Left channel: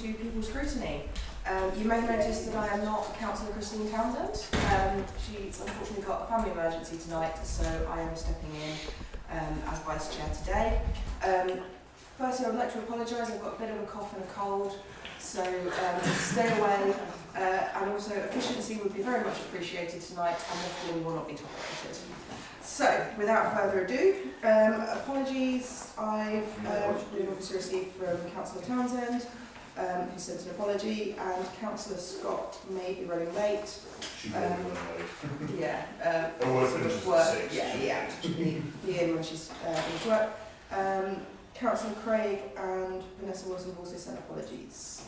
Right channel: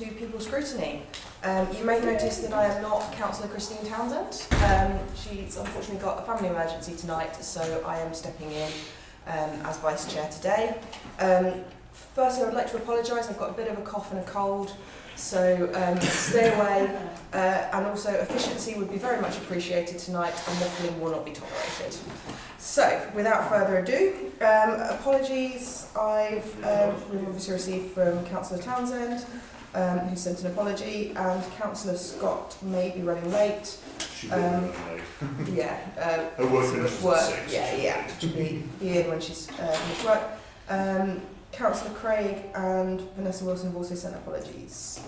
to People's Scrutiny. You may notice that I am not Councillor Christine Townsend. She's unfortunately got a family emergency tonight, so I am stepping in as Vice Chair today. Firstly, I'd like to apologise. I've got a bit of a cough and a cold, so stay away. And also, efficiency would be very much appreciated tonight, and waffling will not be tolerated. So, without further ado, apologies I've obviously received from Councillor Townsend, who sent an apology, and Councillor Scott may be running late. She will be running late. Yeah. Her work finishes at 6. Yeah. She'll be in when she's finished work. Councillor Craig and Vanessa Wilson have also sent apologies.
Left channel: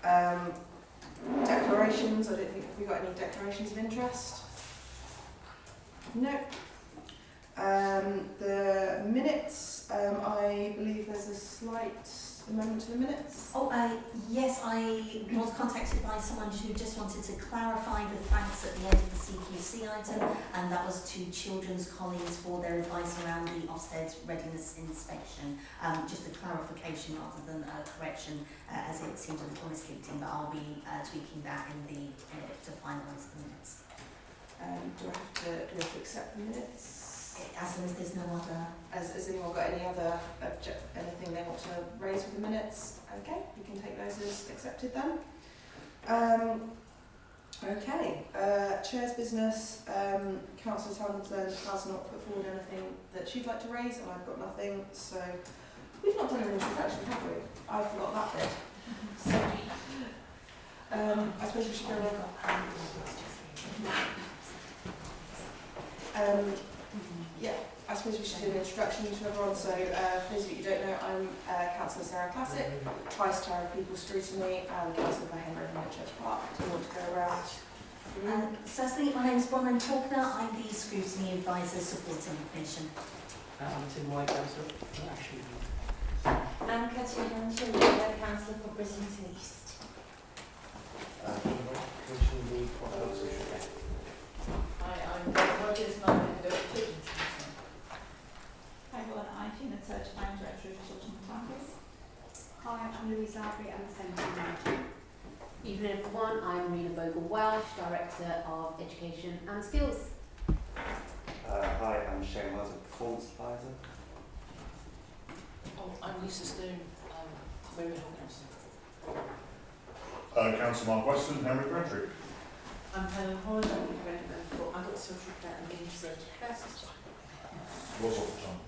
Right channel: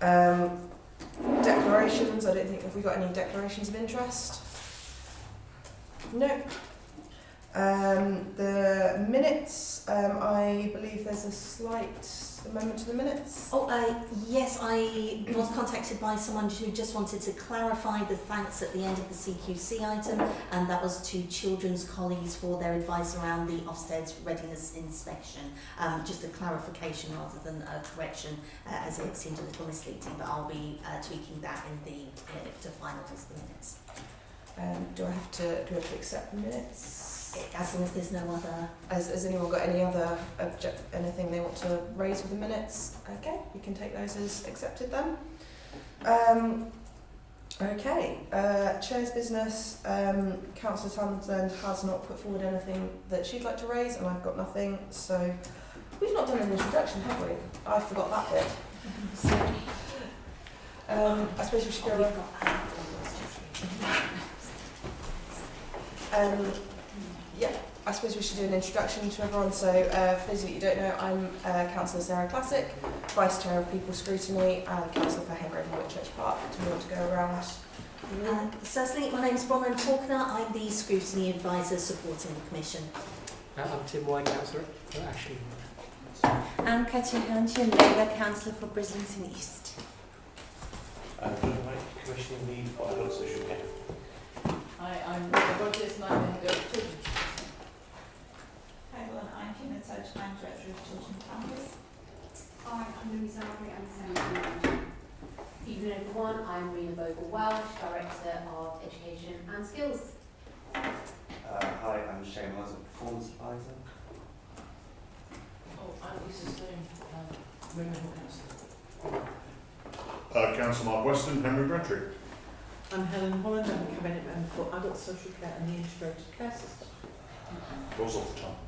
Declarations, I don't think, have we got any declarations of interest? No. The minutes, I believe there's a slight amendment to the minutes. Yes, I was contacted by someone who just wanted to clarify the thanks at the end of the CQC item, and that was to children's colleagues for their advice around the Ofsted readiness inspection. Just a clarification rather than a correction, as it seemed a little misleading, but I'll be tweaking that in the to finalise the minutes. Do I have to accept the minutes? As long as there's no other... Has anyone got any other anything they want to raise with the minutes? Okay, you can take those as accepted then. Okay, Chair's business. Councillor Townsend has not put forward anything that she'd like to raise, and I've got nothing, so we've not done an introduction, have we? I forgot that bit. I suppose we should go yeah, I suppose we should do an introduction to everyone. So, for those of you who don't know, I'm Councillor Sarah Classic, Vice Chair of People's Scrutiny, and Councillor for Henry and Whitchurch Park. Do you want to go around? Certainly, my name is Bronwyn Faulkner. I'm the Scrutiny Advisor supporting the Commission. I'm Tim White, Councillor for Ashton. I'm Katrina Labour, Councillor for Bridlington East. Commission need for social care. Hi, I'm Rogers, and I'm going to go to Hi, everyone. I'm Fiona Surge, I'm Director of Children and Families. Hi, I'm Louise Albury, I'm the Central Manager. Evening everyone, I'm Rena Bogle-Welsh, Director of Education and Skills. Hi, I'm Shane Wells, a Performance Advisor. Oh, I'm Lisa Stone, Roman Hawkinson. Councillor Mark Weston, Henry Bradrick. I'm Helen Holland, I'm the Cabinet Member for Adult Social Care and the Integrated Care System. Falls off the tongue.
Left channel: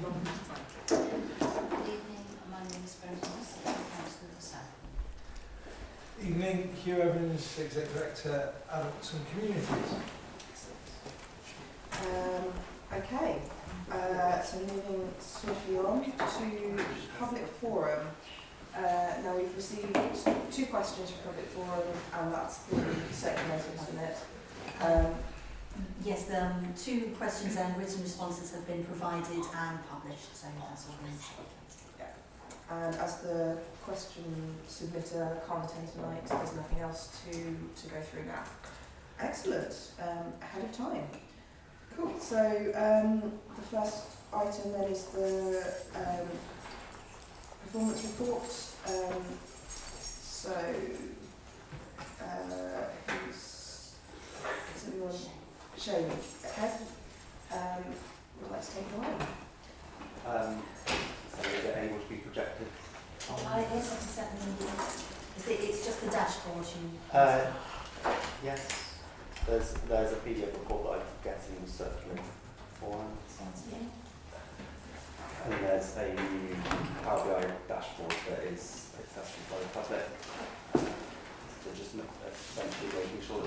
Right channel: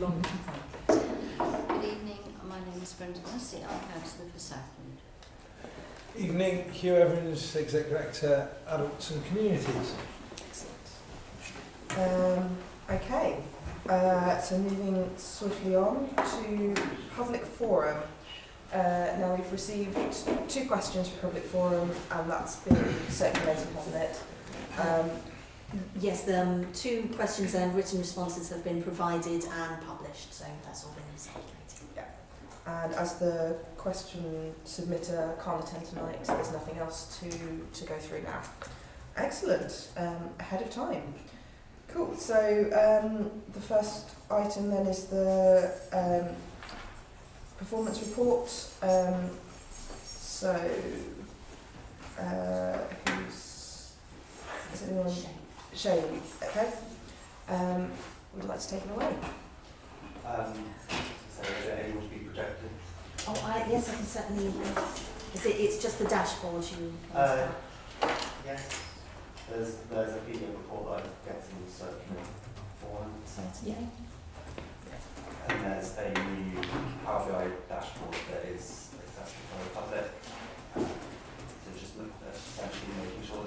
Long time. Good evening, my name is Brenda Massey, I'm Councillor for Saffron. Evening, Hugh Evans, Executive Director, Adults and Communities. Excellent. Okay, so moving swiftly on to public forum. Now we've received 2 questions for public forum, and that's been circulated, hasn't it? Yes, the 2 questions and written responses have been provided and published, so that's all been circulated. Yeah. And as the question submitter can't attend tonight, there's nothing else to go through now. Excellent. Ahead of time. Cool. So the first item then is the performance report. Who's is anyone? Shane. Okay. Would you like to take it away? So is there anyone to be projected? Yes, I can certainly. It's just the dashboard you. Yes. There's a PDF report that I get to circulate beforehand. Yeah. And there's a new Power BI dashboard that is accessible for the public. So just essentially making sure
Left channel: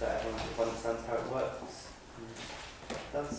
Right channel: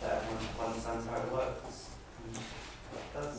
that everyone understands how it works. That's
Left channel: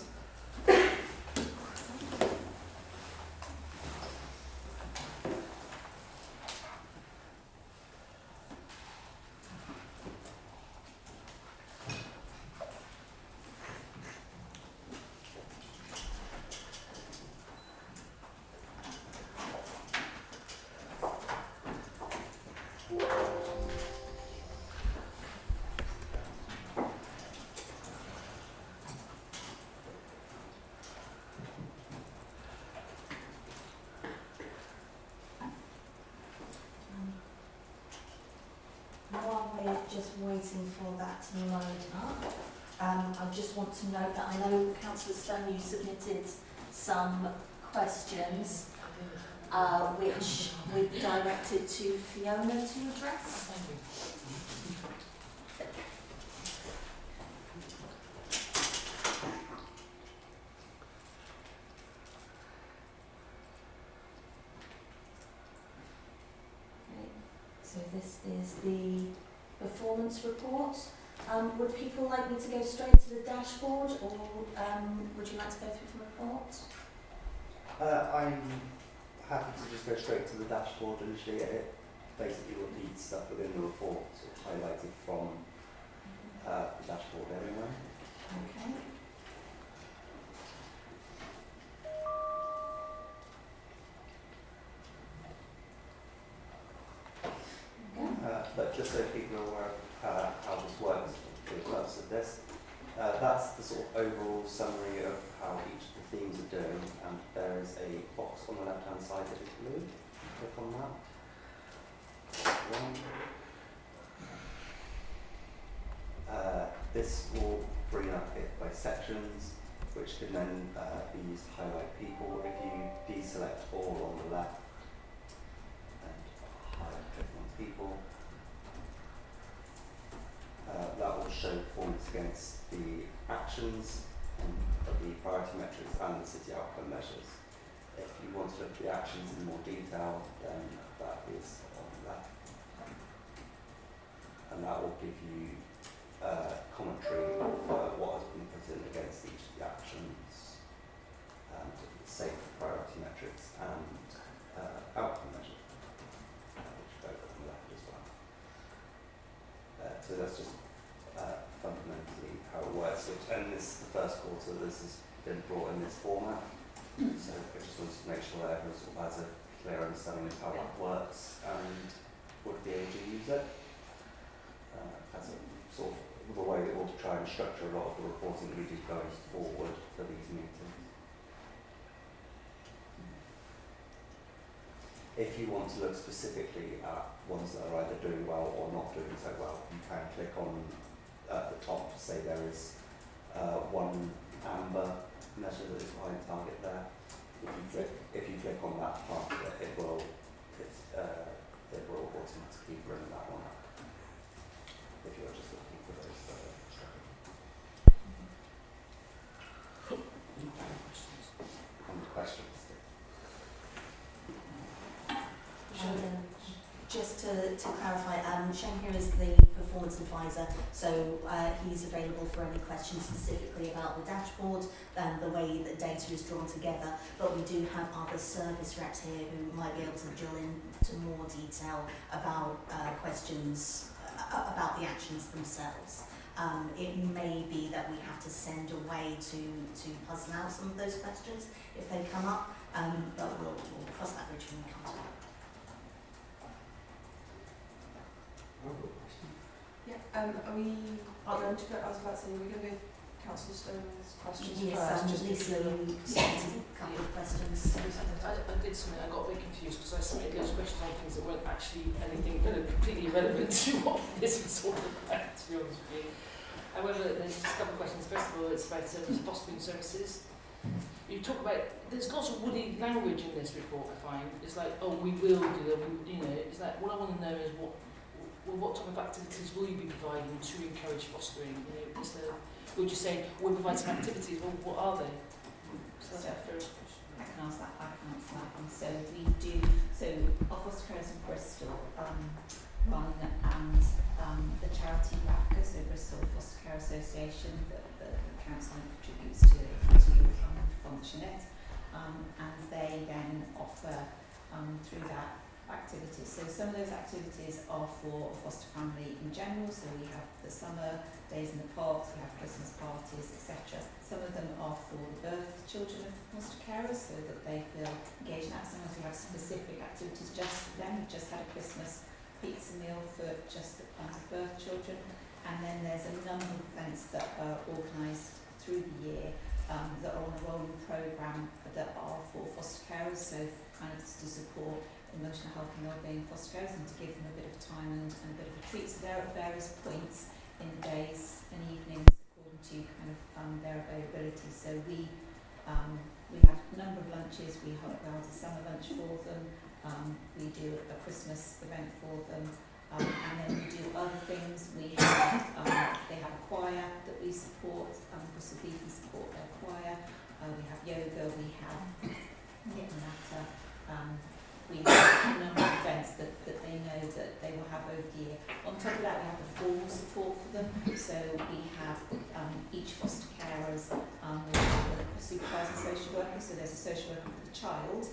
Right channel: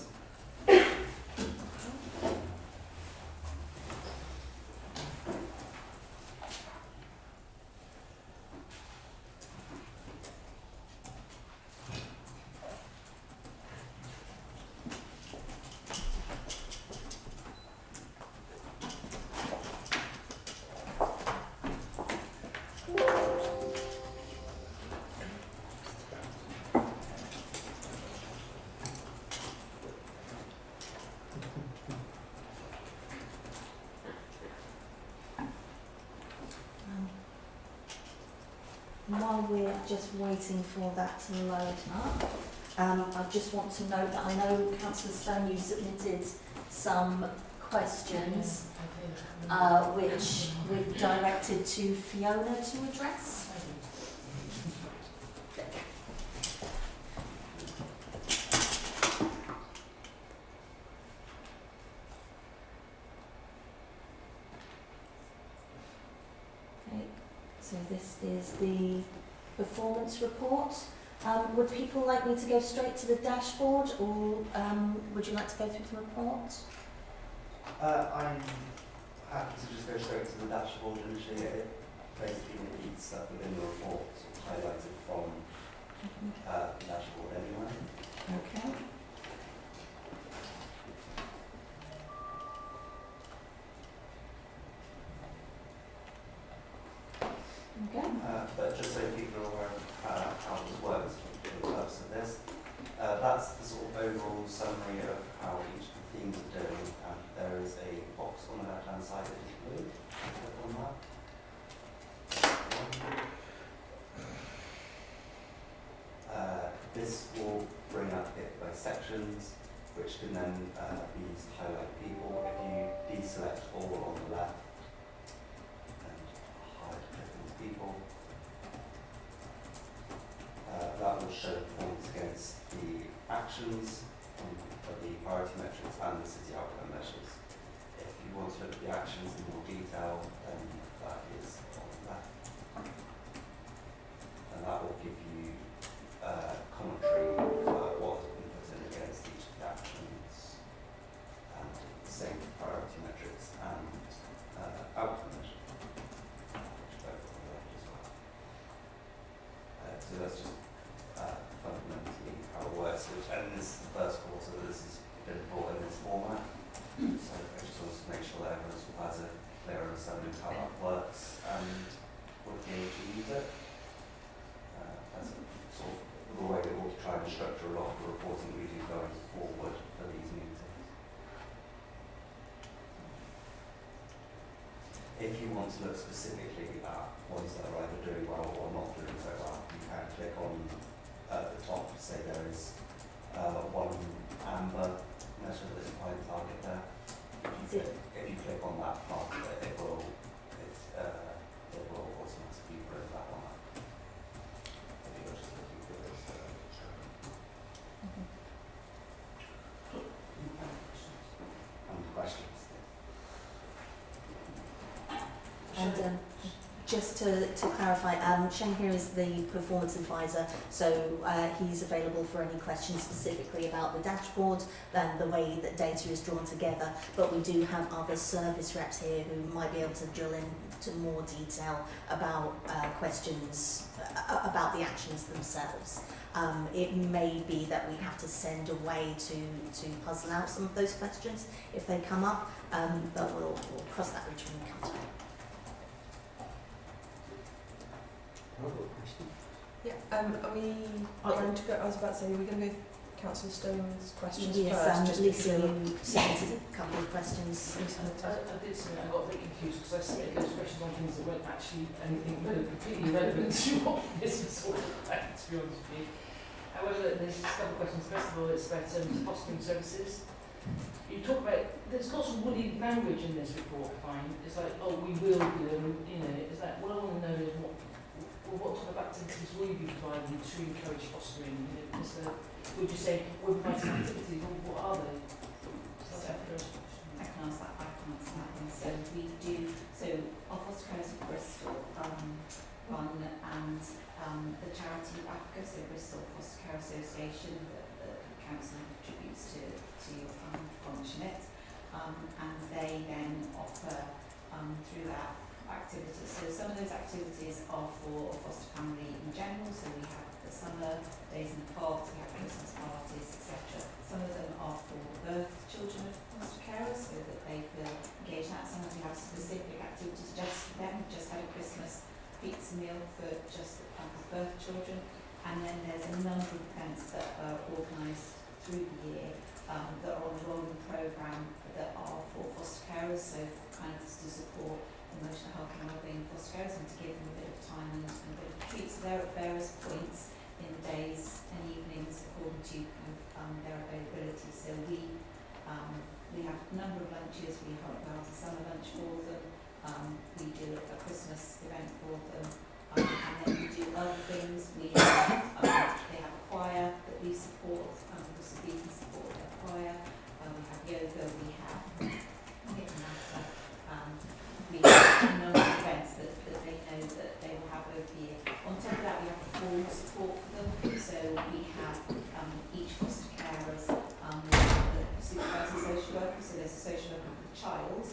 while we're just waiting for that to load up, I just want to note that I know Councillor Stone, you submitted some questions which we've directed to Fiona to address. Okay, so this is the performance report. Would people like me to go straight to the dashboard, or would you like to go through the report? I'm happy to just go straight to the dashboard initially. It basically repeats stuff within the report, sort of highlighted from the dashboard anyway. Okay. Okay. But just so people are aware of how this works for the purpose of this, that's the sort of overall summary of how each of the themes are doing, and there is a box on the left hand side that is blue. Click on that. This will bring up it by sections, which can then be used to highlight people. If you deselect all on the left and click onto people, that will show performance against the actions of the priority metrics and the city outcome measures. If you want to look at the actions in more detail, then that is on the left. And that will give you commentary for what has been put in against each of the actions, and same for priority metrics and outcome measures, which go on the left as well. So that's just fundamentally how it works. And this is the first quarter this has been brought in this format. So I just wanted to make sure that everyone sort of has a clear understanding of how that works and would be able to use it. As a sort of the way that we'll try and structure a lot of the reporting that we do going forward for these meetings. If you want to look specifically at ones that are either doing well or not doing so well, you can click on the top to say there is one amber measure that is behind target there. If you click on that part, it will automatically bring that one up. If you're just looking for this. Any questions? And just to clarify, Shane here is the performance advisor, so he's available for any questions specifically about the dashboard and the way that data is drawn together. But we do have other service reps here who might be able to drill into more detail about questions about the actions themselves. It may be that we have to send a way to puzzle out some of those questions if they come up, but we'll cross that bridge when we come to it. Yeah, are we going to go, I was about to say, are we going to go Councillor Stone's questions Yes, first? Lisa, you submitted a couple of questions. I did something, I got a bit confused because I submitted loads of questions on things that weren't actually anything really completely relevant to what this was all about, to be honest with you. However, there's just a couple of questions. First of all, it's about fostering services. You talk about, there's lots of woolly language in this report, I find. It's like, oh, we will do them, you know, it's like, what I want to know is what type of activities will you be providing to encourage fostering? You know, would you say we'll provide some activities? Well, what are they? So that's the first question. I can answer that. I can answer that one. So we do. So our foster carers in Bristol run and the charity BAFCA, so Bristol Foster Care Association, that the council contributes to function it, and they then offer through that activities. So some of those activities are for a foster family in general. So we have the summer days in the park, we have Christmas parties, etc. Some of them are for the birth children of foster carers, so that they feel engaged in that. Sometimes we have specific activities just for them. We just had a Christmas pizza meal for just birth children, and then there's a number of events that are organised through the year that are on a rolling programme that are for foster carers, so kind of to support emotional health and wellbeing of foster carers and to give them a bit of time and a bit of a treats there at various points in the days and evenings according to their availability. So we have a number of lunches. We organise a summer lunch for them. We do a Christmas event for them, and then we do other things. We have, they have a choir that we support. Obviously, we can support their choir. We have yoga. We have matter. We have a number of events that they know that they will have over the year. On top of that, we have the formal support for them. So we have each foster carers we have a supervising social worker. So there's a social worker for the child,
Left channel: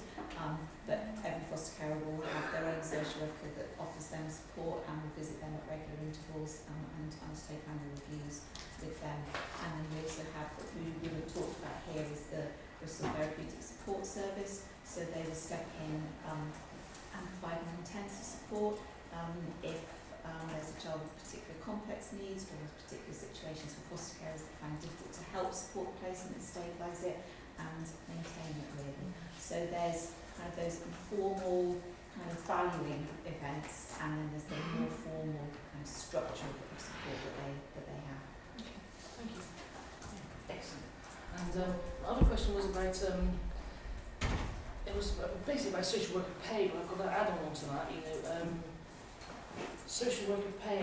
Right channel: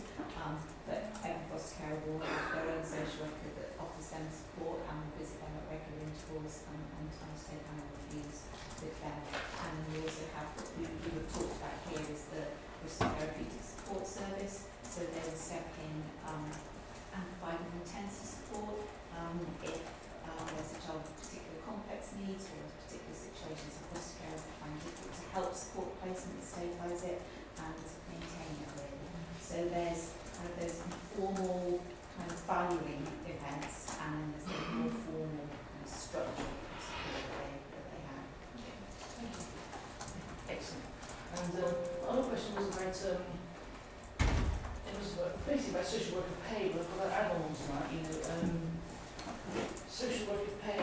but every foster carer will have their own social worker that offers them support and will visit them at regular intervals and undertake annual reviews with them. And then we also have what we have talked about here is the Bristol Therapeutic Support Service. So they will step in and provide more intensive support if there's a child with particular complex needs or particular situations where foster carers find it difficult to help support placement and stabilise it and maintain it really. So there's kind of those informal kind of valuing events, and then there's the more formal kind of structural support that they have. Thank you. Excellent. And other question was about it was basically about social worker pay, but I've got to add on to that. Social worker pay.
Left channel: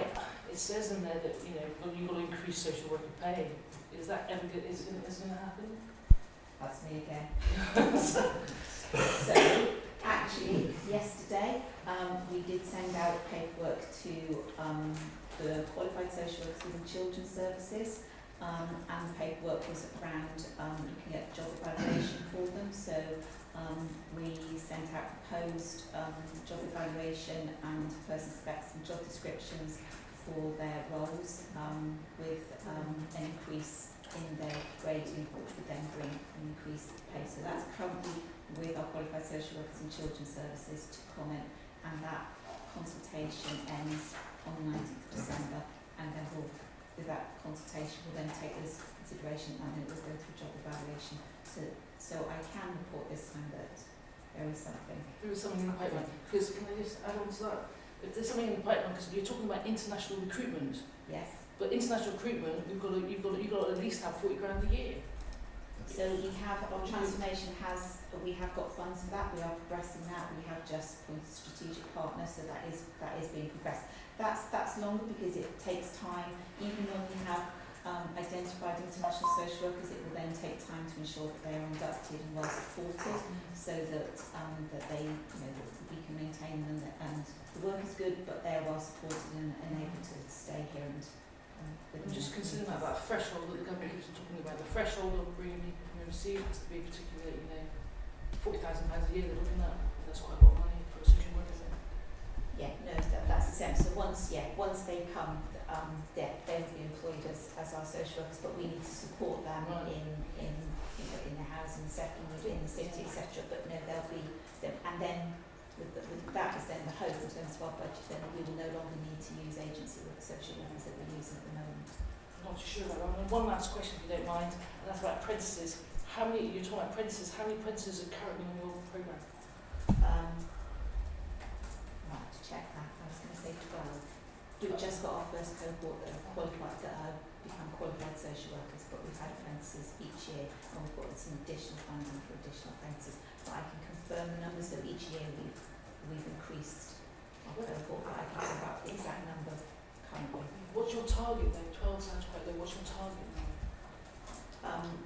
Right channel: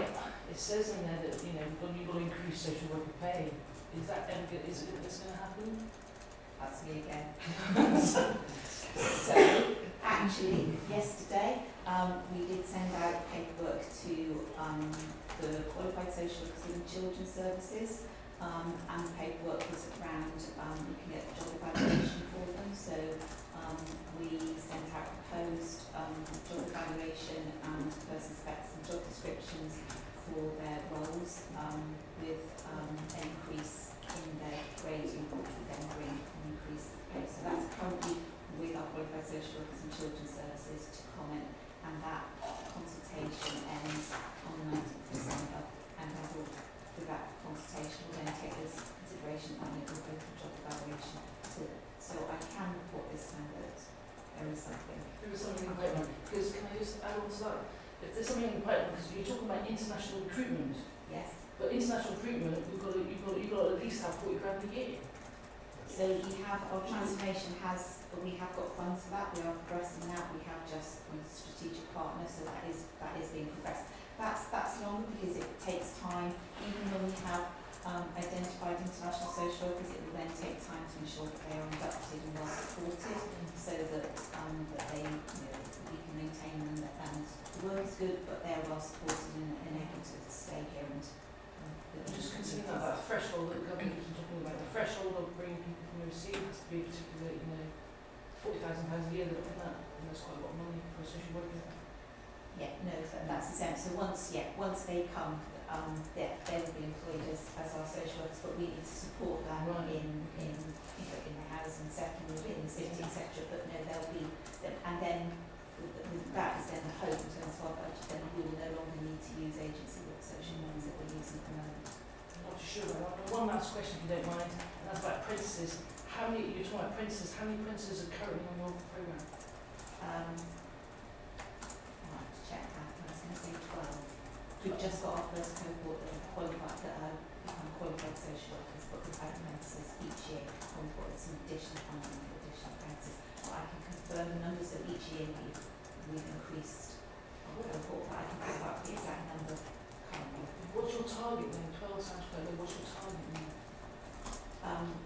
It says in there that you've got to increase social worker pay. Is that ever going to happen? That's me again. So, actually, yesterday we did send out paperwork to the qualified social workers in children's services, and the paperwork was around looking at job evaluation for them. So we sent out proposed job evaluation and person specs and job descriptions for their roles with an increase in their grading, which would then bring an increase in pay. So that's currently with our qualified social workers and children's services to comment, and that consultation ends on the 19th of December, and then with that consultation we'll then take this consideration and then we'll go for job evaluation. So I can report this time that there is something. There is something in the pipeline. Because can I just add on to that? If there's something in the pipeline, because you're talking about international recruitment. Yes. But international recruitment, you've got to at least have 40 grand a year. So we have, our transformation we have got funds for that. We are progressing that. We have just appointed a strategic partner, so that is being progressed. That's longer because it takes time. Even when we have identified international social workers, it will then take time to ensure that they are inducted and well supported, so that they, that we can maintain them and the work is good, but they're well supported and able to stay here and just considering that threshold that the company keeps on talking about, the threshold of bringing people from overseas has to be a particular, £40,000 a year they're looking at, and that's quite a lot of money for a social worker. Yeah, no, that's the same. So once they come, they will be employed as our social workers, but we need to support them in the housing settlement, in the city, etc. But no, they'll be, and then with that is then the hope in terms of our budget, then we will no longer need to use agency social workers that we're using at the moment. I'm not too sure about that. One last question, if you don't mind, and that's about apprentices. You're talking about apprentices, how many apprentices are currently on your programme? I have to check that. I was going to say 12. We've just got our first cohort that have qualified, that have become qualified social workers, but we've had apprentices each year, and we've got some additional funding for additional apprentices. But I can confirm the numbers of each year we've increased our cohort, but I can go back the exact number currently. What's your target then? 12 sounds quite low. What's your target then?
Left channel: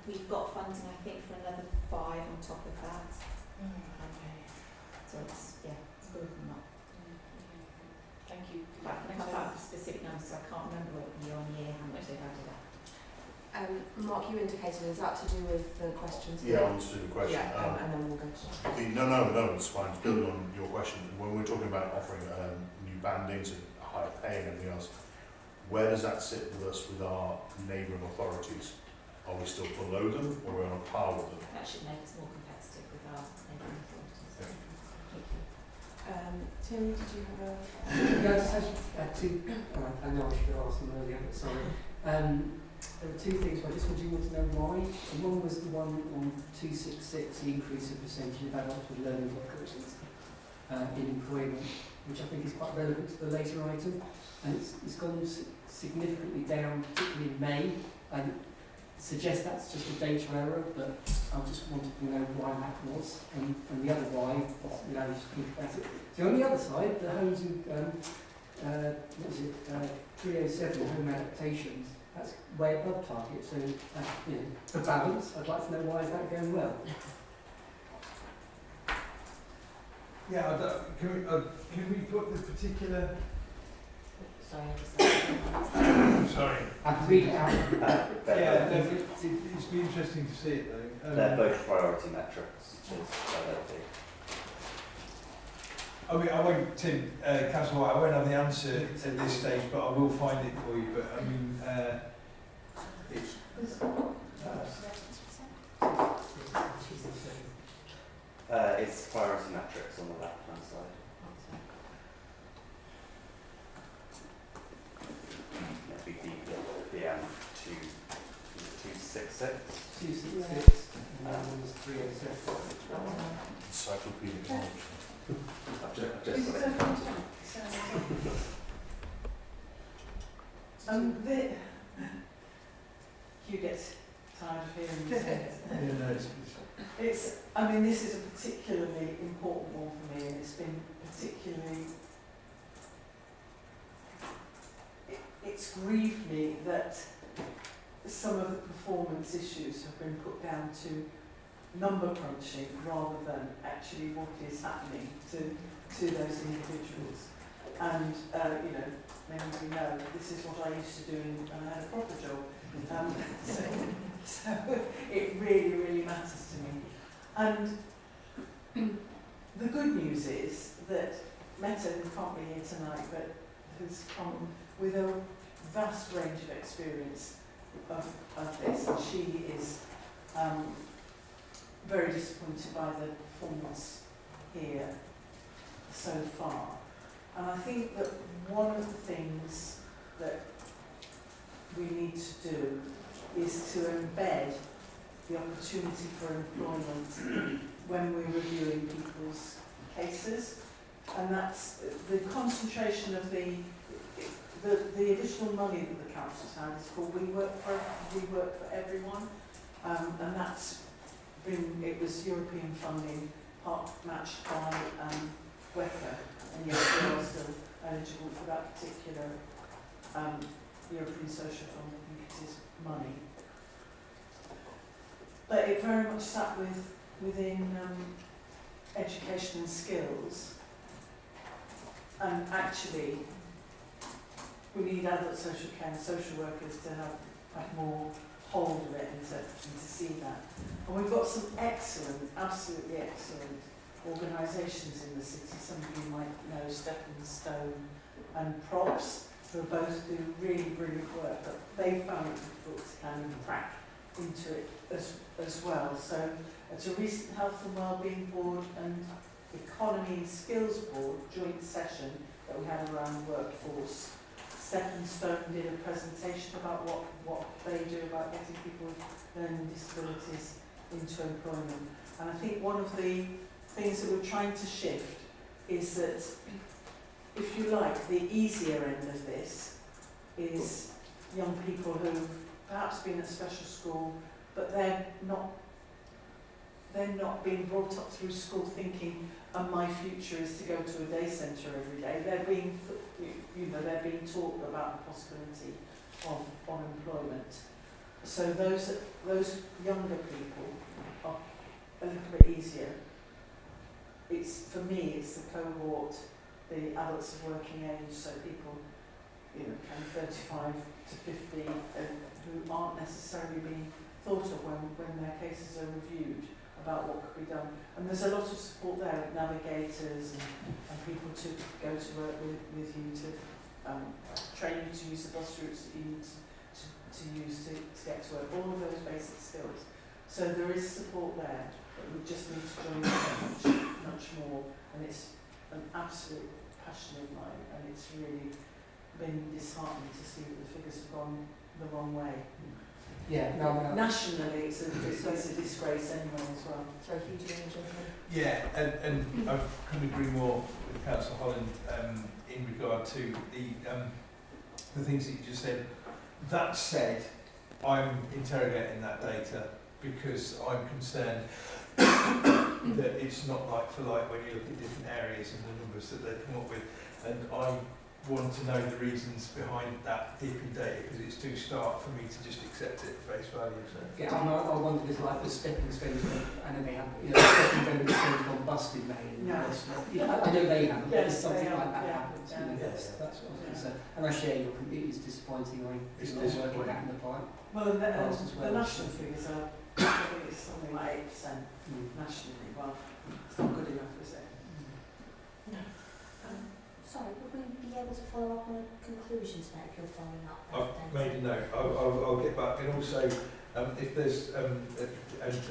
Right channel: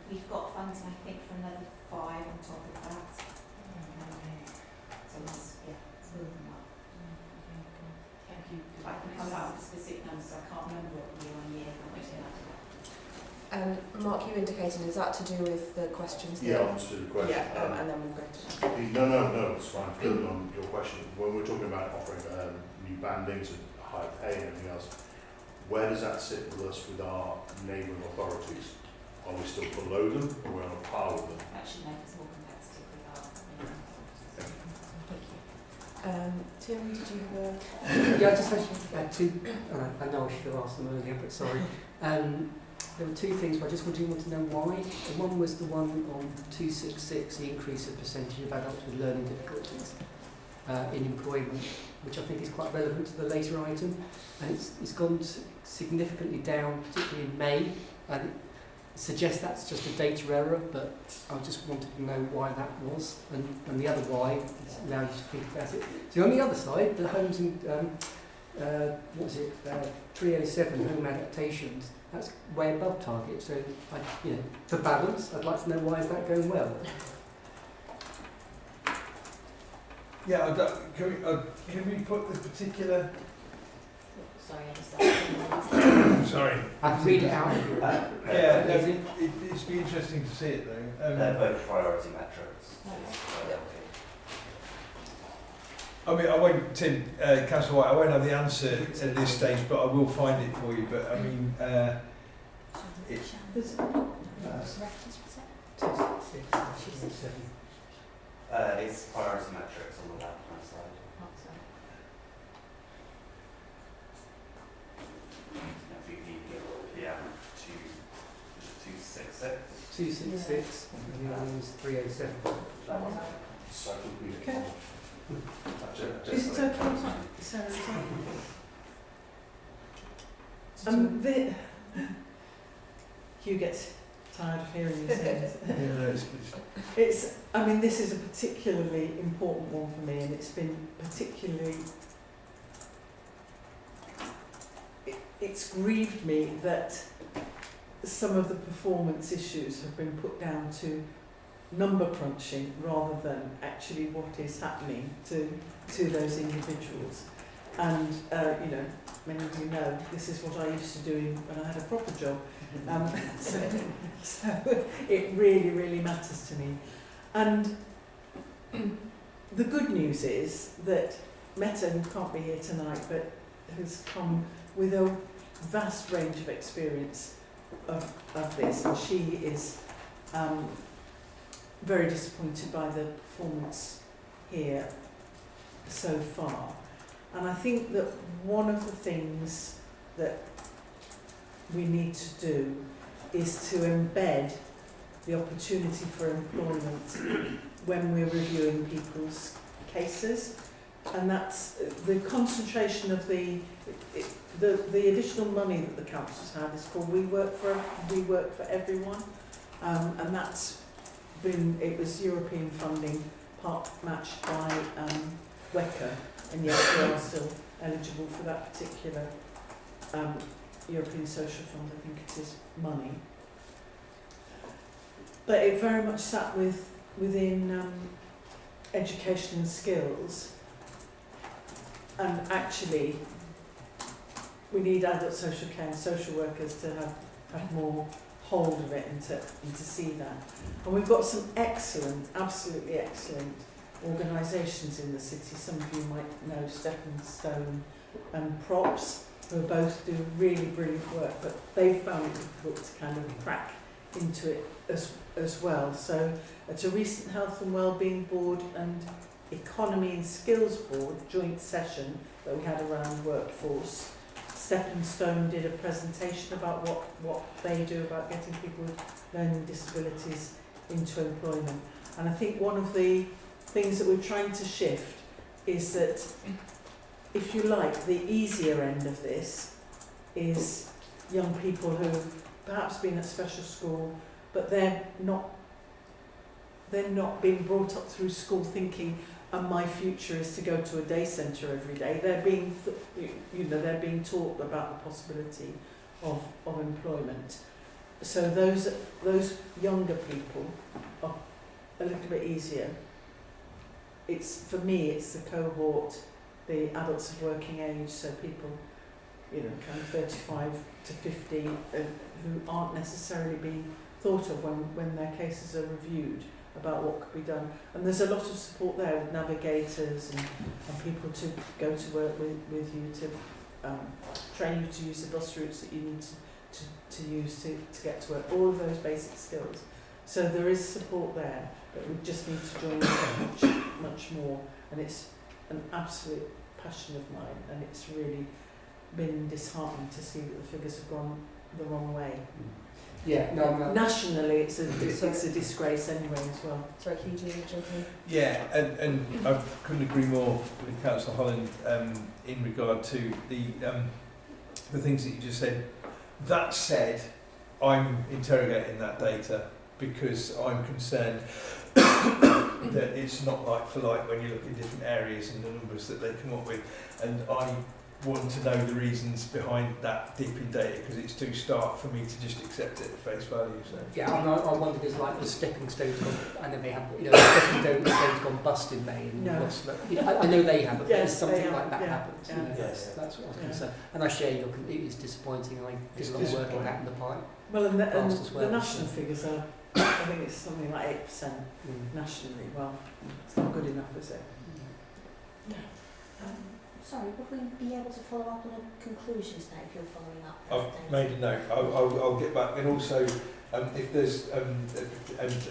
We've got funding, I think, for another 5 on top of that. So it's building up. Thank you. I can come back with specific numbers. I can't remember year on year how much it added up. Mark, you indicated, is that to do with the questions? Yeah, I answered the question. Yeah, and then we'll go to that. No, it's fine. Building on your question, when we're talking about offering new bandings and high pay and everything else, where does that sit with us with our neighbouring authorities? Are we still below them, or we're on a par with them? That should make us more competitive with our neighbouring authorities. Thank you. Tim, did you have a... Yeah, I just had two, I know I should have asked them earlier, but sorry. There were two things, but I just wanted to know why. One was the one on 266, the increase in percentage of adults with learning difficulties. in employment, which I think is quite relevant to the later item, and it's gone significantly down, particularly in May, and it suggests that's just a data error, but I just wanted to know why that was, and the other why allows you to think about it. So on the other side, the homes and 307 home adaptations, that's way above target. So, for balance, I'd like to know why is that going well. Yeah, can we put the particular... Sorry, I just Sorry. I can read it out. Yeah, no, it'd be interesting to see it though. They're both priority metrics. I mean, I won't, Tim, Councillor White, I won't have the answer at this stage, but I will find it for you. But I mean, it's... It's priority metrics on the left-hand side. That'd be PM 266. 266, and the other one's 307. Encyclopedia knowledge. Hugh gets tired of hearing these things. I mean, this is a particularly important one for me, and it's been particularly... It's grieved me that some of the performance issues have been put down to number crunching rather than actually what is happening to those individuals. And, many of you know, this is what I used to do when I had a proper job. So it really, really matters to me. And the good news is that Meta, who can't be here tonight, but has come with a vast range of experience of this, and she is very disappointed by the performance here so far. And I think that one of the things that we need to do is to embed the opportunity for employment when we're reviewing people's cases, and that's the concentration of the additional money that the council's had is called We Work for Everyone, and that's been, it was European funding, part matched by WECA, and yet we are still eligible for that particular European Social Fund, I think it is, money. But it very much sat within education and skills, and actually we need adult social care and social workers to have more hold of it and to see that. And we've got some excellent, absolutely excellent organisations in the city. Some of you might know Stepping Stone and Props, who both do really brilliant work, but they found it difficult to kind of crack into it as well. So at a recent Health and Wellbeing Board and Economy and Skills Board joint session that we had around the workforce, Stepping Stone did a presentation about what they do about getting people with learning disabilities into employment. And I think one of the things that we're trying to shift is that, if you like, the easier end of this is young people who perhaps been at special school, but they're not being brought up through school thinking, my future is to go to a day centre every day. They're being, they're being taught about the possibility of employment. So those younger people are a little bit easier. For me, it's the cohort, the adults of working age, so people, kind of 35 to 50, who aren't necessarily being thought of when their cases are reviewed about what could be done. And there's a lot of support there with navigators and people to go to work with you, to train you to use the bus routes that you need to use to get to work, all of those basic skills. So there is support there, but we just need to join much more. And it's an absolute passion of mine, and it's really been disheartening to see that the figures have gone the wrong way. Yeah, no, I'm Nationally, it's a disgrace anyway as well. Sorry, Hugh, do you want to jump in? Yeah, and I couldn't agree more with Councillor Holland in regard to the things that you just said. That said, I'm interrogating that data because I'm concerned that it's not like for like when you look at different areas and the numbers that they come up with, and I want to know the reasons behind that deep in data because it's too stark for me to just accept it at face value. So. Yeah, I wonder if it's like the stepping stones and then they have, the stepping stones gone bust in May and what's the, I know they haven't, but Yes, there's something they like that have, happens. yeah. Yes. That's what I was going to say. And I share your it is disappointing. I It's did a lot of work disappointing. out in the pipe. Well, and Fast as well, the national so. figures are, I think it's something like 8% nationally. Well, it's not good enough, is it? Sorry, would we be able to follow up on the conclusions now if you're following up? I've made a note. I'll get back. And also, if there's, and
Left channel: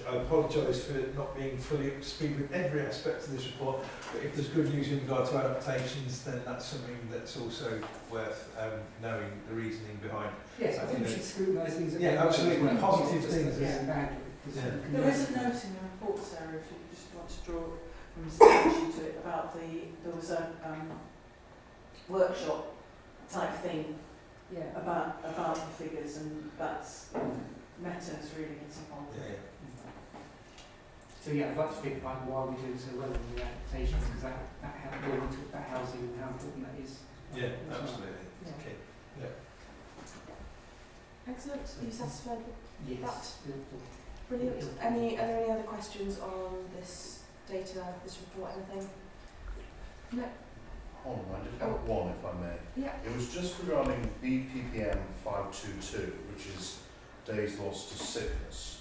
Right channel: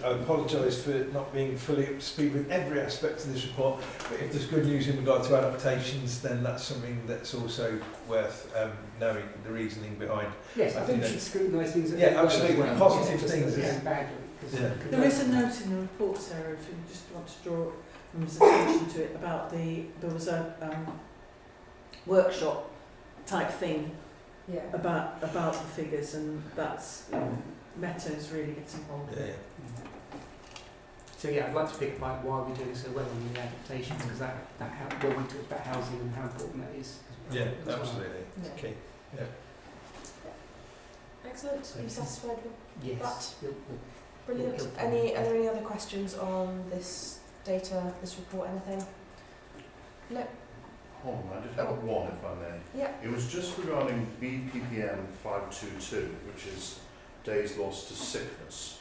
I apologise for not being fully up to speed with every aspect of this report, but if there's good news in regard to adaptations, then that's something that's also worth knowing the reasoning behind. Yes, I think we should scrutinise things. Yeah, absolutely. Positive things. There is a note in the report, Sarah, if you just want to draw attention to it, about there was a workshop type thing about the figures, and that's Meta is really getting involved. Yeah. So yeah, I'd like to pick up why we're doing so well in the adaptations, because that when we talk about housing and how important that is. Yeah, as well. absolutely. Yeah. Okay. Yeah. Excellent. Are you satisfied with Yes. that? We'll- Brilliant. Are there any other questions on this data, this report, anything? No? Hold on, I did have one if I may. Yeah. It was just regarding BPPM 522, which is days lost to sickness.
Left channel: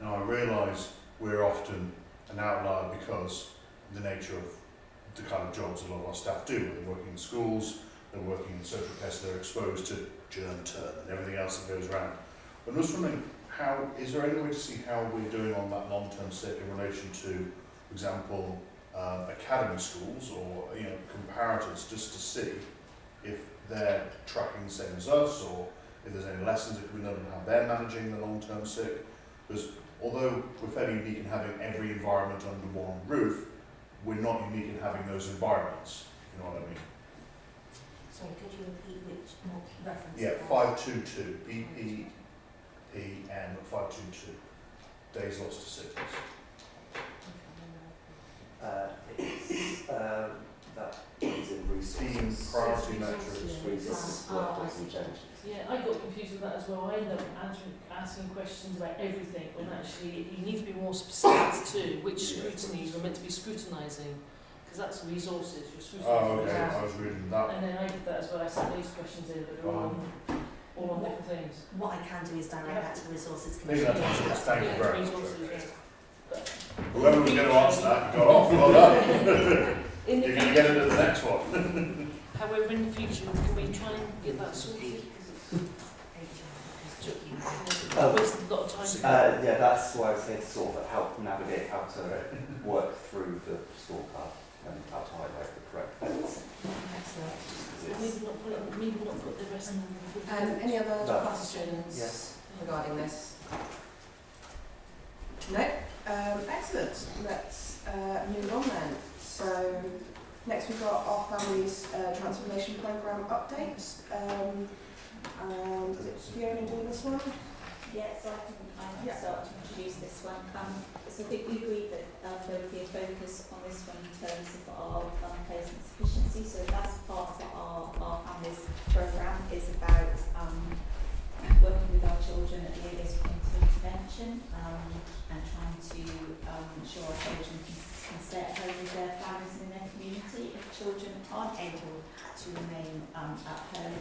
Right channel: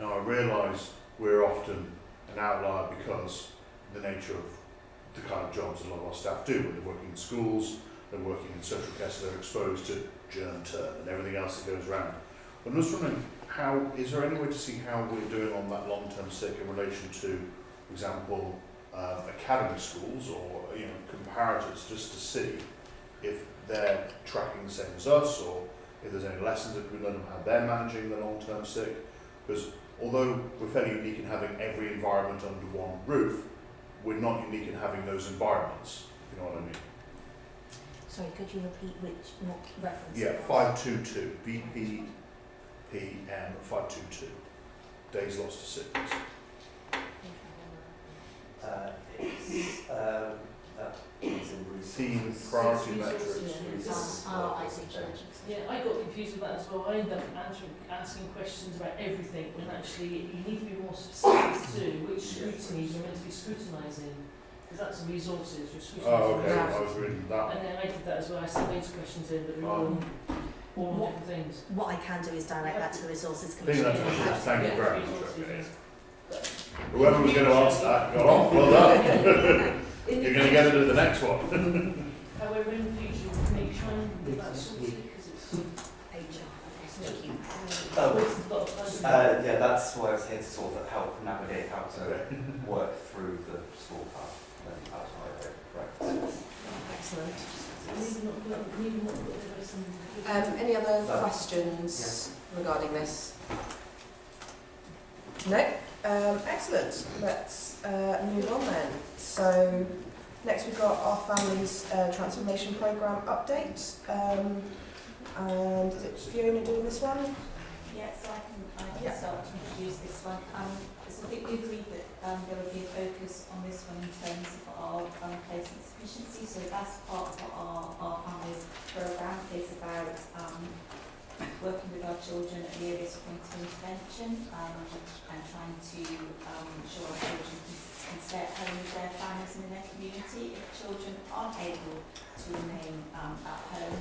Now I realise we're often an outlier because the nature of the kind of jobs a lot of our staff do, where they're working in schools, they're working in social care, so they're exposed to germ turn and everything else that goes around. But I'm just wondering, is there any way to see how we're doing on that long-term sick in relation to, for example, academy schools or comparators, just to see if they're tracking the same as us, or if there's any lessons that can be learned on how they're managing the long-term sick. Because although we're fairly unique in having every environment under one roof, we're not unique in having those environments. You know what I mean? Sorry, could you repeat which reference? Yeah, it was? 522, BPPM 522, days lost to sickness. That is in Team resources. priority measures. Resources. I see. Yeah, I got confused with that as well. I ended up asking questions about everything when actually you need to be more specific to which scrutinies you're meant to be scrutinising, because that's resources, you're scrutinising. Okay, I was reading that. And then I did that as well. I sent these questions in, but they're all on different things. What I can do is direct that to the resources Big commission. enough, thank you very much. Resources, Okay. yeah. Whoever was going to answer that, got off. Well done. In the You're going to get it at the next one. However, in the future, we may try and get that sorted because it's Yeah, that's why I was here to sort of help navigate how to work through the school path and how to highlight the correct things. Excellent. Maybe not put the rest in the Any other questions regarding this? No? Excellent. Let's move on then. So next we've got our family's transformation programme update. And is it Fiona doing this one? Yes, I can Yeah. start to introduce this one. So I think we agreed that there would be a focus on this one in terms of our placement sufficiency. So that's part of our families programme is about working with our children at the earliest point of intervention and trying to ensure our children can stay at home with their families and in their community. If children aren't able to remain at home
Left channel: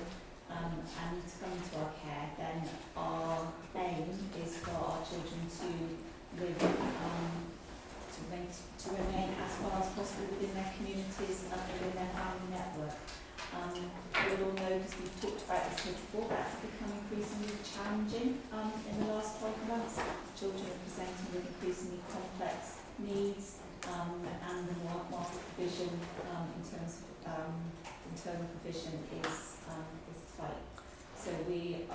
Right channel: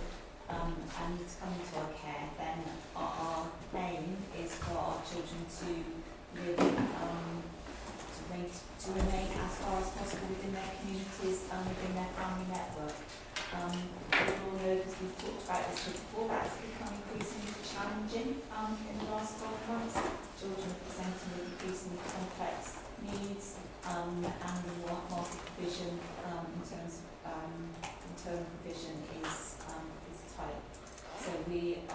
and need to come into our care, then our aim is for our children to live to remain as far as possible within their communities and within their family network. We all know, because we've talked about this before, that's become increasingly challenging in the last 12 months. Children are presenting with increasingly complex needs and the market provision in terms of internal provision is tight. So we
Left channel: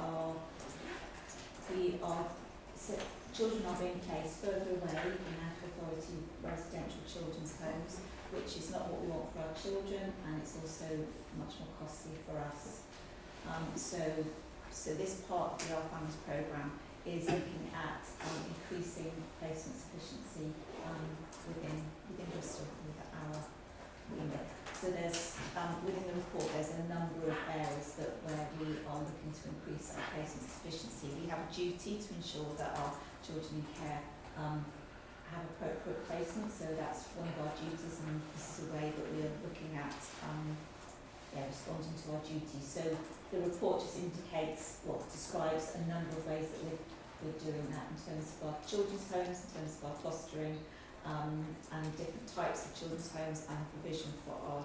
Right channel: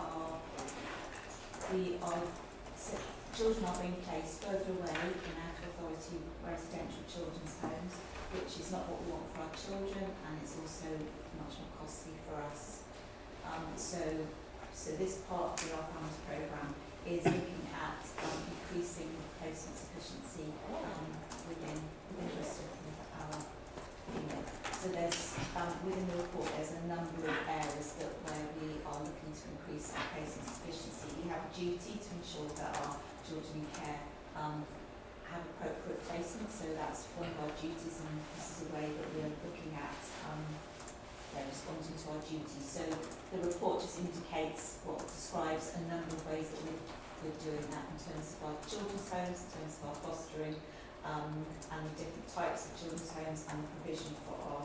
children are being placed further away in out of authority residential children's homes, which is not what we want for our children, and it's also much more costly for us. So this part of the Our Families programme is looking at increasing placement sufficiency within Bristol with our unit. So there's within the report there's a number of areas where we are looking to increase our placement sufficiency. We have a duty to ensure that our children in care have appropriate placement, so that's one of our duties, and this is a way that we're looking at responding to our duties. So the report just describes a number of ways that we're doing that in terms of our children's homes, in terms of our fostering, and different types of children's homes, and provision for our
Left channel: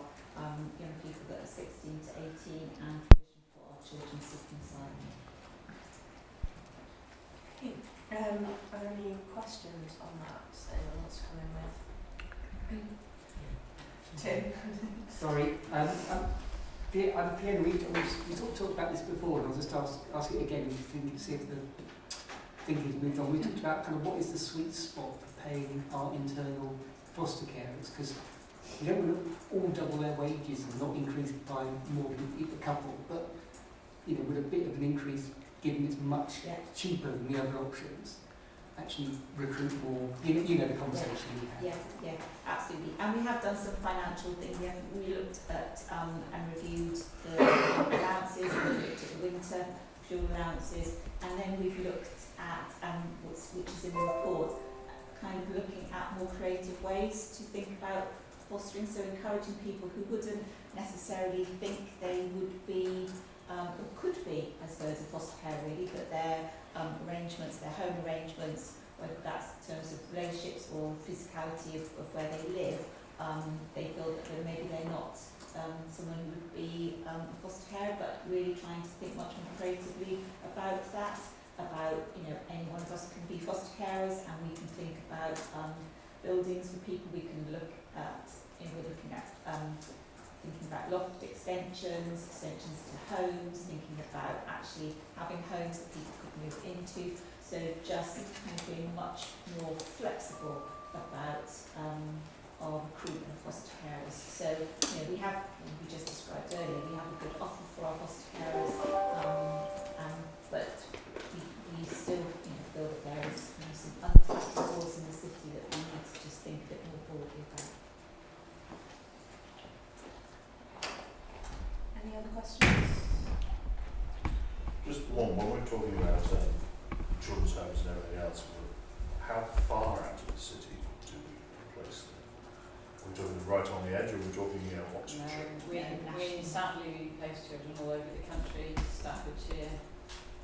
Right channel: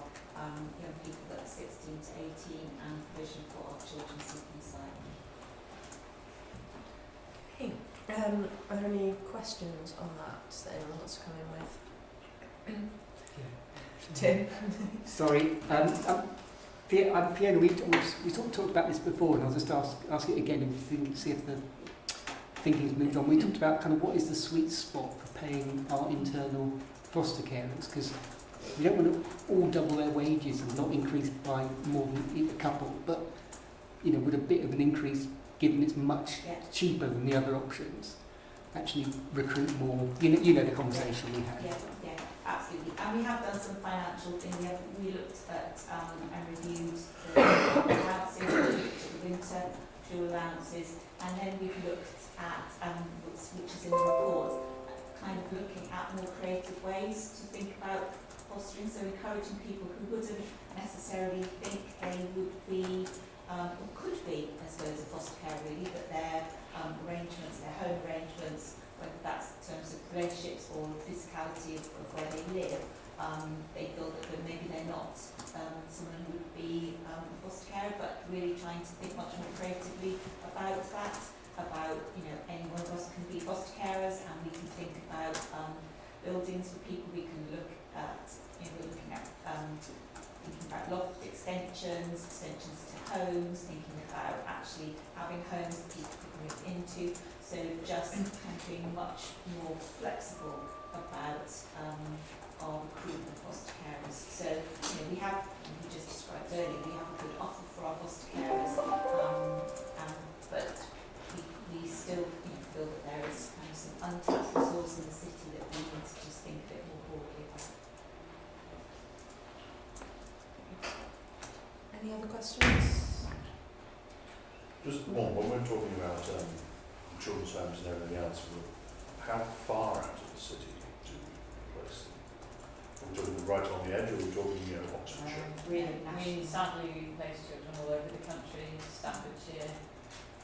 young people that are 16 to 18, and provision for our children seeking asylum. Okay. Are there any questions on that that anyone wants to come in with? Tim? Sorry, Fiona, we sort of talked about this before, and I'll just ask it again and see if the thinking's moved on. We talked about kind of what is the sweet spot for paying our internal foster carers, because we don't want to all double their wages and not increase it by more than a couple, but you know, with a bit of an increase, given it's much cheaper than the other options, actually recruit more. You know the conversation we had. Yeah, absolutely. And we have done some financial things. We looked at and reviewed the allowances, we looked at the winter fuel allowances, and then we've looked at, which is in the report, kind of looking at more creative ways to think about fostering, so encouraging people who wouldn't necessarily think they would be, or could be, I suppose, a foster care really, but their arrangements, their home arrangements, whether that's in terms of relationships or physicality of where they live, they feel that maybe they're not someone who would be a foster carer, but really trying to think much more creatively about that, about, you know, any one of us can be foster carers, and we can think about buildings for people. We can look at, you know, we're looking at thinking about loft extensions to homes, thinking about actually having homes that people could move into. So just kind of being much more flexible about our recruitment of foster carers. So, you know, we have, we just described earlier, we have a good offer for our foster carers, but we still, you know, feel that there is kind of some untapped resource in the city that we need to just think a bit more broadly about. Any other questions? Just one, when we're talking about children's homes and everything else, how far out of the city do we place them? Are we talking right on the edge, or are we talking, you know, Oxfordshire? We sadly place children all over the country, Staffordshire,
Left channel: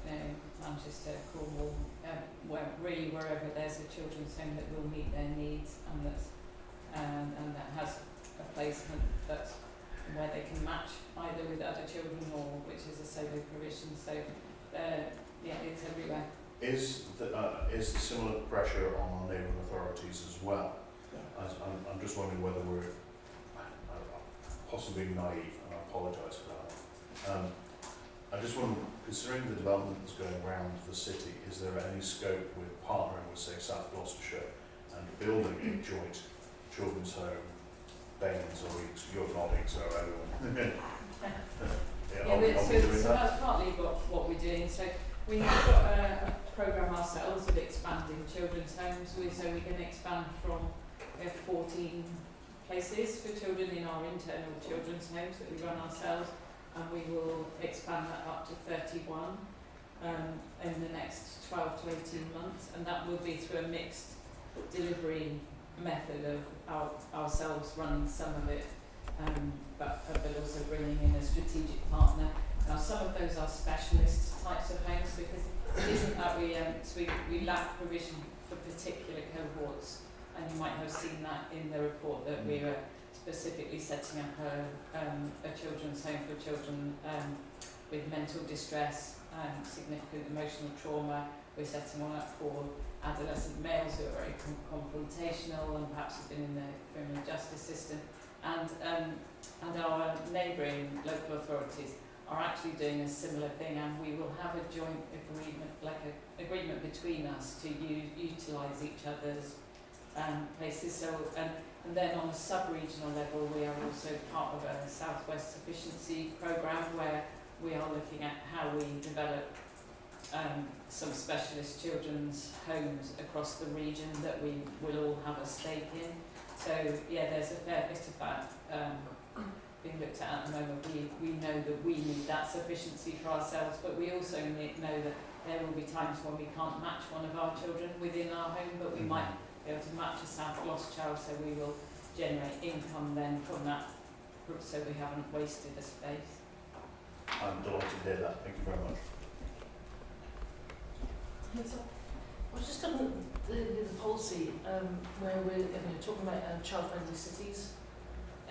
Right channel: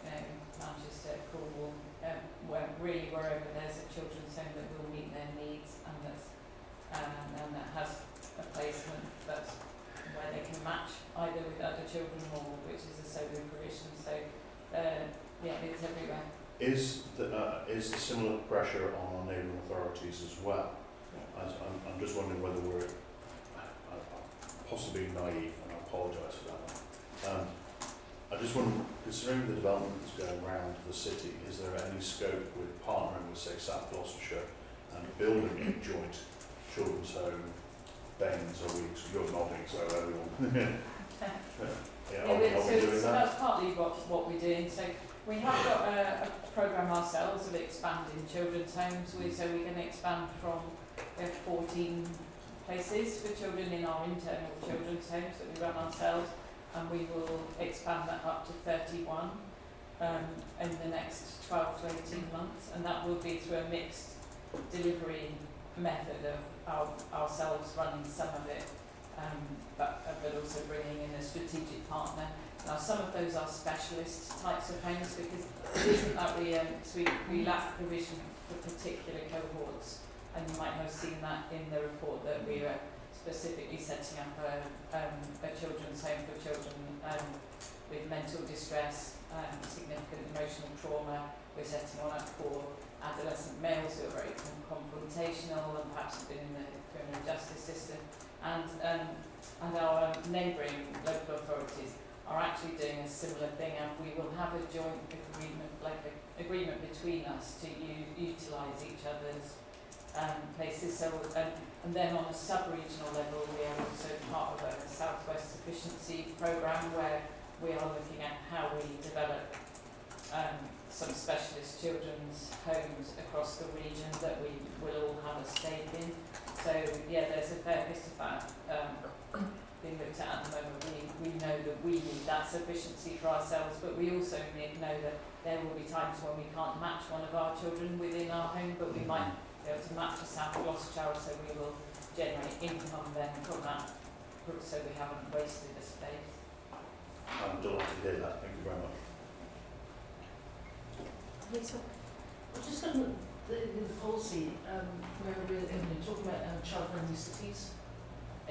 Manchester, Cornwall, really wherever there's a children's home that will meet their needs, and that has a placement that's where they can match either with other children or which is a solo provision. So it's everywhere. Is the similar pressure on our neighbouring authorities as well? Yeah. I'm just wondering whether we're possibly naive, and I apologise for that. I just wonder, considering the development that's going around the city, is there any scope with partnering with, say, South Gloucestershire and building a joint children's home, Baines or Weeks? You're nodding, so so that's partly what we're doing. So we have got a programme ourselves of expanding children's homes. So we're going to expand from 14 places for children in our internal children's homes that we run ourselves, and we will expand that up to 31 in the next 12 to 18 months, and that will be through a mixed delivery method of ourselves running some of it, but also bringing in a strategic partner. Now, some of those are specialist types of homes, because it isn't that we lack provision for particular cohorts, and you might have seen that in the report that we were specifically setting up a children's home for children with mental distress, significant emotional trauma. We're setting one up for adolescent males who are very confrontational and perhaps have been in the criminal justice system, and our neighbouring local authorities are actually doing a similar thing, and we will have a joint agreement like a agreement between us to utilise each other's places. So and then on a sub-regional level, we are also part of a Southwest Sufficiency programme where we are looking at how we develop some specialist children's homes across the region that we will all have a stake in. So yeah, there's a fair bit of that being looked at the moment. We know that we need that sufficiency for ourselves, but we also know that there will be times when we can't match one of our children within our home, but we might be able to match a South Gloss child, so we will generate income then from that, so we haven't wasted the space. I'm delighted to hear that. Thank you very much. Lisa? I was just looking at the policy where we're talking about child-friendly cities,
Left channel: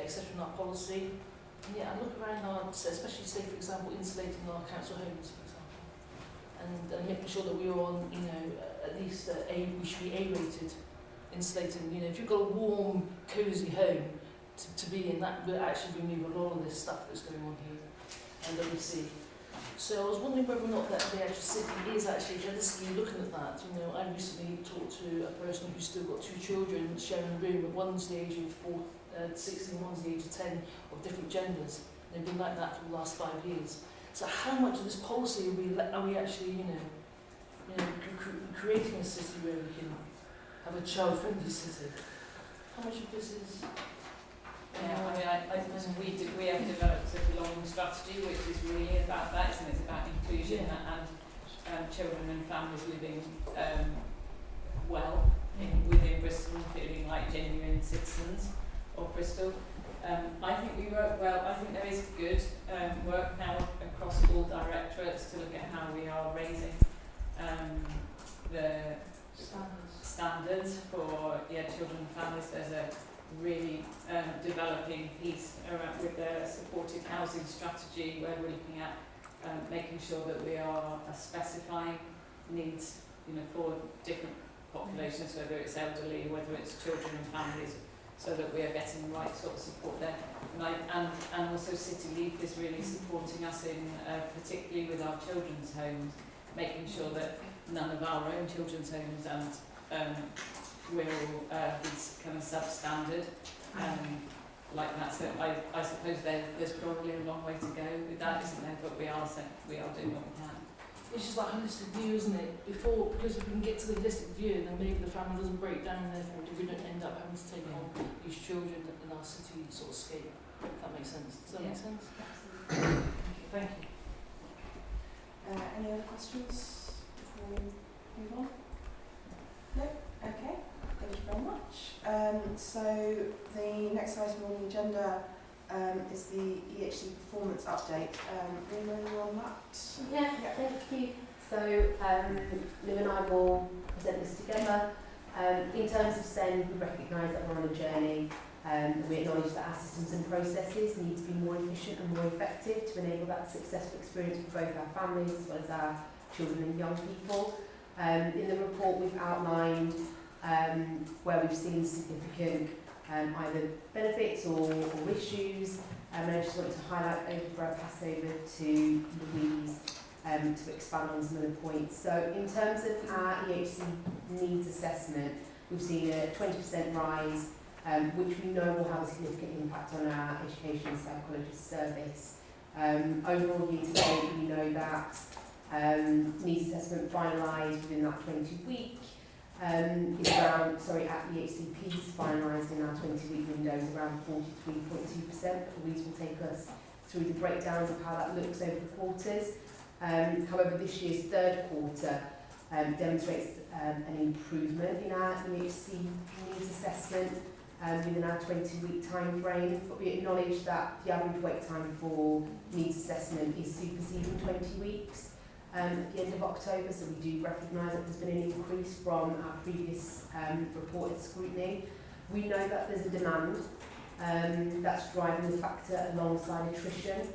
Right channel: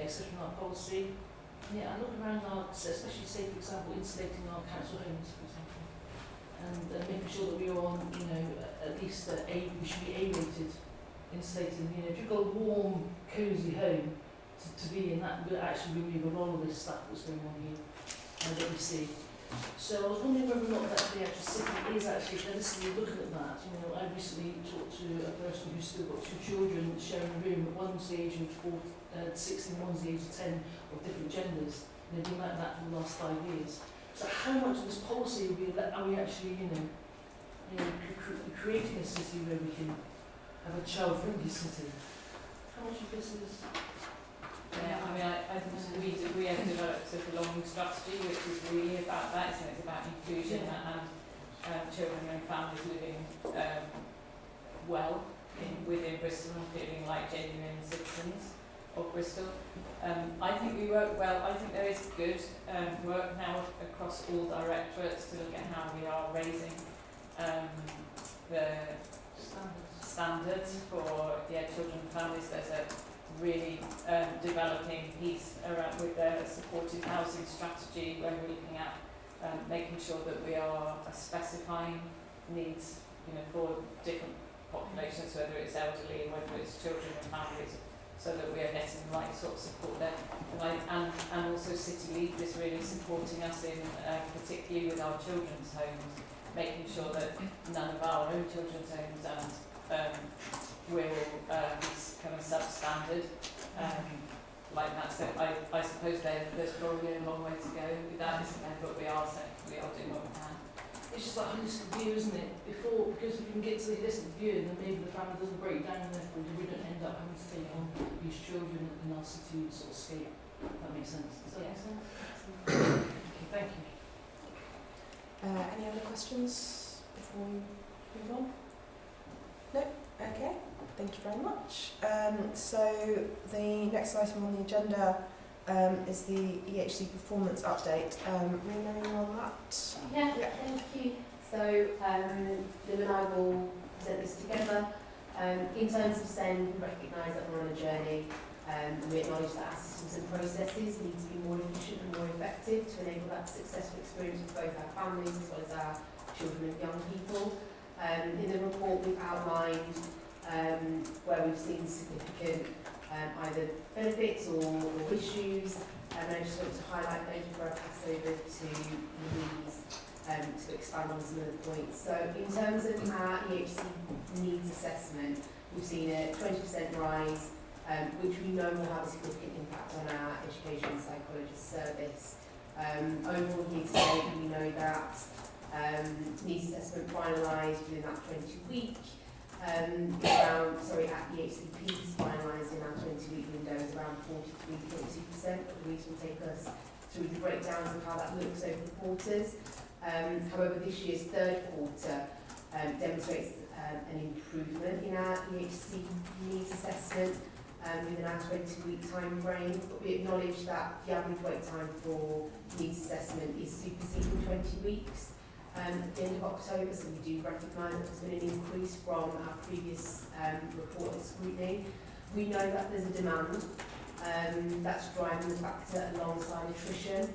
etc. in our policy. Yeah, I look around our, especially say for example, insulating our council homes, for example, and making sure that we are on, at least we should be A-rated insulating. If you've got a warm, cosy home to be in, that will actually remove a lot of this stuff that's going on here and that we see. So I was wondering whether or not that the actual city is actually realistically looking at that. I recently talked to a person who's still got 2 children sharing a room. One's the age of 6 and one's the age of 10, of different genders. They've been like that for the last 5 years. So how much of this policy are we actually, creating a city where we can have a child-friendly city? How much of this is? Yeah, I think we have developed a belonging strategy, which is really about that, and it's about inclusion and children and families living well within Bristol and feeling like genuine citizens of Bristol. I think we work well. I think there is good work now across all directorates to look at how we are raising the standards for children and families. There's a really developing piece around with the supported housing strategy where we're looking at making sure that we are specifying needs for different populations, whether it's elderly and whether it's children and families, so that we are getting the right sort of support there. And also City Lead is really supporting us in particularly with our children's homes, making sure that none of our own children's homes will be kind of substandard like that. So I suppose there's probably a long way to go with that, isn't there? But we are doing what we can. It's just like holistic view, isn't it? Because we can get to the holistic view, and then maybe the family doesn't break down, and therefore we don't end up having to take on these children in our city sort of scape. If that makes sense. Does that make sense? Okay, thank you. Any other questions before we move on? No? Okay, thank you very much. So the next item on the agenda is the EHC performance update. Rena, on that? Yeah, thank you. So Liv and I will present this together. In terms of SEND, we recognise that we're on a journey and we acknowledge that our systems and processes need to be more efficient and more effective to enable that successful experience with both our families as well as our children and young people. In the report we've outlined where we've seen significant either benefits or issues, and I just want to highlight before I pass over to Louise to expand on some of the points. So in terms of our EHC needs assessment, we've seen a 20% rise, which we know will have a significant impact on our education and psychologist service. Overall, year to date, we know that needs assessment finalised within that 20-week. At the HCPs finalised in our 20-week window is around 43.2%. Louise will take us through the breakdown of how that looks over the quarters. However, this year's third quarter demonstrates an improvement in our EHC needs assessment within our 20-week time frame, but we acknowledge that the average wait time for needs assessment is superseding 20 weeks. At the end of October, so we do recognise that there's been an increase from our previous reported scrutiny. We know that there's a demand that's driving the factor alongside attrition,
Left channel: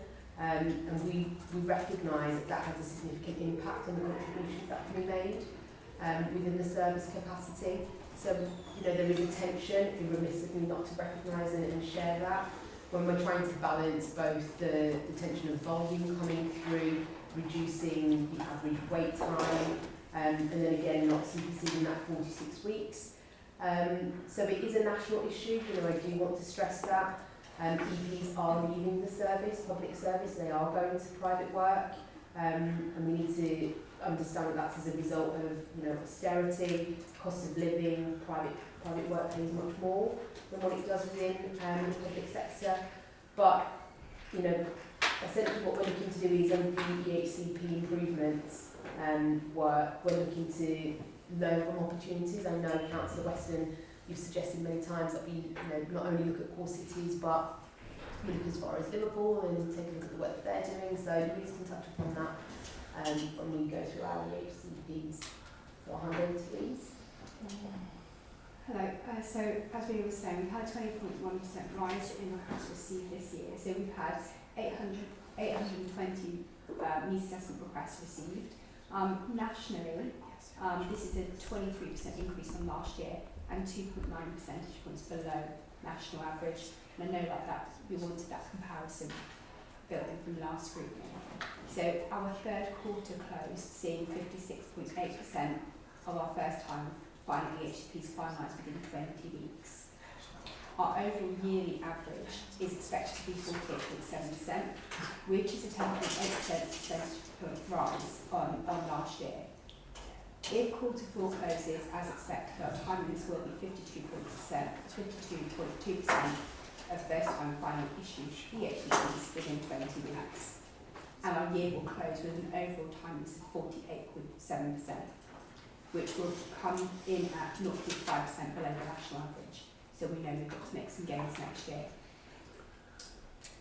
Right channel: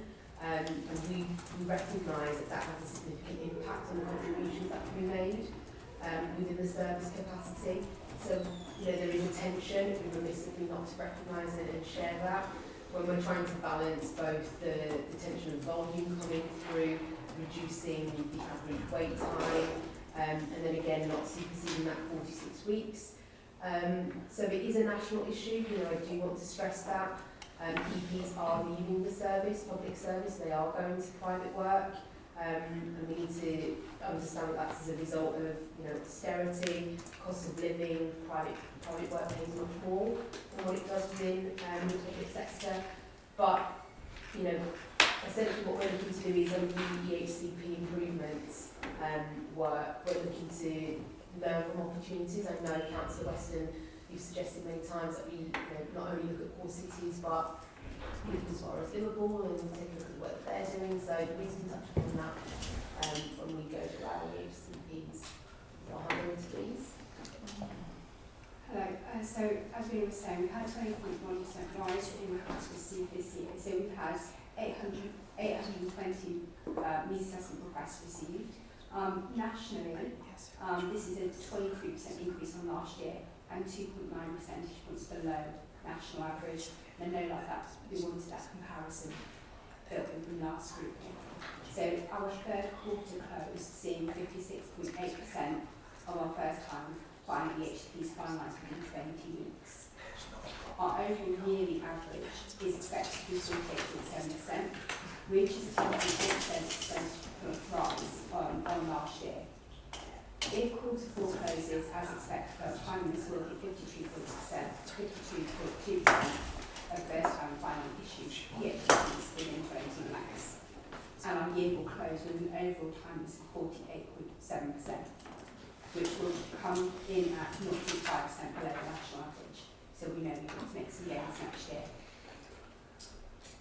and we recognise that has a significant impact on the contributions that can be made within the service capacity. So there is a tension, if we're remiss of me not to recognise it and share that, when we're trying to balance both the tension of volume coming through, reducing the average wait time, and then again not superseding that 46 weeks. So it is a national issue, you know, I do want to stress that. EPs are leaving the service, public service, they are going to private work, and we need to understand that that's as a result of, you know, austerity, cost of living, private work pays much more than what it does within the public sector. But, you know, essentially what we're looking to do is under the EHCP improvements work, we're looking to learn from opportunities. I know Councillor Weston, you've suggested many times that we, you know, not only look at core cities but look as far as Liverpool and take a look at the work that they're doing. So please can touch upon that when we go through our EHCPs. Please. Hello. So as we were saying, we had a 20.1% rise in requests received this year. So we've had 820 needs assessment requests received. Nationally, this is a 23% increase on last year and 2.9 percentage points below national average. And I know like that we wanted that comparison building from last scrutiny. So our third quarter closed seeing 56.8% of our first time finding EHCPs finalised within 20 weeks. Our overall yearly average is expected to be 48.7%, which is a 10.8% percentage point rise on last year. If quarter four closes as expected, our timeliness will be 52.2% of first time final issued EHCPs within 20 weeks. And our year will close with an overall timeliness of 48.7%, which will come in at 0.5% below the national average. So we know we've got to make some gains next year.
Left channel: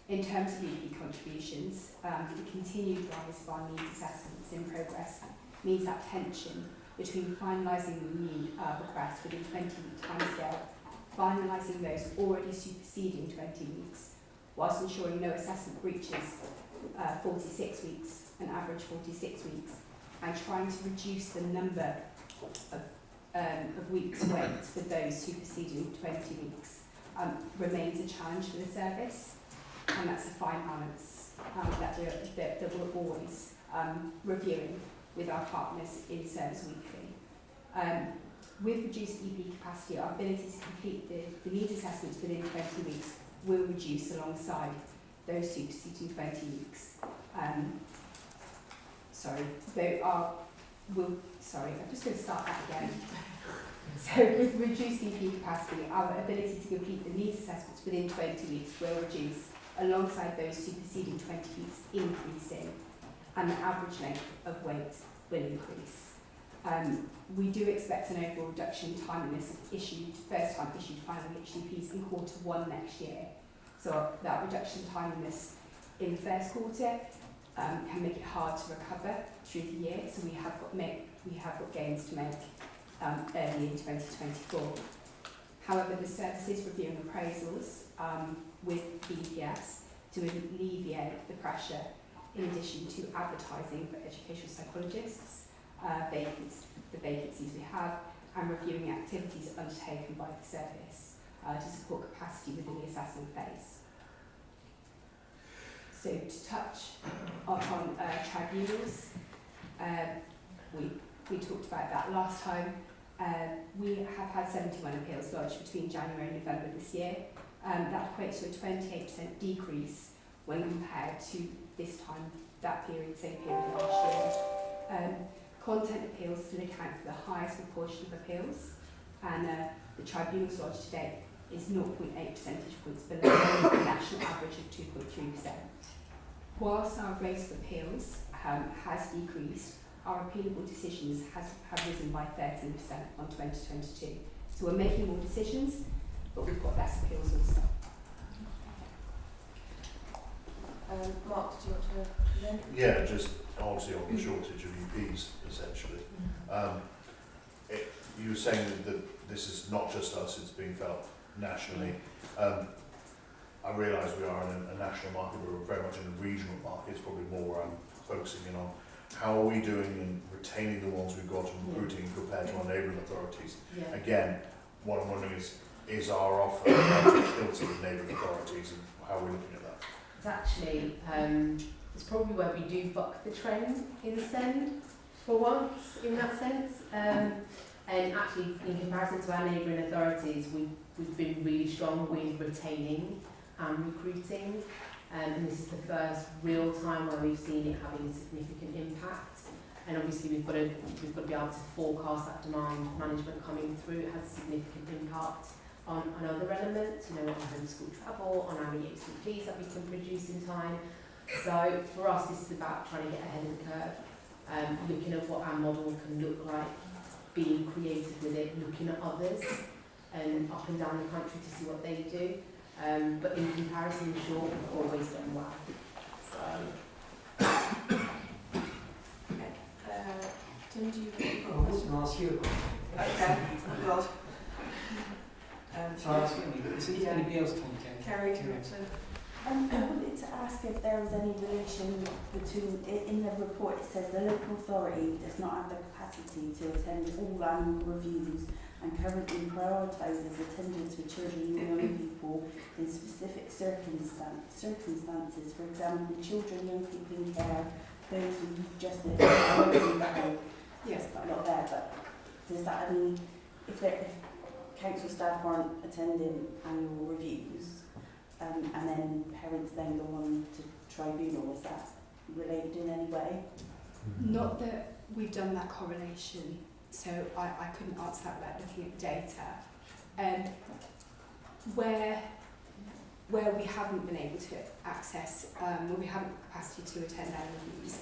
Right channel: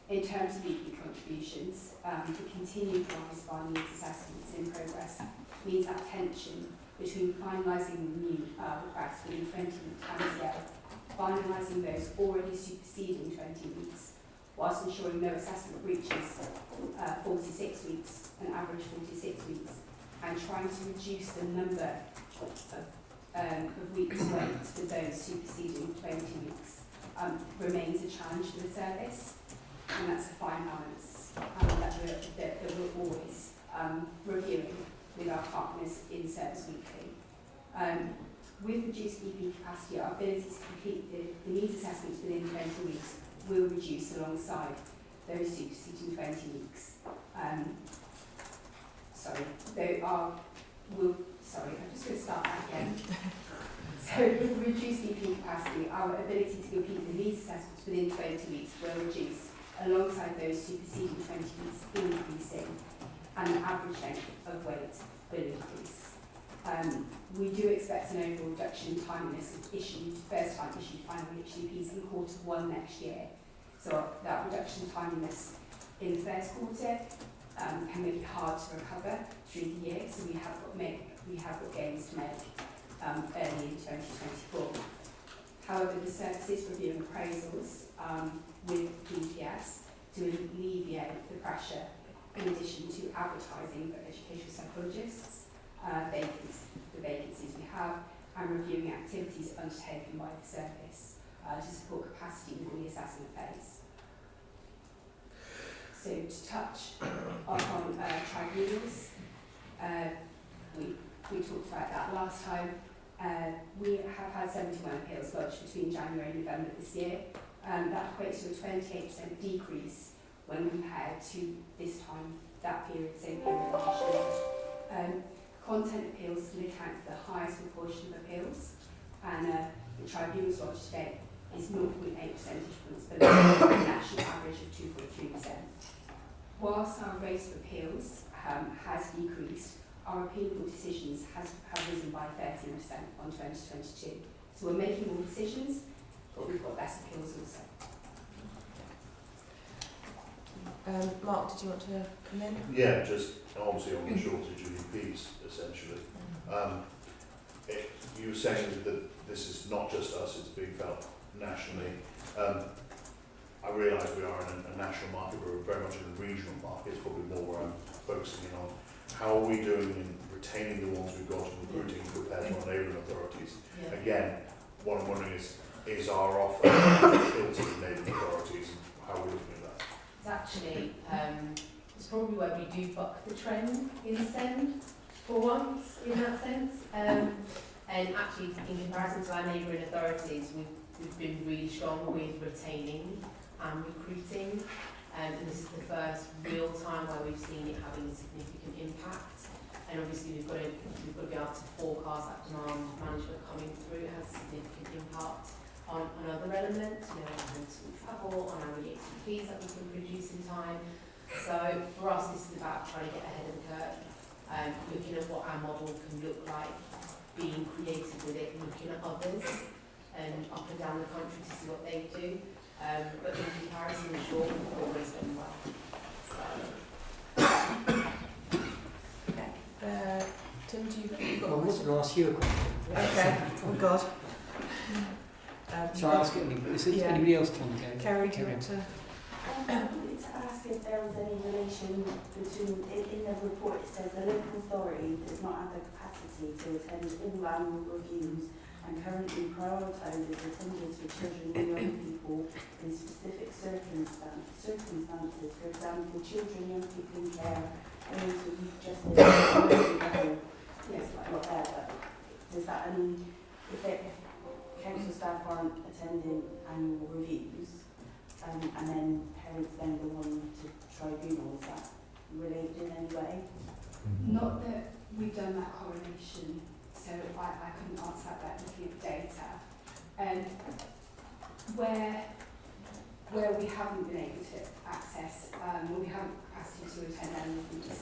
In terms of EP contributions, the continued rise of our needs assessments in progress means that tension between finalising the new requests within 20-week timescale, finalising those already superseding 20 weeks, whilst ensuring no assessment breaches 46 weeks, an average 46 weeks, and trying to reduce the number of weeks wait for those superseding 20 weeks remains a challenge for the service, and that's a fine balance that we're always reviewing with our partners in Service Weekly. With reduced EP capacity, our ability to complete the needs assessments within 20 weeks will reduce alongside those superseding 20 weeks. I'm just going to start that again. So with reduced EP capacity, our ability to complete the needs assessments within 20 weeks will reduce alongside those superseding 20 weeks increasing, and the average length of wait will increase. We do expect an overall reduction in timeliness of first time issued final HCPs in quarter one next year. So that reduction in timeliness in the first quarter can make it hard to recover through the year. So we have got gains to make early in 2024. However, the service is reviewing appraisals with BPS to alleviate the pressure, in addition to advertising for educational psychologists, the vacancies we have, and reviewing activities undertaken by the service to support capacity within the assessment phase. So to touch upon tribunals, we talked about that last time. We have had 71 appeals lodged between January and November this year. That equates to a 28% decrease when compared to this time, that period, same period last year. Content appeals still account for the highest proportion of appeals, and the tribunals lodged to date is 0.8 percentage points below the national average of 2.3%. Whilst our rate of appeals has decreased, our appealable decisions have risen by 13% on 2022. So we're making more decisions, but we've got less appeals also. Mark, did you want to come in? Yeah, just obviously on the shortage of EPs, essentially. You were saying that this is not just us, it's being felt nationally. I realise we are in a national market, we're very much in the regional market, it's probably more where I'm focusing in on. How are we doing in retaining the ones we've got and recruiting compared to our neighbouring authorities? Yeah. Again, what I'm wondering is our offer still to the neighbouring authorities, and how are we looking at that? It's actually, it's probably where we do buck the trend in SEND for once in that sense. And actually, in comparison to our neighbouring authorities, we've been really strong with retaining and recruiting. And this is the first real time where we've seen it having a significant impact. And obviously we've got to be able to forecast that demand management coming through. It has a significant impact on other elements, you know, on school travel, on our EHCPs that we can produce in time. So for us, this is about trying to get ahead of the curve, looking at what our model can look like, being creative with it, looking at others and up and down the country to see what they do. But in comparison, sure, we've always done well. Okay. Tim, do you think you've got I a was question? going to ask you a question. Okay. Oh God. Shall I ask it anybody? Is Yeah. anybody else want to go? Kerry, do you want to? I wanted to ask if there was any relation between, in the report it says the local authority does not have the capacity to attend all annual reviews and currently prioritises attendance for children and young people in specific circumstances, for example, children, young people in care, those of youth justice, yes, not there, but does that mean if council staff aren't attending annual reviews, and then parents then go on to tribunal, is that related in any way? Not that we've done that correlation, so I couldn't answer that without looking at the data. Where we haven't been able to access, we haven't capacity to attend annual reviews,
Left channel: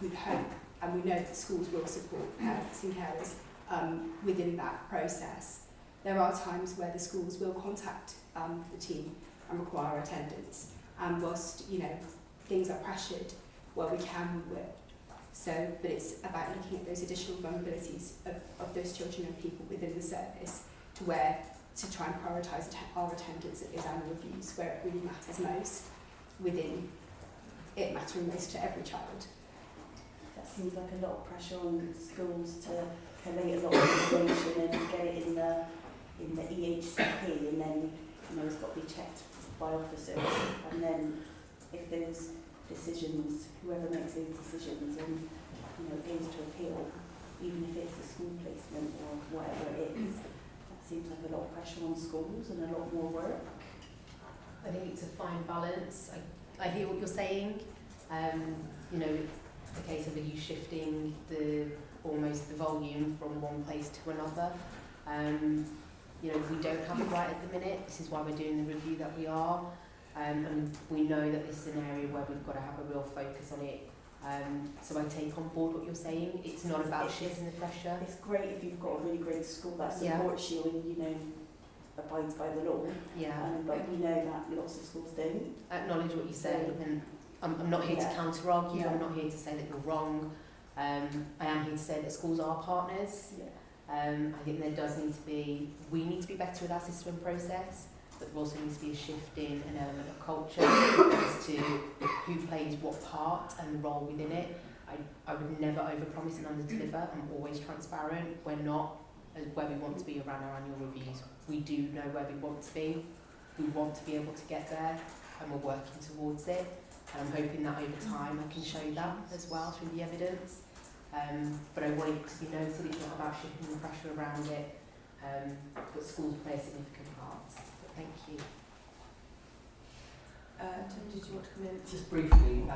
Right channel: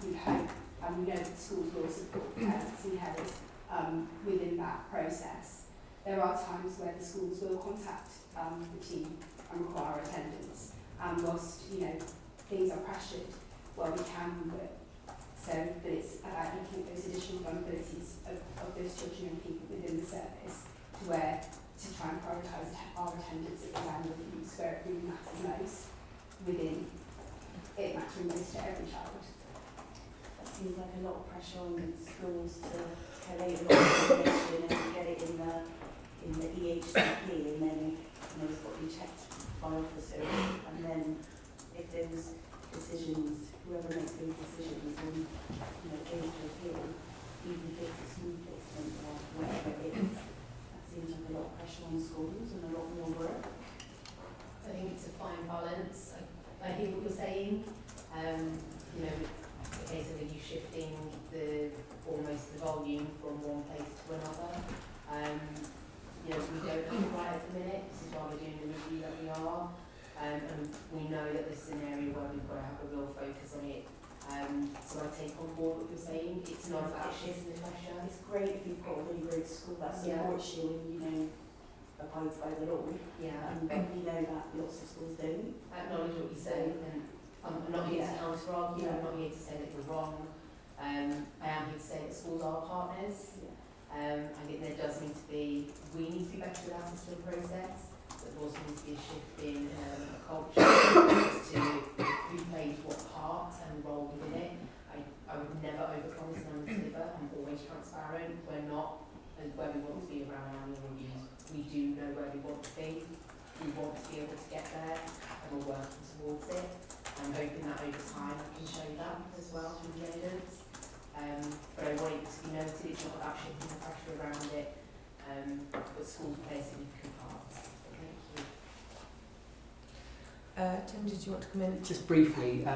we hope and we know that schools will support parents and carers within that process. There are times where the schools will contact the team and require attendance, and whilst things are pressured, well, we can, we will. So, but it's about looking at those additional vulnerabilities of those children and people within the service to try and prioritise our attendance at those annual reviews where it really matters most, within it mattering most to every child. That seems like a lot of pressure on schools to collate a lot of information and get it in the EHCP, and then it's got to be checked by officers, and then if there's decisions, whoever makes those decisions and aims to appeal, even if it's a school placement or whatever it is, that seems like a lot of pressure on schools and a lot more work. I think it's a fine balance. I hear what you're saying. The case of are you shifting almost the volume from one place to another. We don't have it right at the minute. This is why we're doing the review that we are. And we know that this is an area where we've got to have a real focus on it. So I take on board what you're saying. It's not about shifting the pressure. It's great if you've got a really great school that supports you and abides by the law. Yeah. But we know that lots of schools don't. Acknowledge what you say, and I'm not here to counter-argue. I'm not here to say that you're wrong. I am here to say that schools are partners. I think there does need to be, we need to be better with our system process, but there also needs to be a shift in an element of culture as to who plays what part and role within it. I would never overpromise and underdeliver. I'm always transparent. We're not where we want to be around our annual reviews. We do know where we want to be. We want to be able to get there, and we're working towards it. I'm hoping that over time I can show that as well through the evidence. But I want it to be noted, it's not about shifting the pressure around it, but schools play a significant part. Thank you. Tim, did you want to come in? Just briefly,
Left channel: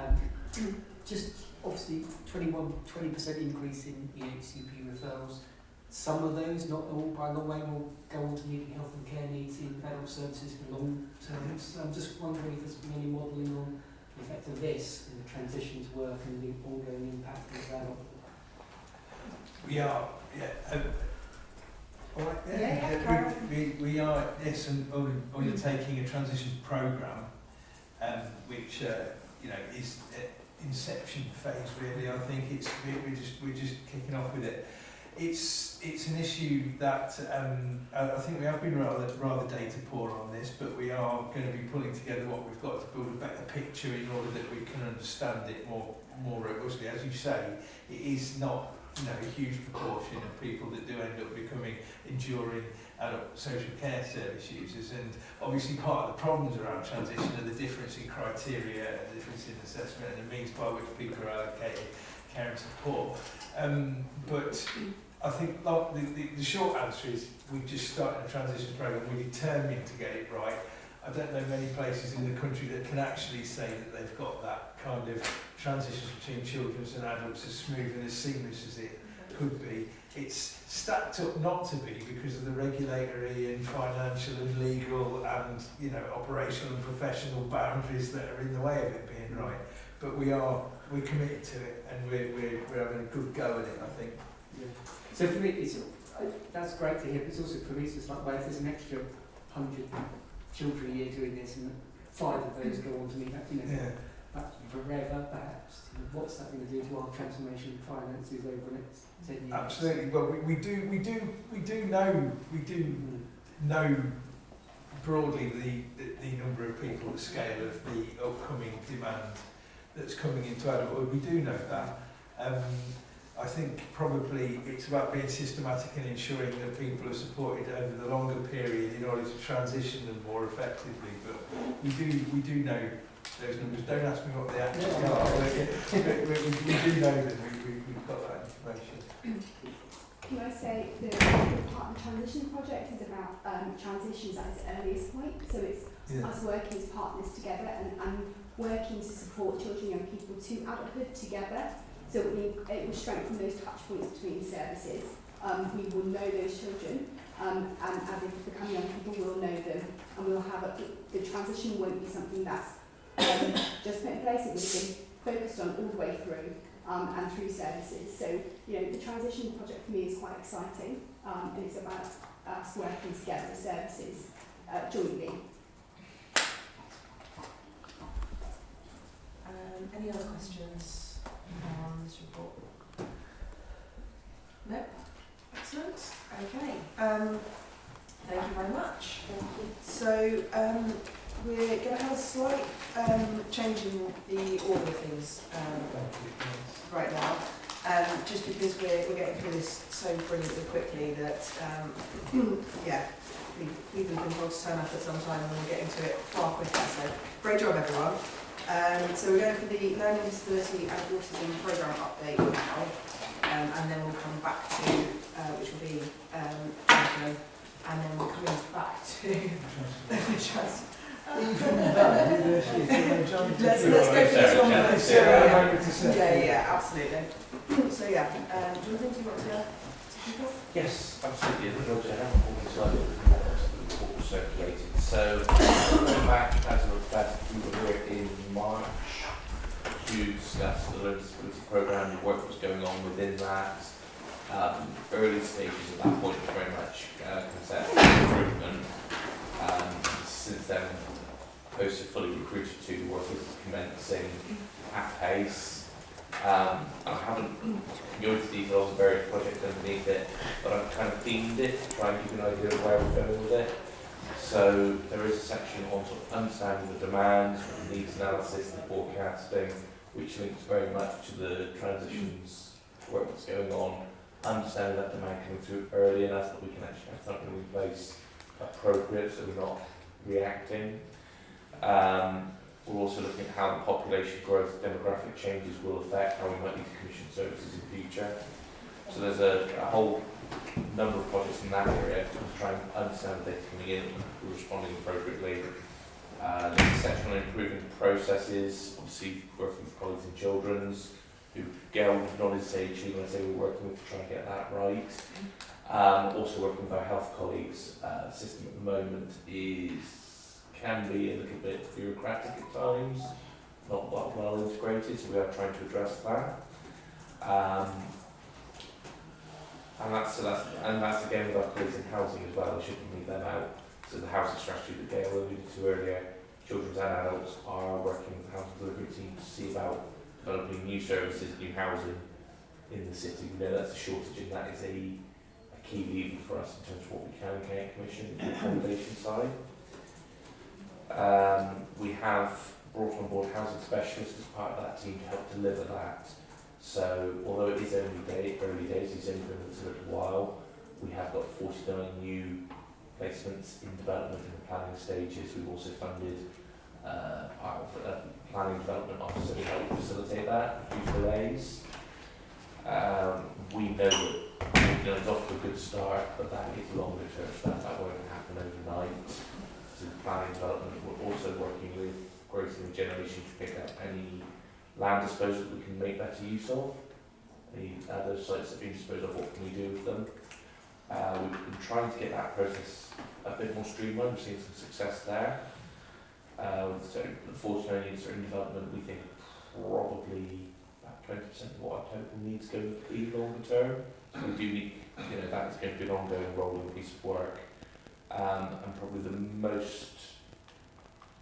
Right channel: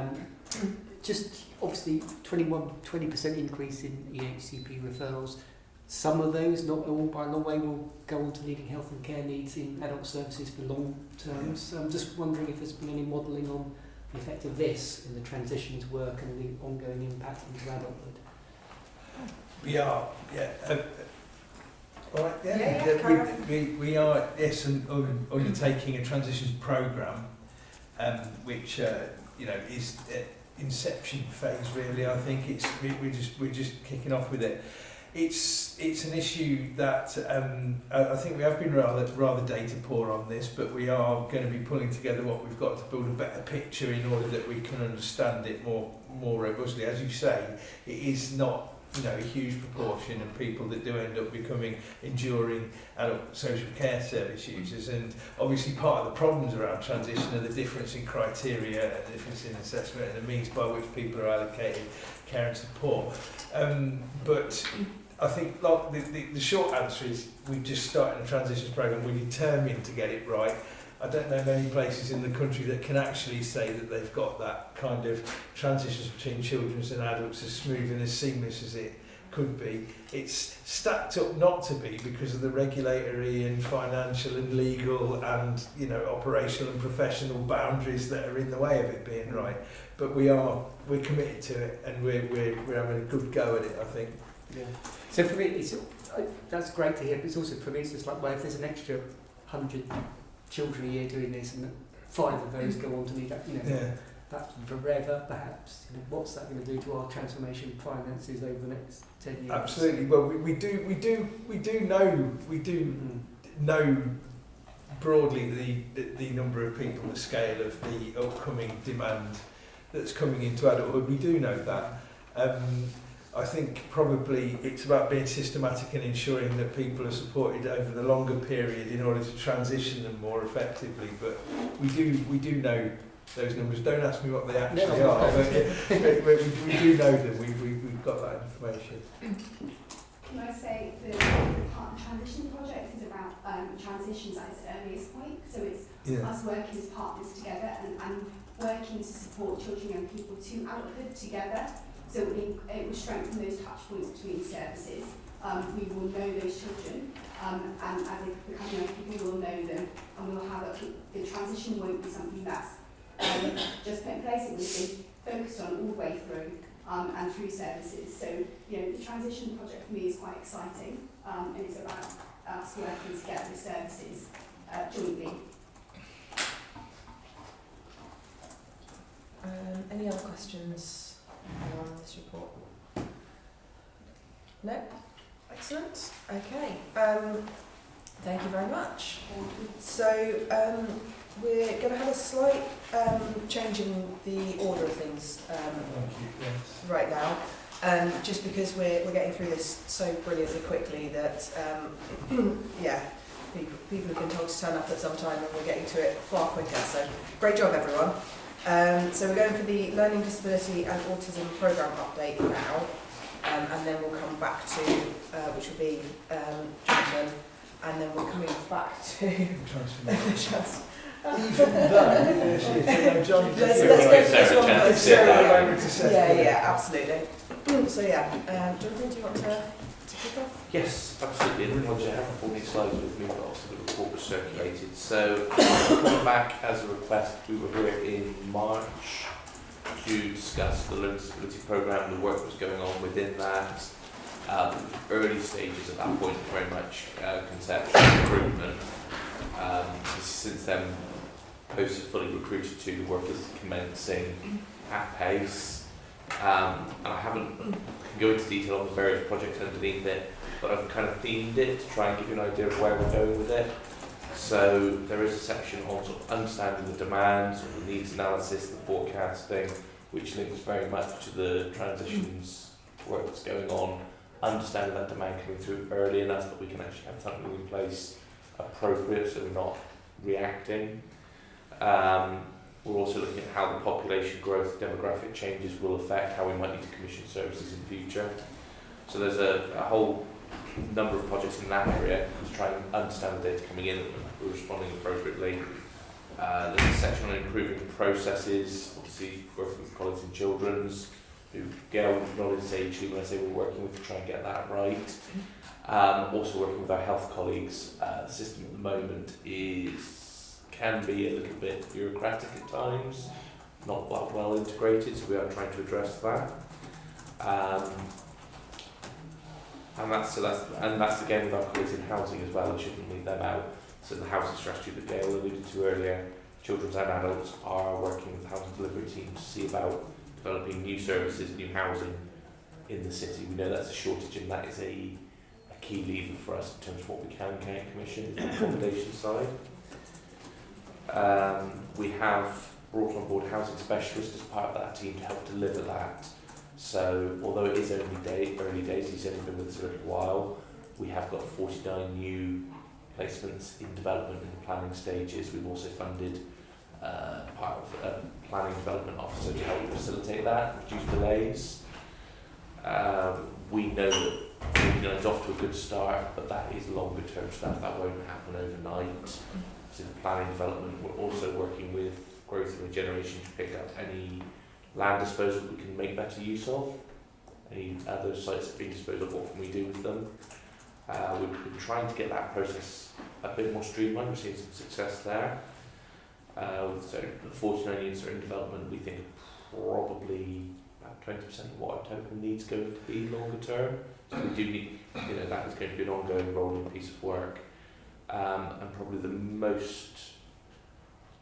just obviously 20% increase in EHCP referrals. Some of those, not all by the way, will go on to needing health and care needs in adult services for long term. So I'm just wondering if there's been any modelling on the effect of this in the transition to work and the ongoing impact into adulthood. We are, we are, yes, undertaking a transitions programme, which is inception phase really. I think we're just kicking off with it. It's an issue that I think we have been rather data poor on this, but we are going to be pulling together what we've got to build a better picture in order that we can understand it more robustly. As you say, it is not a huge proportion of people that do end up becoming enduring adult social care service users, and obviously part of the problems around transition are the difference in criteria and the difference in assessment and the means by which people are allocated care and support. But I think like, the short answer is we've just started a transition programme. We're determined to get it right. I don't know many places in the country that can actually say that they've got that kind of transitions between children and adults as smooth and as seamless as it could be. It's stacked up not to be because of the regulatory and financial and legal and, you know, operational and professional boundaries that are in the way of it being right. But we're committed to it, and we're having a good go at it, I think. Yeah. So for me, that's great to hear, but it's also for me, it's just like, well, if there's an extra 100 children a year doing this, and 5 of those go on to need that, you know, that's forever, perhaps. You know, what's that going to do to our transformation finances over the next 10 years? Absolutely. Well, we do know broadly the number of people, the scale of the upcoming demand that's coming into adulthood. We do know that. I think probably it's about being systematic and ensuring that people are supported over the longer period in order to transition them more effectively. But we do know those numbers. Don't ask me what they actually are, but we do know that we've got that information. Can I say the part of the transition project is about transitions at its earliest point, so it's us working as partners together and working to support children and young people to adulthood together. So it will strengthen those touch points between services. We will know those children, and as they become young people, we will know them, and we'll have the transition won't be something that's just put in place. It will be focused on all the way through and through services. So, you know, the transition project for me is quite exciting, and it's about us working together with services jointly. Any other questions on this report? No? Excellent. Okay. Thank you very much. So we're going to have a slight change in the order of things right now, just because we're getting through this so brilliantly quickly that people have been told to turn up at some time and we're getting to it far quicker. So great job, everyone. So we're going for the Learning Disability and Autism Programme update now, and then we'll come back to, which will be Jonathan, and then we're coming back to trust. Let's go for this one first. Yeah, absolutely. So Jonathan, do you want to kick off? Yes, absolutely. In the project, I have all these slides with me whilst the report was circulated. So, we're back as a request. We were here in March to discuss the Learning Disability Programme. The work was going on within that. Early stages at that point, very much conceptual improvement. Since then, posts are fully recruited to, the work is commencing at pace. And I haven't go into detail of the various projects underneath it, but I've kind of themed it to try and give you an idea of where we're going with it. So there is a section on sort of understanding the demands, sort of the needs analysis and forecasting, which links very much to the transitions work that's going on, understanding that demand coming through early enough that we can actually have something in place appropriate so we're not reacting. We're also looking at how the population growth, demographic changes will affect how we might need to commission services in the future. So there's a whole number of projects in that area to try and understand the data coming in, we're responding appropriately. There's a section on improving processes, obviously working with colleagues in children's, who Gail with knowledge stage who when I say we're working with to try and get that right. Also working with our health colleagues. The system at the moment can be a little bit bureaucratic at times, not well integrated, so we are trying to address that. And that's again with our colleagues in housing as well, and shouldn't leave them out. So the housing strategy that Gail alluded to earlier, children's and adults are working with the housing delivery team to see about developing new services, new housing in the city. We know that's a shortage, and that is a key lever for us in terms of what we can commission on the accommodation side. We have brought on board housing specialists as part of that team to help deliver that. So although it is early days, he's only been with us a little while, we have got 49 new placements in development in the planning stages. We've also funded part of a planning development officer to help facilitate that, reduce delays. We know that Wigan is off to a good start, but that is longer term stuff. That won't happen overnight. So planning development, we're also working with growth and regeneration to pick up any land disposal we can make better use of. Any other sites that have been disposed of, what can we do with them? We've been trying to get that process a bit more streamlined. We've seen some success there. So the 49 units are in development. We think probably about 20% of what our total needs going to be longer term. So we do need, that is going to be an ongoing rolling piece of work. And probably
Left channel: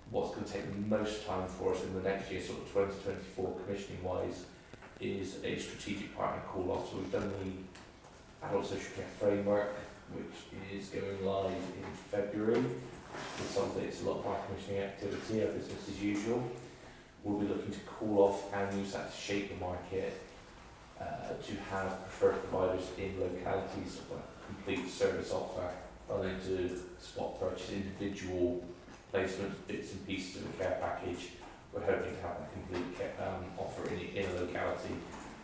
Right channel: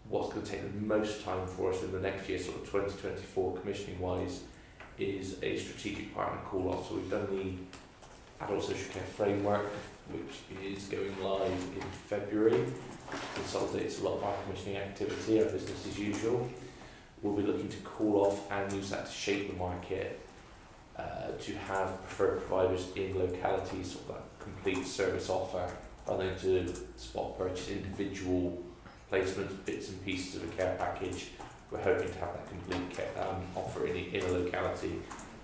what's going to take the most time for us in the next year, sort of 2024 commissioning wise, is a strategic partner call off. So we've done the adult social care framework, which is going live in February. Consolidates a lot of our commissioning activity, our business as usual. We'll be looking to call off and use that to shape the market, to have preferred providers in localities, sort of like complete service offer, rather than to spot purchase individual placements, bits and pieces of a care package. We're hoping to have a complete offer in a locality.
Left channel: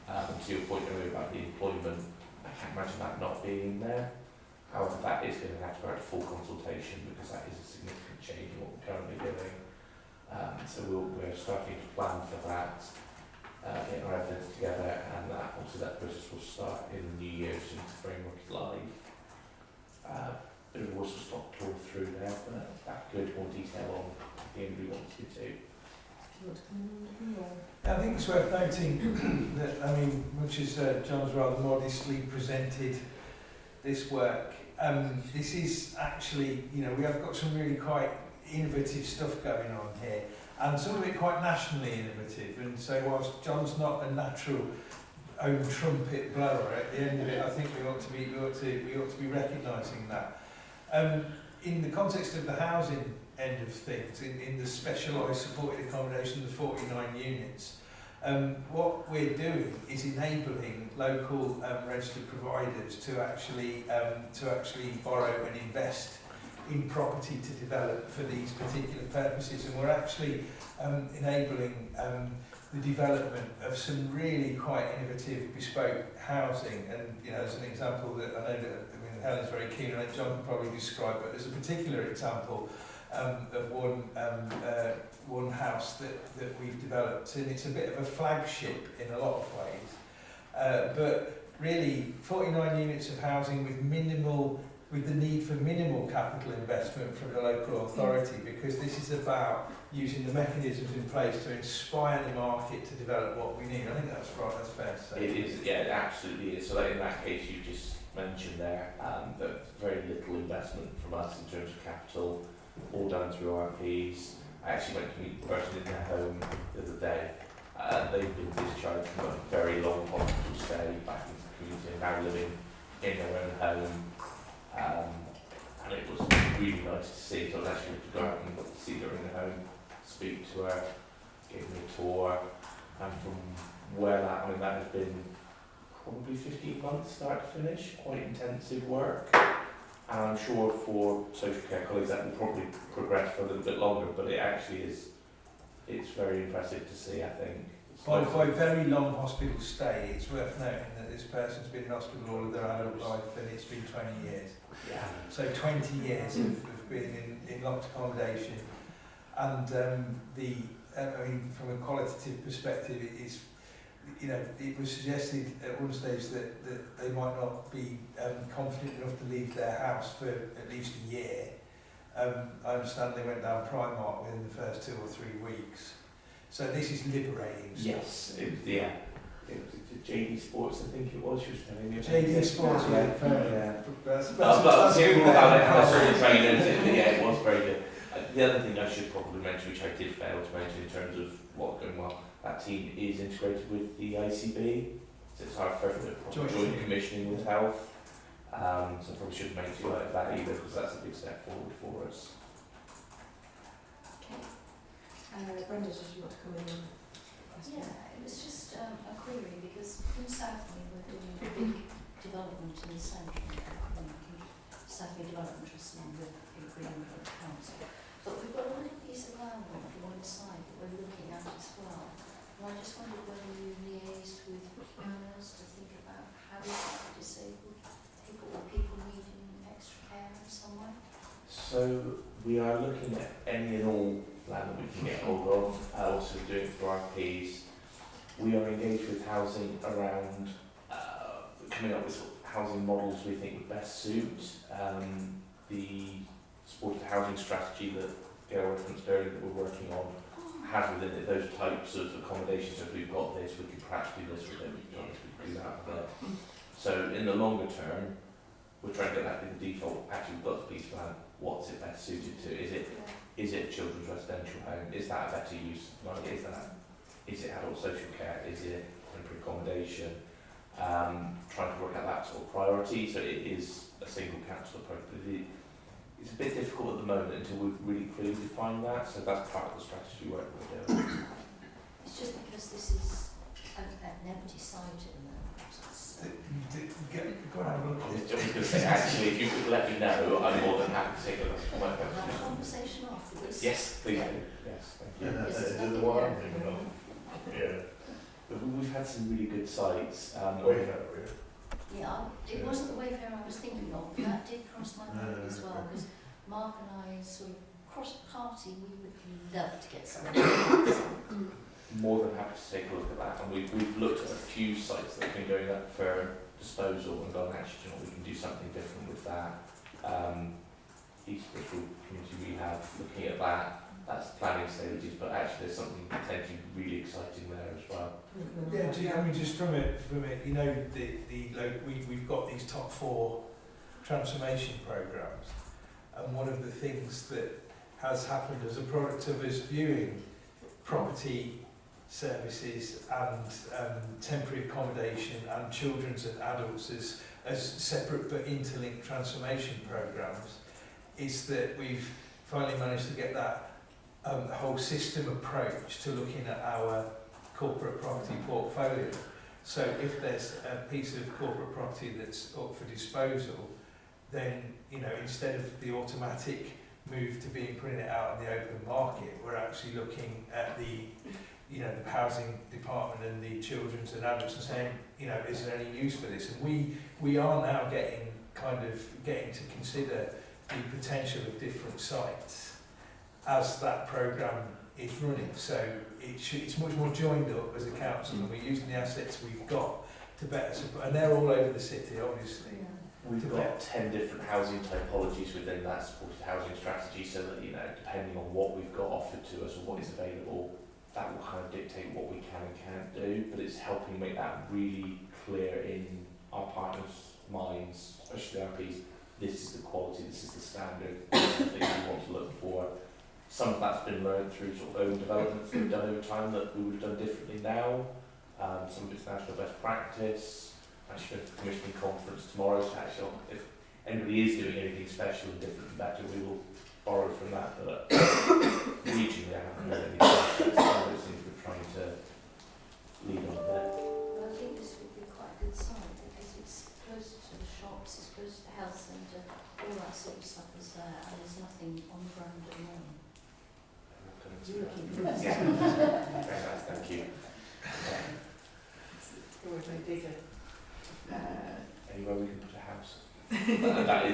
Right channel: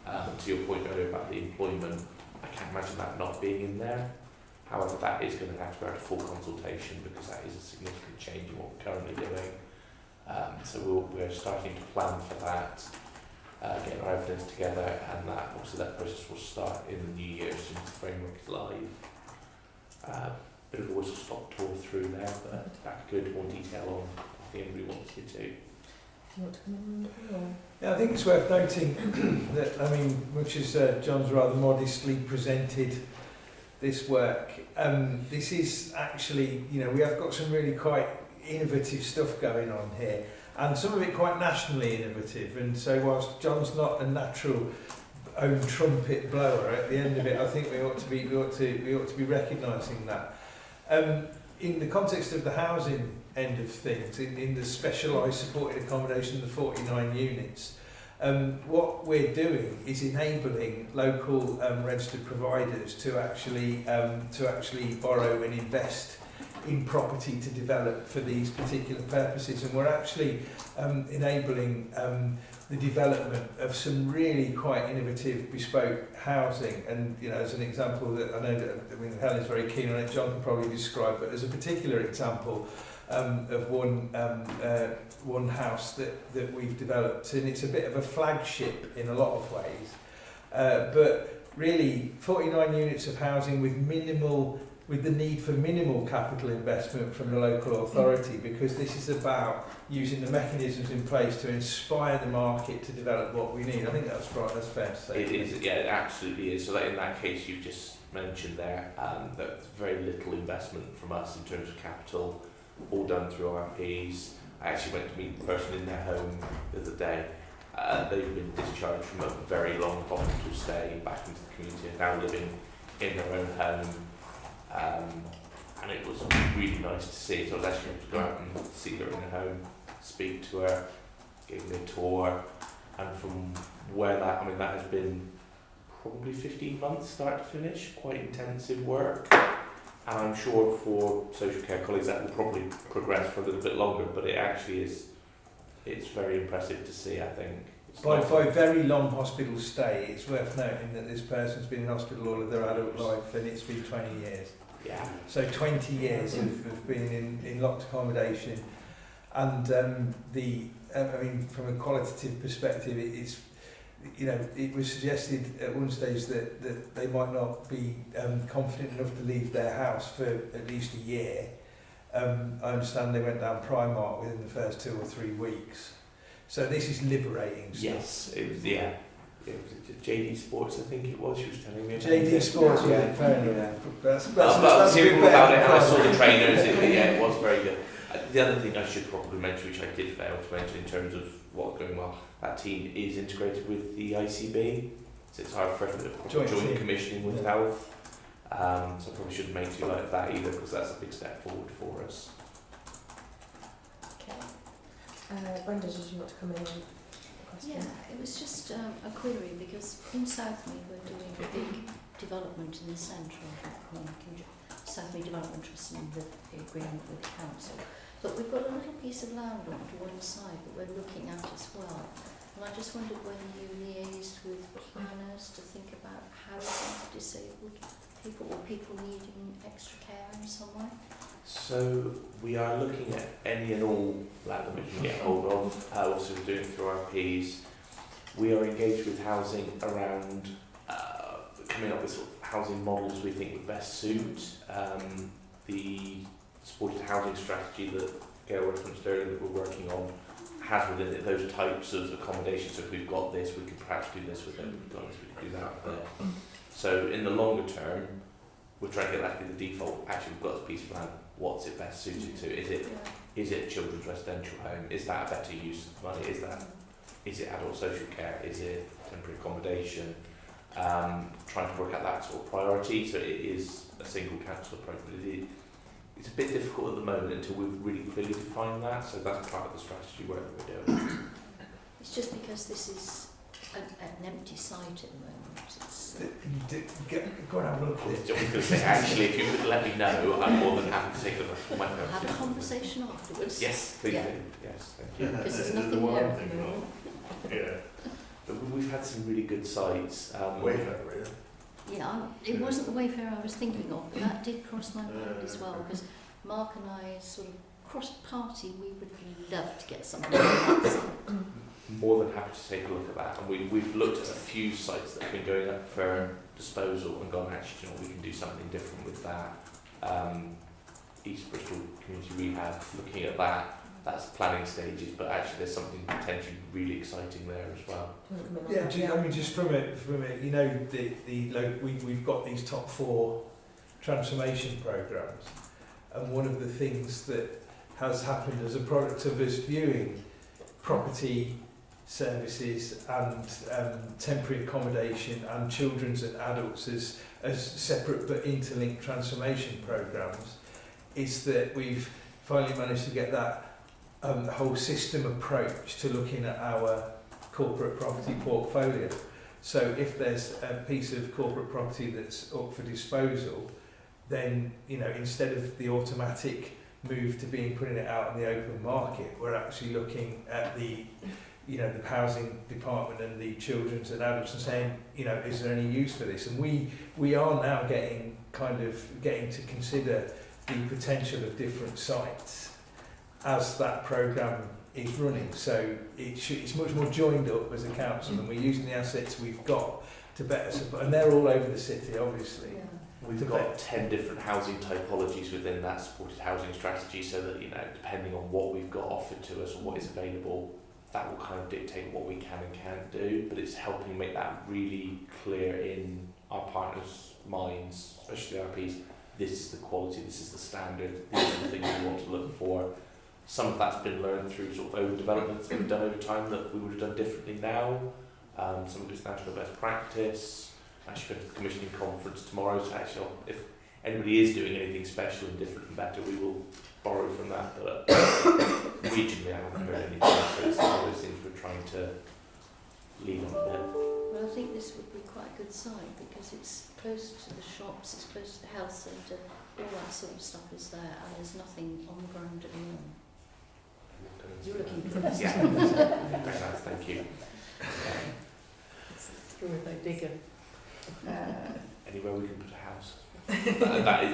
To your point earlier about the employment, I can't imagine that not being in there. However, that is going to have to go out to full consultation because that is a significant change in what we're currently doing. So we're starting to plan for that, getting our evidence together, and that process will start in the new year as soon as the framework is live. Bit of a whistle stop tour through there, but that could more detail on the thing we want to do. Yeah, I think it's worth noting that, much as John's rather modestly presented this work, this is actually, we have got some really quite innovative stuff going on here, and some of it quite nationally innovative. And so whilst John's not a natural own trumpet blower, at the end of it, I think we ought to be recognising that. In the context of the housing end of things, in the specialised supported accommodation, the 49 units, what we're doing is enabling local registered providers to actually borrow and invest in property to develop for these particular purposes, and we're actually enabling the development of some really quite innovative bespoke housing. And as an example that I know that Helen's very keen on it, John can probably describe, but there's a particular example of one house that we've developed, and it's a bit of a flagship in a lot of ways, but really 49 units of housing with the need for minimal capital investment from the local authority, because this is about using the mechanisms in place to inspire the market to develop what we need. I think that's right, that's fair to say. It is, yeah, it absolutely is. So in that case you've just mentioned there, that very little investment from us in terms of capital, all done through our Ps. I actually went to meet the person in their home the other day. They've been discharged from a very long hospital stay back into the community and now living in their own home. And it was really nice to see. So I was actually able to go out and see her in her home, speak to her, give me a tour, and from where that has been probably 15 months start to finish, quite intensive work. And I'm sure for social care colleagues that will probably progress for a little bit longer, but it actually is, it's very impressive to see, I think. By very long hospital stay, it's worth noting that this person's been in hospital all of their adult life, and it's been 20 years. Yeah. So 20 years of being in locked accommodation, and from a qualitative perspective, it's, it was suggested at one stage that they might not be confident enough to leave their house for at least a year. I understand they went down Primark within the first 2 or 3 weeks. So this is liberating stuff. Yes, it was, yeah. It was JD Sports, I think it was, she was telling me. JD Sports, yeah. That's hearing about it, and I saw the trainers, it was very good. The other thing I should probably mention, which I did fail to mention in terms of what's going on, that team is integrated with the ICB, so it's our further joint commissioning with health. So I probably shouldn't make too like that either, because that's a big step forward for us. Brenda, did you want to come in on? Yeah, it was just a query, because in Southmead we're doing a big development in the centre of Southmead Development Trust and the agreement with the council. But we've got a little piece of land on one side that we're looking at as well. And I just wondered whether you liaised with planners to think about housing for disabled people or people needing extra care in some way. So we are looking at any and all land that we can get hold of, also doing through our Ps. We are engaged with housing around coming up with sort of housing models we think would best suit the supported housing strategy that Gail referenced earlier that we're working on has within it those types of accommodations. So if we've got this, we can perhaps do this with it, we can do that there. So in the longer term, we're trying to get that in the default. Actually, we've got a piece of land. What's it best suited to? Is it children's residential home? Is that a better use of money? Is it adult social care? Is it temporary accommodation? Trying to work out that sort of priority. So it is a single council approach. It's a bit difficult at the moment until we've really clearly defined that. So that's part of the strategy work we're doing. It's just because this is an empty site at the moment. Go and have a look at it. Actually, if you could let me know, I'm more than happy to take a look. Have a conversation afterwards. Yes, please. Yeah. Yes, thank you. Because there's The nothing one there. thing, But we've had some really good sites. Wayfair, really. Yeah, it wasn't the Wayfair I was thinking of, but that did cross my mind as well, because Mark and I sort of crossed party, we would love to get someone else. More than happy to take a look at that. And we've looked at a few sites that have been going up for disposal and gone, actually, you know, we can do something different with that. East Bristol Community Rehab, looking at that. That's planning stages, but actually there's something potentially really exciting there as well. Yeah, I mean, just from it, you know, we've got these top 4 transformation programs, and one of the things that has happened as a product of us viewing property services and temporary accommodation and children's and adults as separate but interlinked transformation programs, is that we've finally managed to get that whole system approach to looking at our corporate property portfolio. So if there's a piece of corporate property that's up for disposal, then, you know, instead of the automatic move to being putting it out in the open market, we're actually looking at the, you know, the housing department and the children's and adults and saying, you know, is there any use for this? And we are now getting to consider the potential of different sites as that programme is running. So it's much more joined up as a council, and we're using the assets we've got to better support, and they're all over the city, obviously. Yeah. We've got 10 different housing typologies within that supported housing strategy, so that, you know, depending on what we've got offered to us and what is available, that will kind of dictate what we can and can't do. But it's helping make that really clear in our partners' minds, especially our RPs. This is the quality, this is the standard, these are the things we want to look for. Some of that's been learned through sort of own developments that we've done over time that we would have done differently now. Some of it's national best practice. Actually going to the commissioning conference tomorrow, so actually if anybody is doing anything special and different and better, we will borrow from that. But regionally I haven't heard anything, so it's one of those things we're trying to lead on a bit. Well, I think this would be quite a good sign, because it's close to the shops, it's close to the health centre, all that sort of stuff is there, and there's nothing on the ground at the moment. You're looking for this. Yeah. Very nice, thank you. Anywhere we can put a house.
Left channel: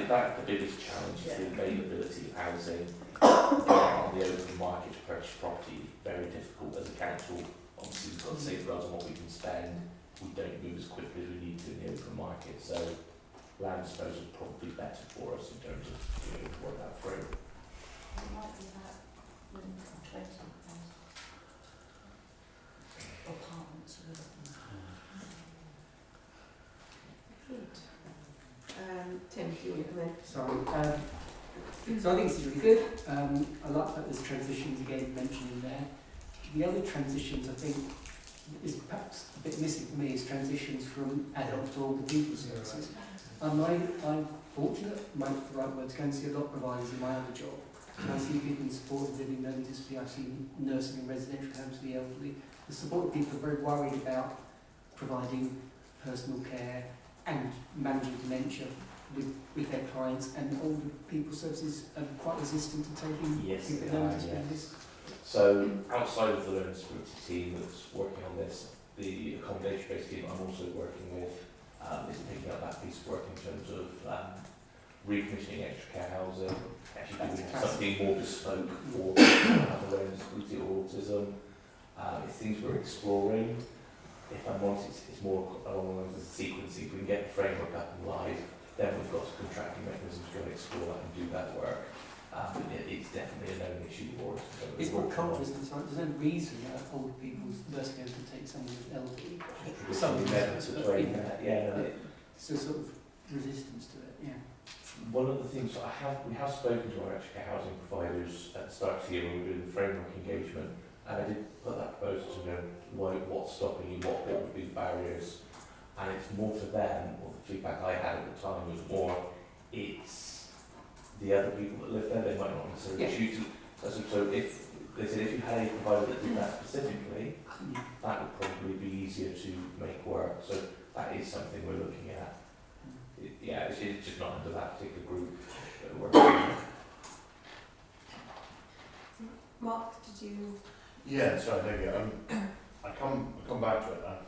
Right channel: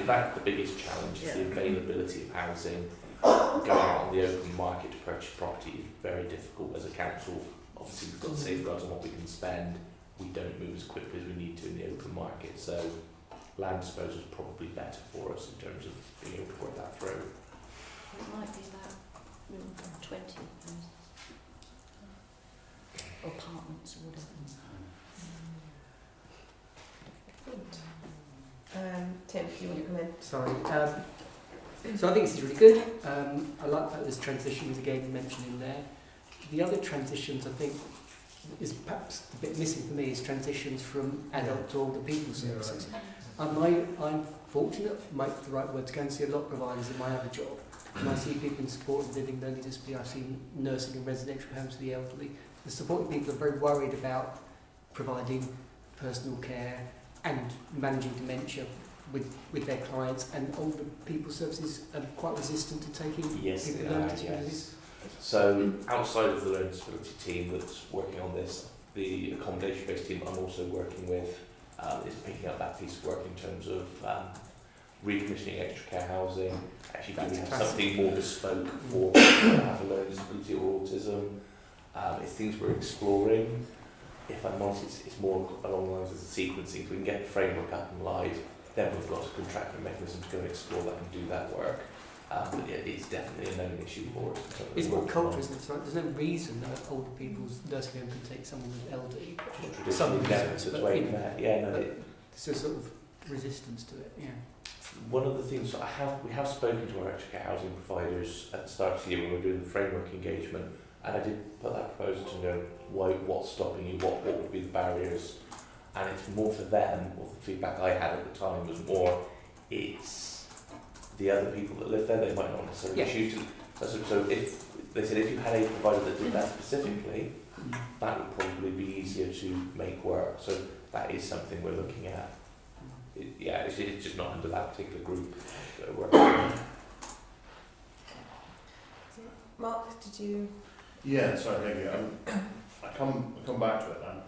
That's the biggest challenge, is the availability of housing. Going out on the open market to purchase property is very difficult as a council. Obviously we've got safeguards on what we can spend. We don't move as quickly as we need to in the open market, so land disposal is probably better for us in terms of being able to work that through. It might be about 20 apartments or whatever. Tim, if you recommend. Sorry. So I think this is really good. I like that there's transitions again mentioned in there. The other transitions I think is perhaps a bit missing for me is transitions from adult to older people services. I'm fortunate, might be the right word, to go and see a lot of providers in my other job. And I see people in supported living, learning disability, I see nursing and residential homes for the elderly. The supported people are very worried about providing personal care and managing dementia with their clients, and older people services are quite resistant to taking Yes, learning disabilities. So outside of the learning disability team that's working on this, the accommodation-based team I'm also working with is picking up that piece of work in terms of recommissioning extra care housing, actually doing something more bespoke for people who have a learning disability or autism. It's things we're exploring. If I'm honest, it's more along the lines of the sequencing. If we can get the framework up and live, then we've got a contracting mechanism to go and explore that and do that work. But yeah, it's definitely a known issue for us. It's not culture, isn't it? Right? There's no reason that old people's nursing home can take someone with elderly. Some of there's a sort of resistance to it, yeah. One of the things that we have spoken to our extra care housing providers at the start of the year when we were doing the framework engagement, and I did put that proposal to know what's stopping you, what would be the barriers, and it's more for them, or the feedback I had at the time was more, it's the other people that live there, they might not necessarily choose to. So if they said if you had a provider that did that specifically, that would probably be easier to make work. So that is something we're looking at. It's just not under that particular group that we're working on. Mark, did you? Yeah, sorry, maybe I come back to it now.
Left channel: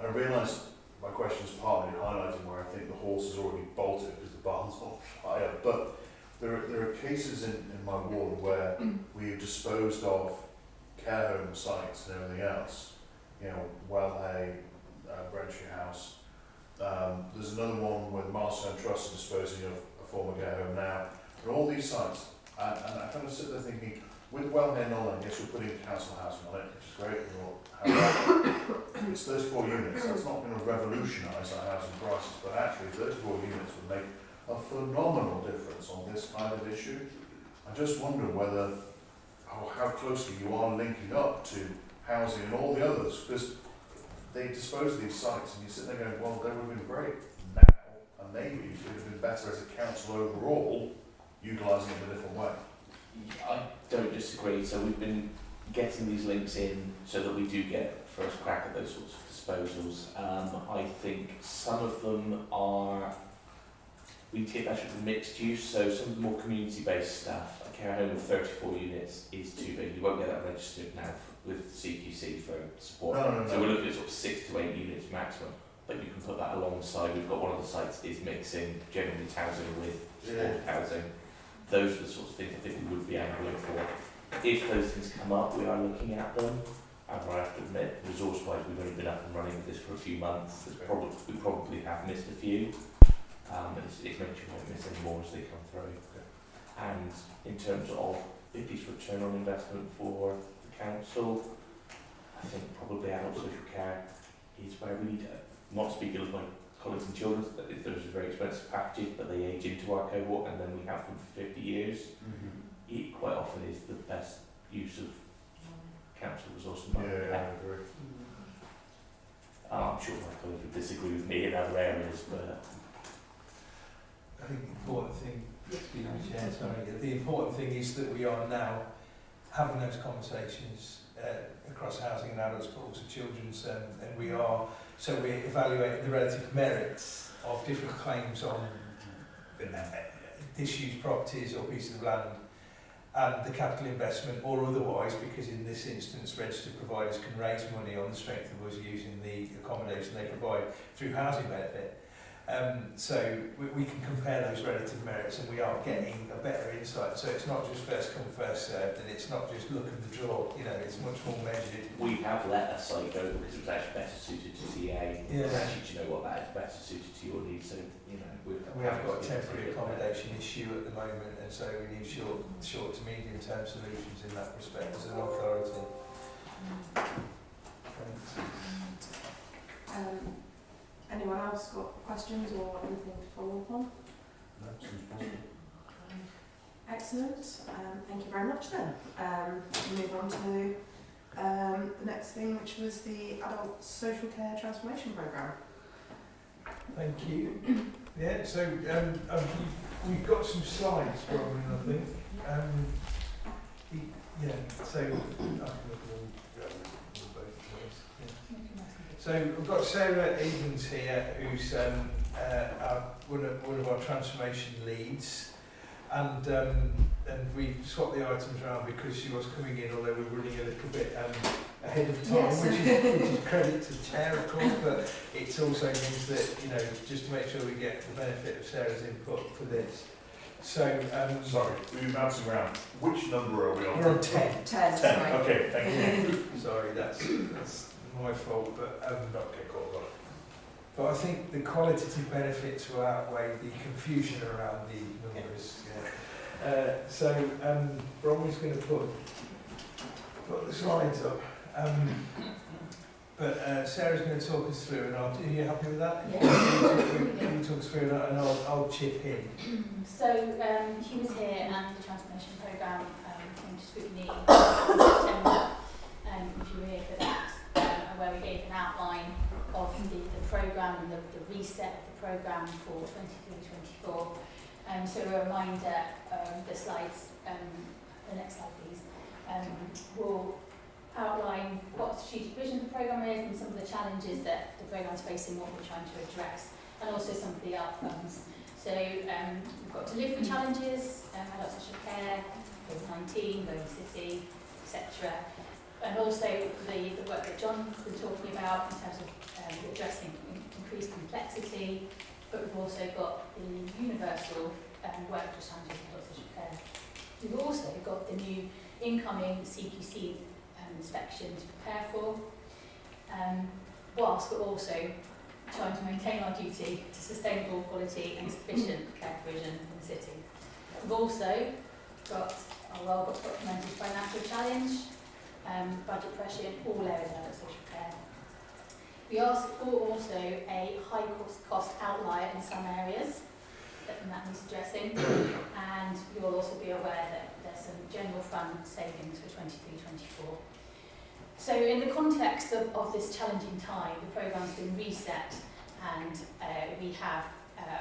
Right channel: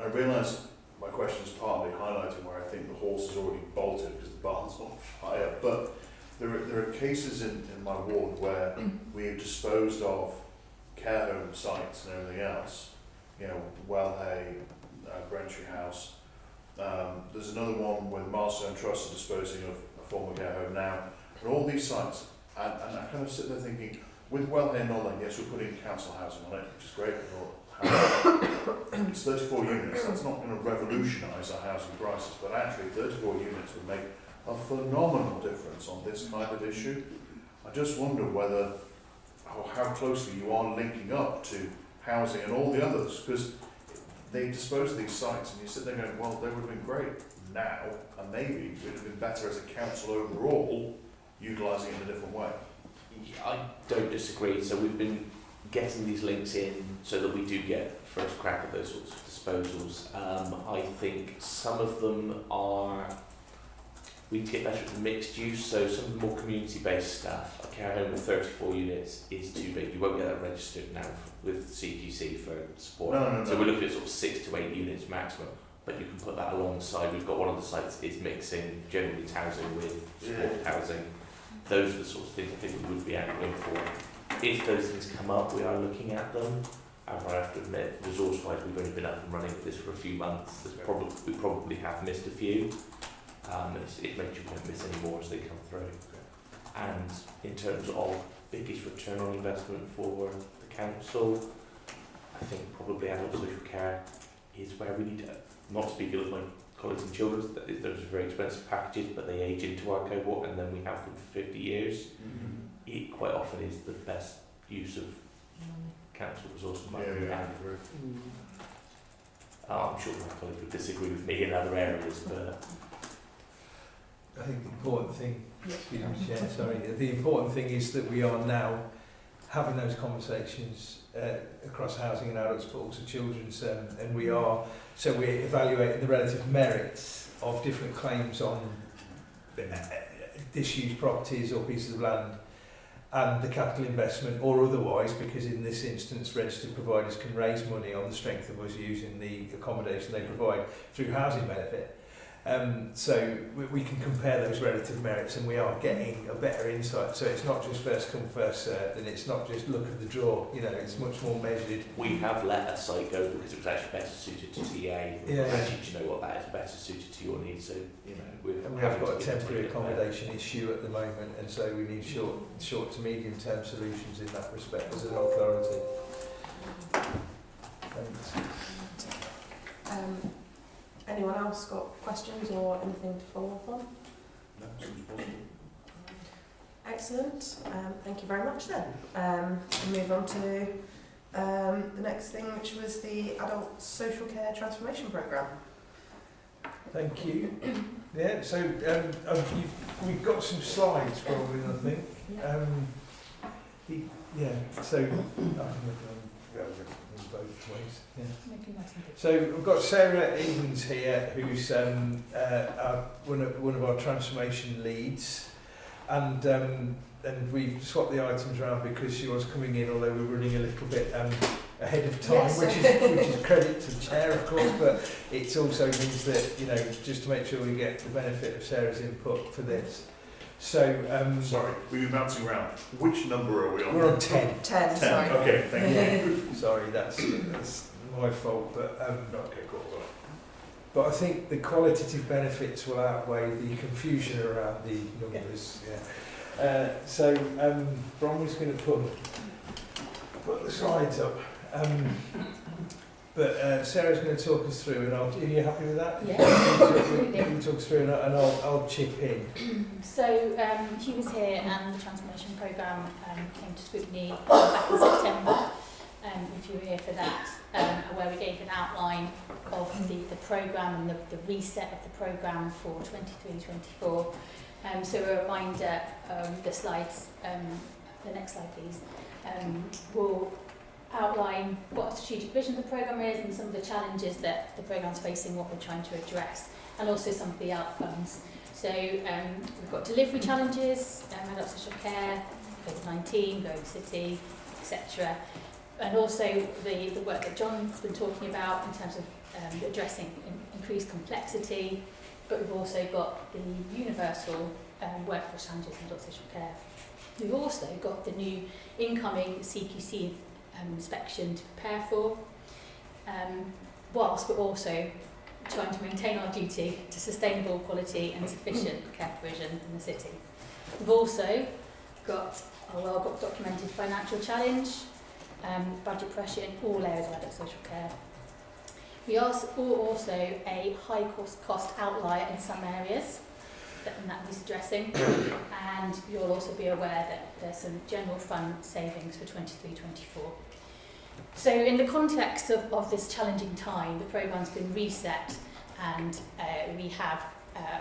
I realise my question is partly highlighting where I think the horse is already bolted because the barn's on fire, but there are cases in my ward where we've disposed of care home sites and everything else, Wellhay, Brentry House. There's another one where the Milestone Trust are disposing of a former care home now. And all these sites, and I kind of sit there thinking, with Wellhay and Nollan, yes, we're putting council housing on it, which is great. It's 34 units. That's not going to revolutionise our housing crisis, but actually 34 units would make a phenomenal difference on this kind of issue. I just wonder how closely you are linking up to housing and all the others, because they dispose of these sites and you sit there going, well, they would have been great now, and maybe it would have been better as a council overall, utilising it in a different way. I don't disagree. So we've been getting these links in so that we do get first crack at those sorts of disposals. I think some of them we get better at mixed use, so some of the more community-based stuff. A care home with 34 units is too big. You won't get that registered now with CQC for support. No. So we're looking at sort of 6 to 8 units maximum, but you can put that alongside. We've got one of the sites is mixing generally housing with support housing. Those are the sorts of things I think we would be angling for. If those things come up, we are looking at them. However, I have to admit, resource-wise, we've only been up and running with this for a few months. We probably have missed a few. It makes you won't miss any more as they come through. And in terms of biggest return on investment for the council, I think probably adult social care is where we need to, not speaking of my colleagues and children, those are very expensive packages, but they age into our cohort and then we have them for 50 years. It quite often is the best use of council resource money. I'm sure my colleagues would disagree with me in other areas, but I think the important thing, the important thing is that we are now having those conversations across housing and adults, but also children's, and we're evaluating the relative merits of different claims on disused properties or pieces of land and the capital investment or otherwise, because in this instance registered providers can raise money on the strength of us using the accommodation they provide through housing benefit. So we can compare those relative merits and we are getting a better insight. So it's not just first come, first served, and it's not just look at the draw, it's much more measured. We have let a site go because it was actually better suited to TA. Actually, do you know what, that is better suited to your needs. So, we have got a temporary accommodation issue at the moment, and so we need short to medium term solutions in that respect as an authority. Anyone else got questions or anything to follow up on? No, seems possible. Excellent. Thank you very much then. We'll move on to the next thing, which was the Adult Social Care Transformation Programme. Thank you. Yeah, so we've got some slides probably, I think. So I can go both ways. Yeah. So we've got Sarah Evans here, who's one of our transformation leads. and we've swapped the items around because she was coming in, although we're running a little bit ahead of time, Yes. which is credit to the chair, of course, but it also means that, you know, just to make sure we get the benefit of Sarah's input for this. So, Sorry, we've been bouncing around. Which number are we on? we're on 10. 10, 10. sorry. Okay, thank you. Sorry, that's my fault, but Okay, cool. but I think the qualitative benefits will outweigh the confusion around the numbers. Yeah. So Bronwyn's going to put the slides up. But Sarah's going to talk us through, and are you happy with that? Yeah. You can talk us through, and I'll chip in. So Hugh was here, and the transformation programme came to Scrutiny back in September. If you were here for that, where we gave an outline of the programme and the reset of the programme for 23-24. So a reminder, the slides, the next slide please, will outline what the strategic vision of the programme is and some of the challenges that the programme is facing, what we're trying to address, and also some of the outcomes. So we've got delivery challenges, adult social care, COVID-19, Going City, etc. And also the work that John's been talking about in terms of addressing increased complexity, but we've also got the universal workforce challenges in adult social care. We've also got the new incoming CQC inspection to prepare for, whilst we're also trying to maintain our duty to sustainable quality and sufficient care provision in the city. We've also got our well-booked documented financial challenge, budget pressure in all areas of adult social care. We are also a high cost outlier in some areas that needs addressing, and you'll also be aware that there's some general fund savings for 23-24. So in the context of this challenging time, the programme's been reset, and we have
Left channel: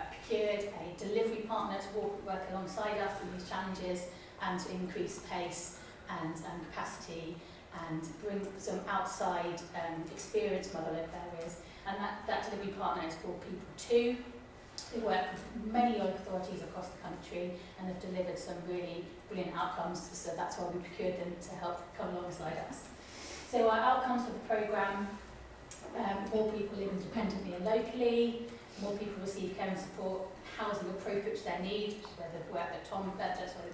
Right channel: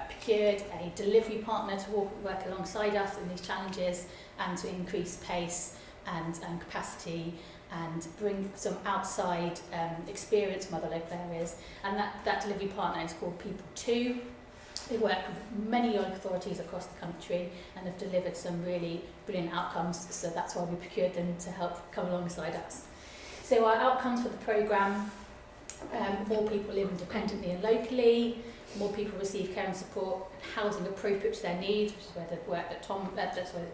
procured a delivery partner to work alongside us in these challenges and to increase pace and capacity and bring some outside experience from other local areas. And that delivery partner is called People2. They work with many local authorities across the country and have delivered some really brilliant outcomes, so that's why we procured them to help come alongside us. So our outcomes for the programme, more people live independently and locally, more people receive care and support, housing appropriate to their needs, which is where the work that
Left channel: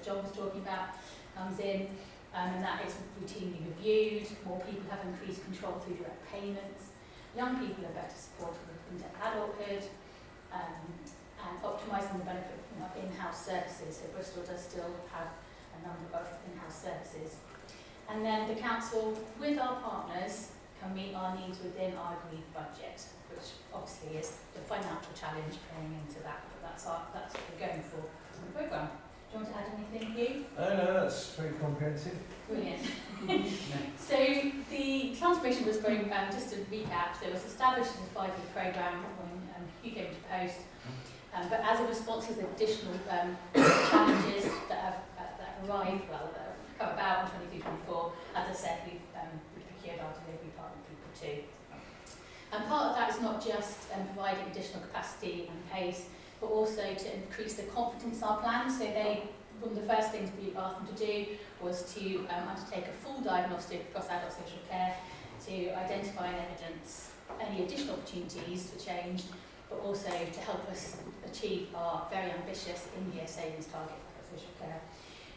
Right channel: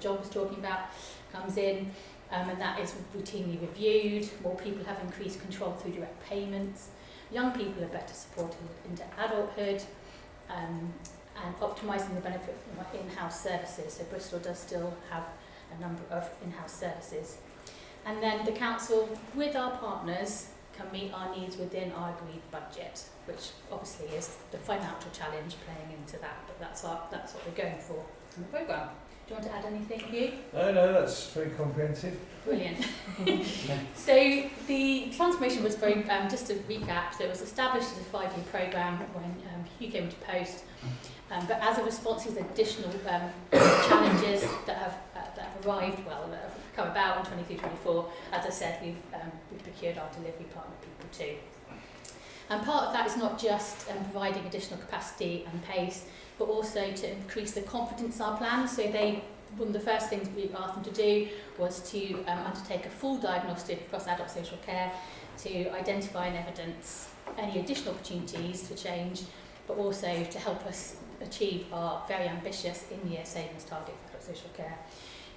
John was talking about comes in, and that is routinely reviewed. More people have increased control through direct payments. Young people are better supported into adulthood, and optimising the benefit of in-house services. So Bristol does still have a number of in-house services. And then the council, with our partners, can meet our needs within our agreed budget, which obviously is the financial challenge playing into that, but that's what we're going for in the programme. Do you want to add anything, Hugh? No, that's very comprehensive. Brilliant. So the transformation was very, just to recap, so it was established as a 5-year programme when Hugh came to post, but as a response to the additional challenges that have arrived, that have come about in 23-24, as I said, we've procured our delivery partner, People2. And part of that is not just providing additional capacity and pace, but also to increase the confidence in our plans. So one of the first things we asked them to do was to undertake a full diagnostic across adult social care to identify and evidence any additional opportunities for change, but also to help us achieve our very ambitious in-year savings target for adult social care.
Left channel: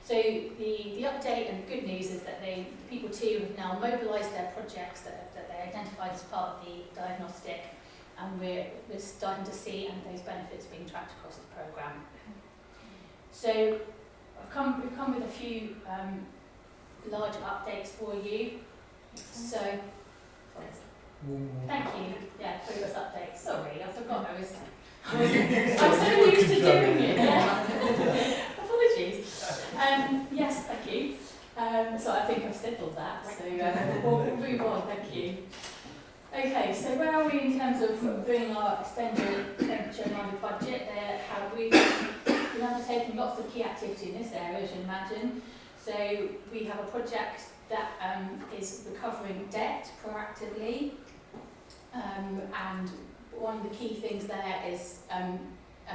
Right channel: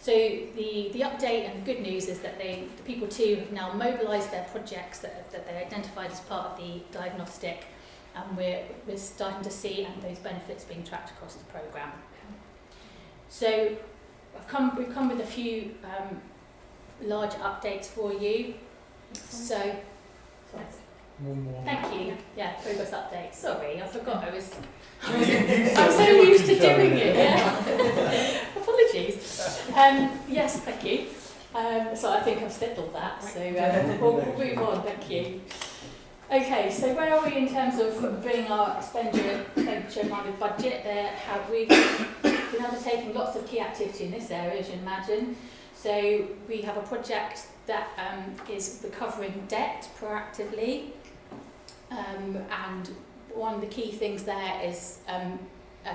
So the update and the good news is that the People2 have now mobilised their projects that they identified as part of the diagnostic, and we're starting to see those benefits being tracked across the programme. So we've come with a few large updates for you. So thank you. Yeah, progress update. Sorry, I forgot I'm so used to doing it. Yeah. Apologies. Yes, thank you. So I think I've settled that. So we'll move on. Thank you. Okay, so where are we in terms of bringing our expenditure in line with budget? We've been undertaking lots of key activity in this area, as you imagine. So we have a project that is recovering debt proactively, and one of the key things there is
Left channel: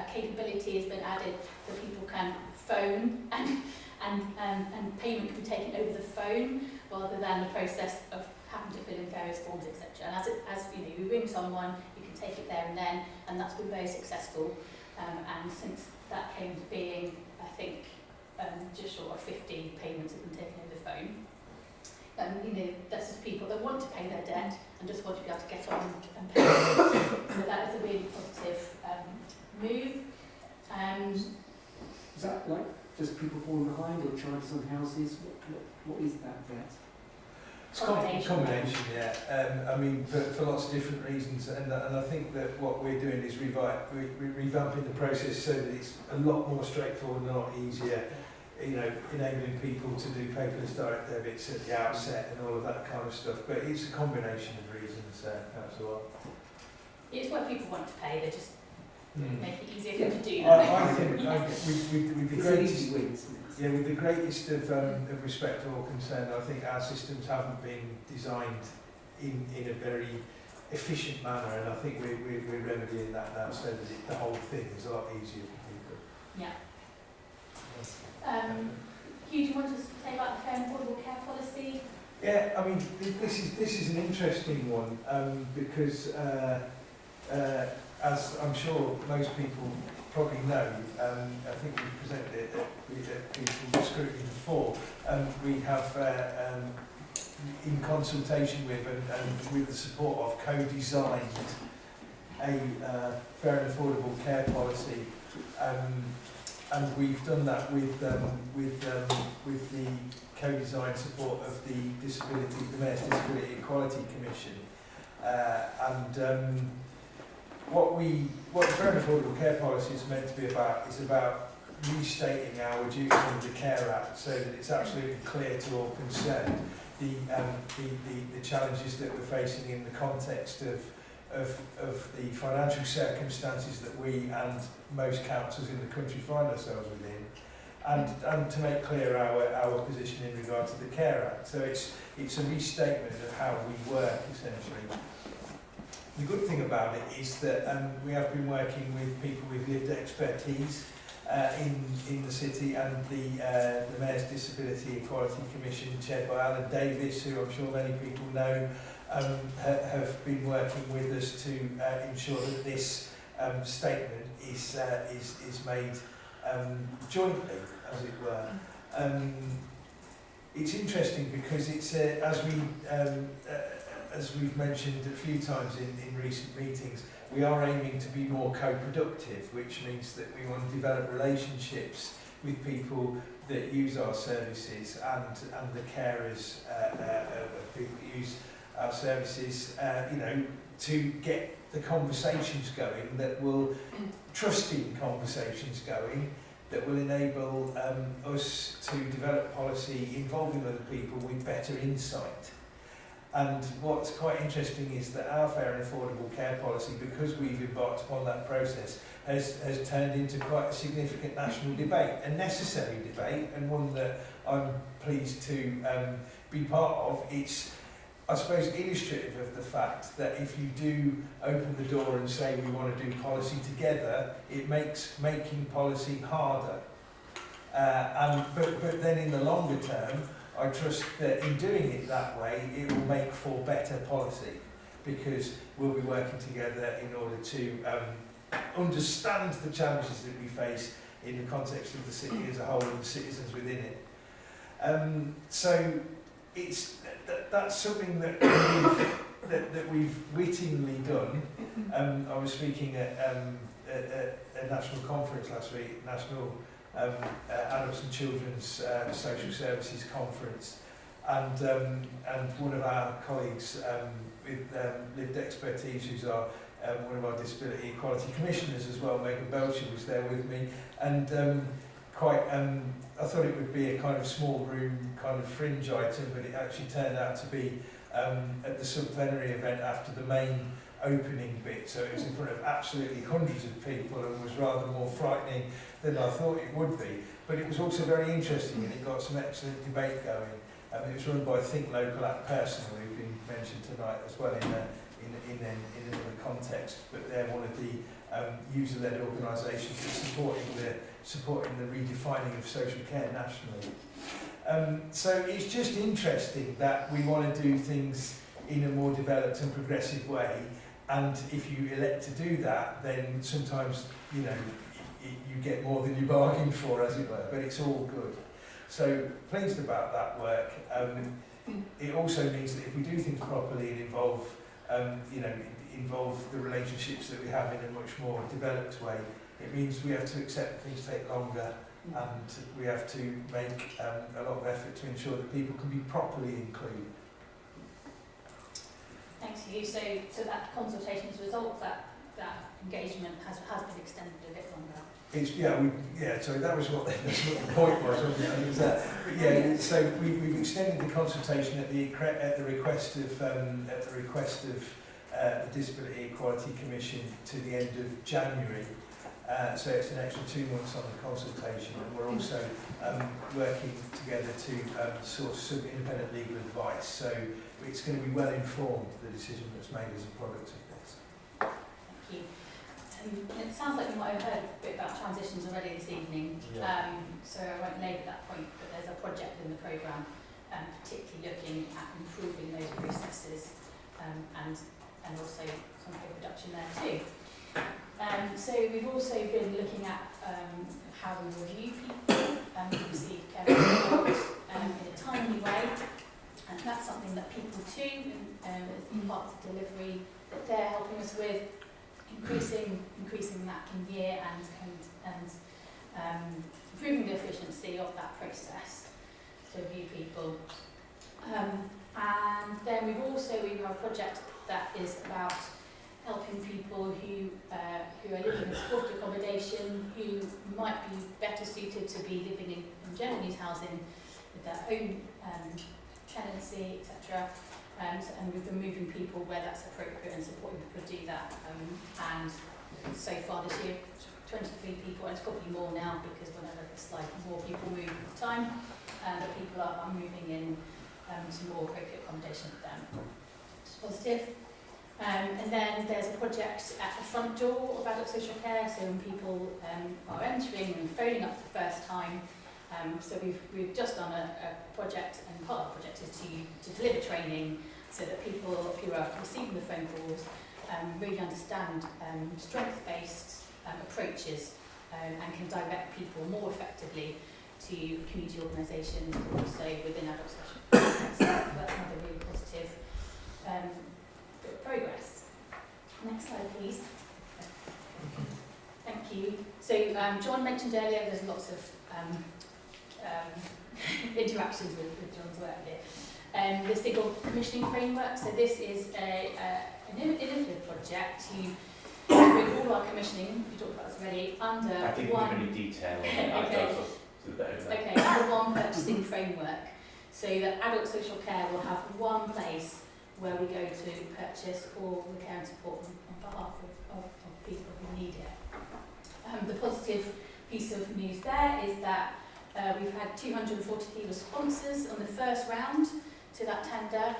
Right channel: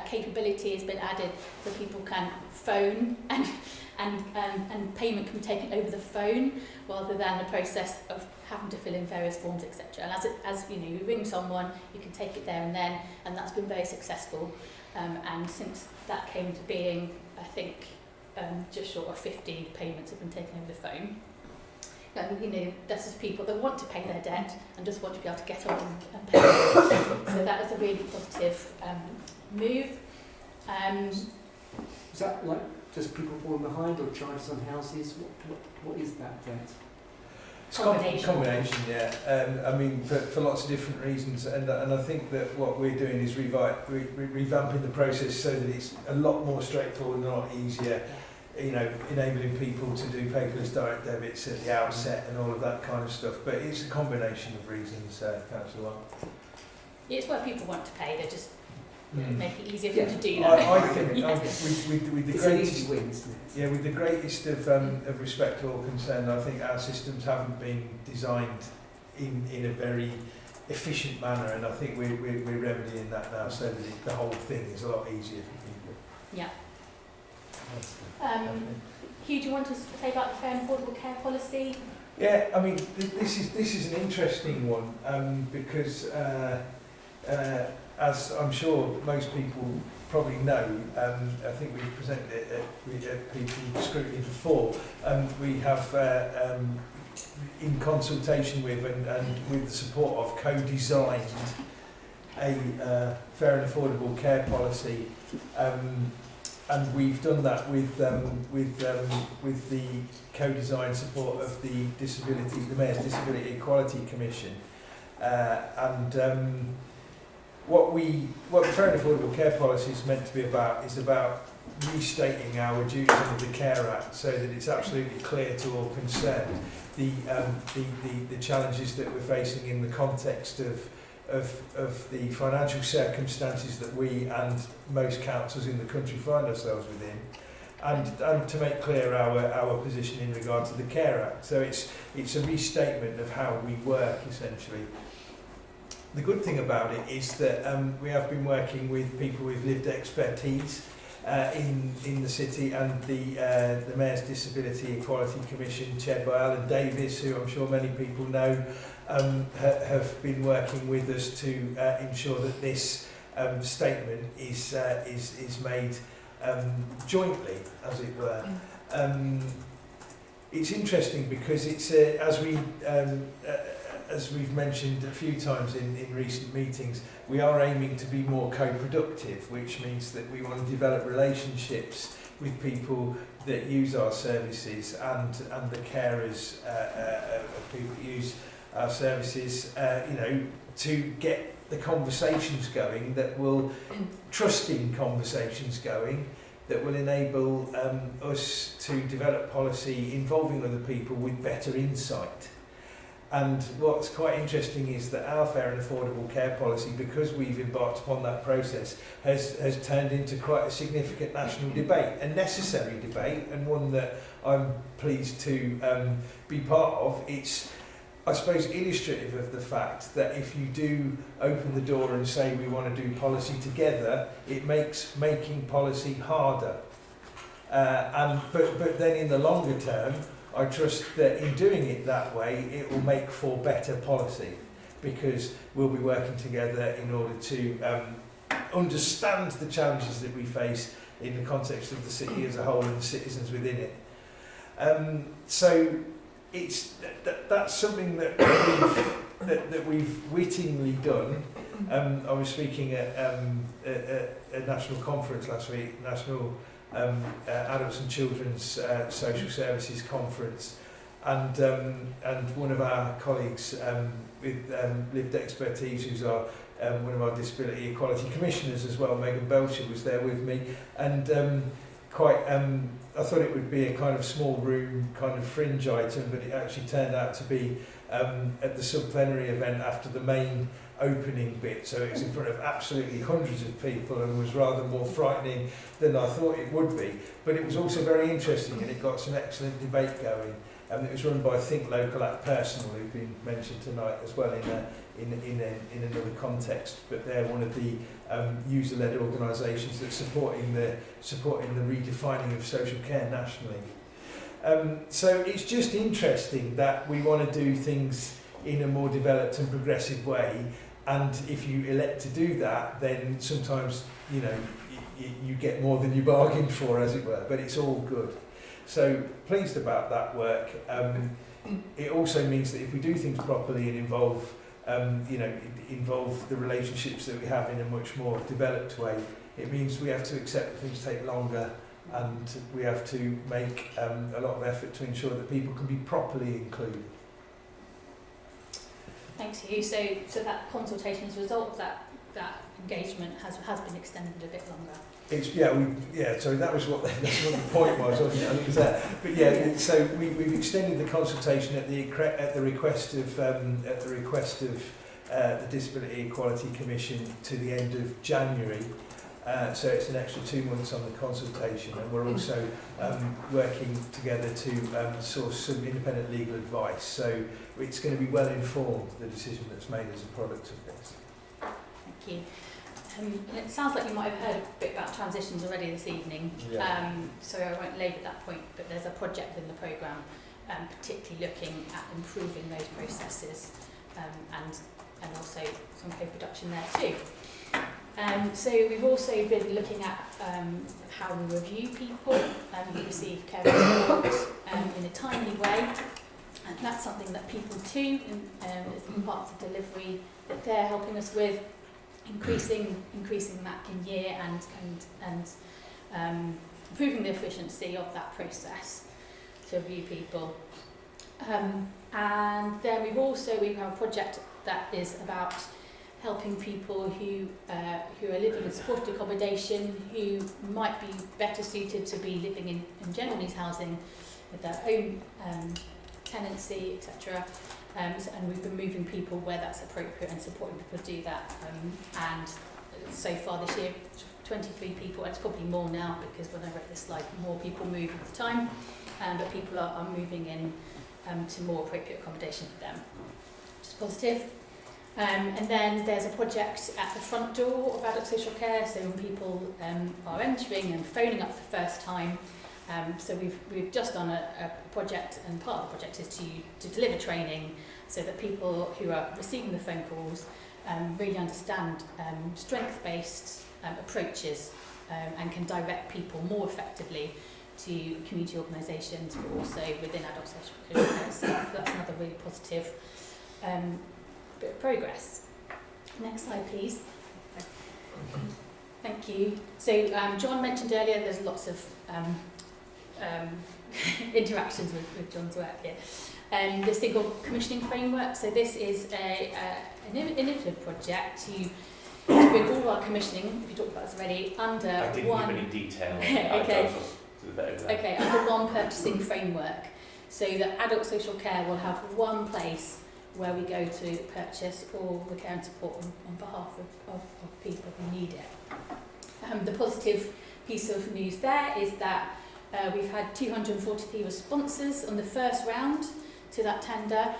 capability has been added so people can phone and payment can be taken over the phone rather than the process of having to fill in various forms, etc. And as you know, you ring someone, you can take it there and then, and that's been very successful. And since that came to being, I think just short of 50 payments have been taken over the phone. You know, that's just people that want to pay their debt and just want to be able to get on and pay. So that is a really positive move. Is that like just people falling behind or charges on houses? What is that debt? It's a combination, yeah. I mean, for lots of different reasons, and I think that what we're doing is revamping the process so that it's a lot more straightforward and a lot easier. You know, enabling people to do paperless direct debits at the outset and all of that kind of stuff. But it's a combination of reasons, perhaps a lot. Yeah, it's where people want to pay. They just make it easier for them to do that. that. I think with the greatest, win, isn't it? yeah, with the greatest of respect or concern, I think our systems haven't been designed in a very efficient manner, and I think we're remedying that now, so that the whole thing is a lot easier for people. Yeah. Hugh, do you want to say about the fair and affordable care policy? Yeah, I mean, this is an interesting one because, as I'm sure most people probably know, I think we've presented it at People's Scrutiny before. We have, in consultation with and with the support of, co-designed a fair and affordable care policy. And we've done that with the co-design support of the Mayor's Disability Equality Commission. What the Fair and Affordable Care Policy is meant to be about is about restating our duties under the Care Act so that it's absolutely clear to all concerned the challenges that we're facing in the context of the financial circumstances that we and most councils in the country find ourselves within, and to make clear our position in regard to the Care Act. So it's a restatement of how we work, essentially. The good thing about it is that we have been working with people with lived expertise in the city, and the Mayor's Disability Equality Commission, chaired by Alan Davis, who I'm sure many people know, have been working with us to ensure that this statement is made jointly, as it were. It's interesting because it's as we've mentioned a few times in recent meetings, we are aiming to be more co-productive, which means that we want to develop relationships with people that use our services and the carers of people that use our services, to get the conversations going that will, trusting conversations going, that will enable us to develop policy involving other people with better insight. And what's quite interesting is that our fair and affordable care policy, because we've embarked upon that process, has turned into quite a significant national debate, a necessary debate, and one that I'm pleased to be part of. It's, I suppose, illustrative of the fact that if you do open the door and say we want to do policy together, it makes making policy harder. But then in the longer term, I trust that in doing it that way, it will make for better policy, because we'll be working together in order to understand the challenges that we face in the context of the city as a whole and the citizens within it. So it's that's something that we've wittingly done. I was speaking at a national conference last week, National Adults and Children's Social Services Conference, and one of our colleagues with lived expertise, who's one of our Disability Equality Commissioners as well, Megan Belcher, was there with me, and I thought it would be a kind of small room kind of fringe item, but it actually turned out to be at the sub-plenary event after the main opening bit, so it was in front of absolutely hundreds of people and was rather more frightening than I thought it would be. But it was also very interesting, and it got some excellent debate going. It was run by Think Local, Act Personal, who've been mentioned tonight as well in another context, but they're one of the user-led organisations that's supporting the redefining of social care nationally. So it's just interesting that we want to do things in a more developed and progressive way, and if you elect to do that, then sometimes you get more than you bargained for, as it were, but it's all good. So pleased about that work. It also means that if we do things properly and involve the relationships that we have in a much more developed way, it means we have to accept that things take longer, and we have to make a lot of effort to ensure that people can be properly included. Thank you. So that consultation as a result, that engagement has been extended a bit longer. So that was what the point was. But yeah, so we've extended the consultation at the request of the Disability Equality Commission to the end of January. So it's an extra 2 months on the consultation, and we're also working together to source some independent legal advice. So it's going to be well informed, the decision that's made as a product of this. Thank you. It sounds like you might have heard a bit about transitions already this evening, so I won't labour that point, but there's a project in the programme particularly looking at improving those processes and also some co-production there too. So we've also been looking at how we review people and we receive care reports in a timely way, and that's something that people too, as part of the delivery that they're helping us with, increasing that in year and improving the efficiency of that process to review people. And then we have a project that is about helping people who are living in supported accommodation, who might be better suited to be living in general needs housing with their own tenancy, etc. And we've been moving people where that's appropriate and supporting people do that. And so far this year, 23 people, it's probably more now because when I read this slide, more people move at the time, but people are moving in to more appropriate accommodation for them, which is positive. And then there's a project at the front door of adult social care, so when people are entering and phoning up for the first time. So we've just done a project, and part of the project is to deliver training so that people who are receiving the phone calls really understand strength-based approaches and can direct people more effectively to community organisations, but also within adult social care. So that's another really positive bit of progress. Next slide, please. Thank you. So John mentioned earlier there's lots of interactions with John's work here. This thing called commissioning framework. So this is an innovative project to bring all our commissioning, we talked about this already, under I didn't one. give any detail. Okay, under one purchasing framework, so that adult social care will have one place where we go to purchase all the care and support on behalf of people who need it. The positive piece of news there is that we've had 243 responses on the first round to that tender,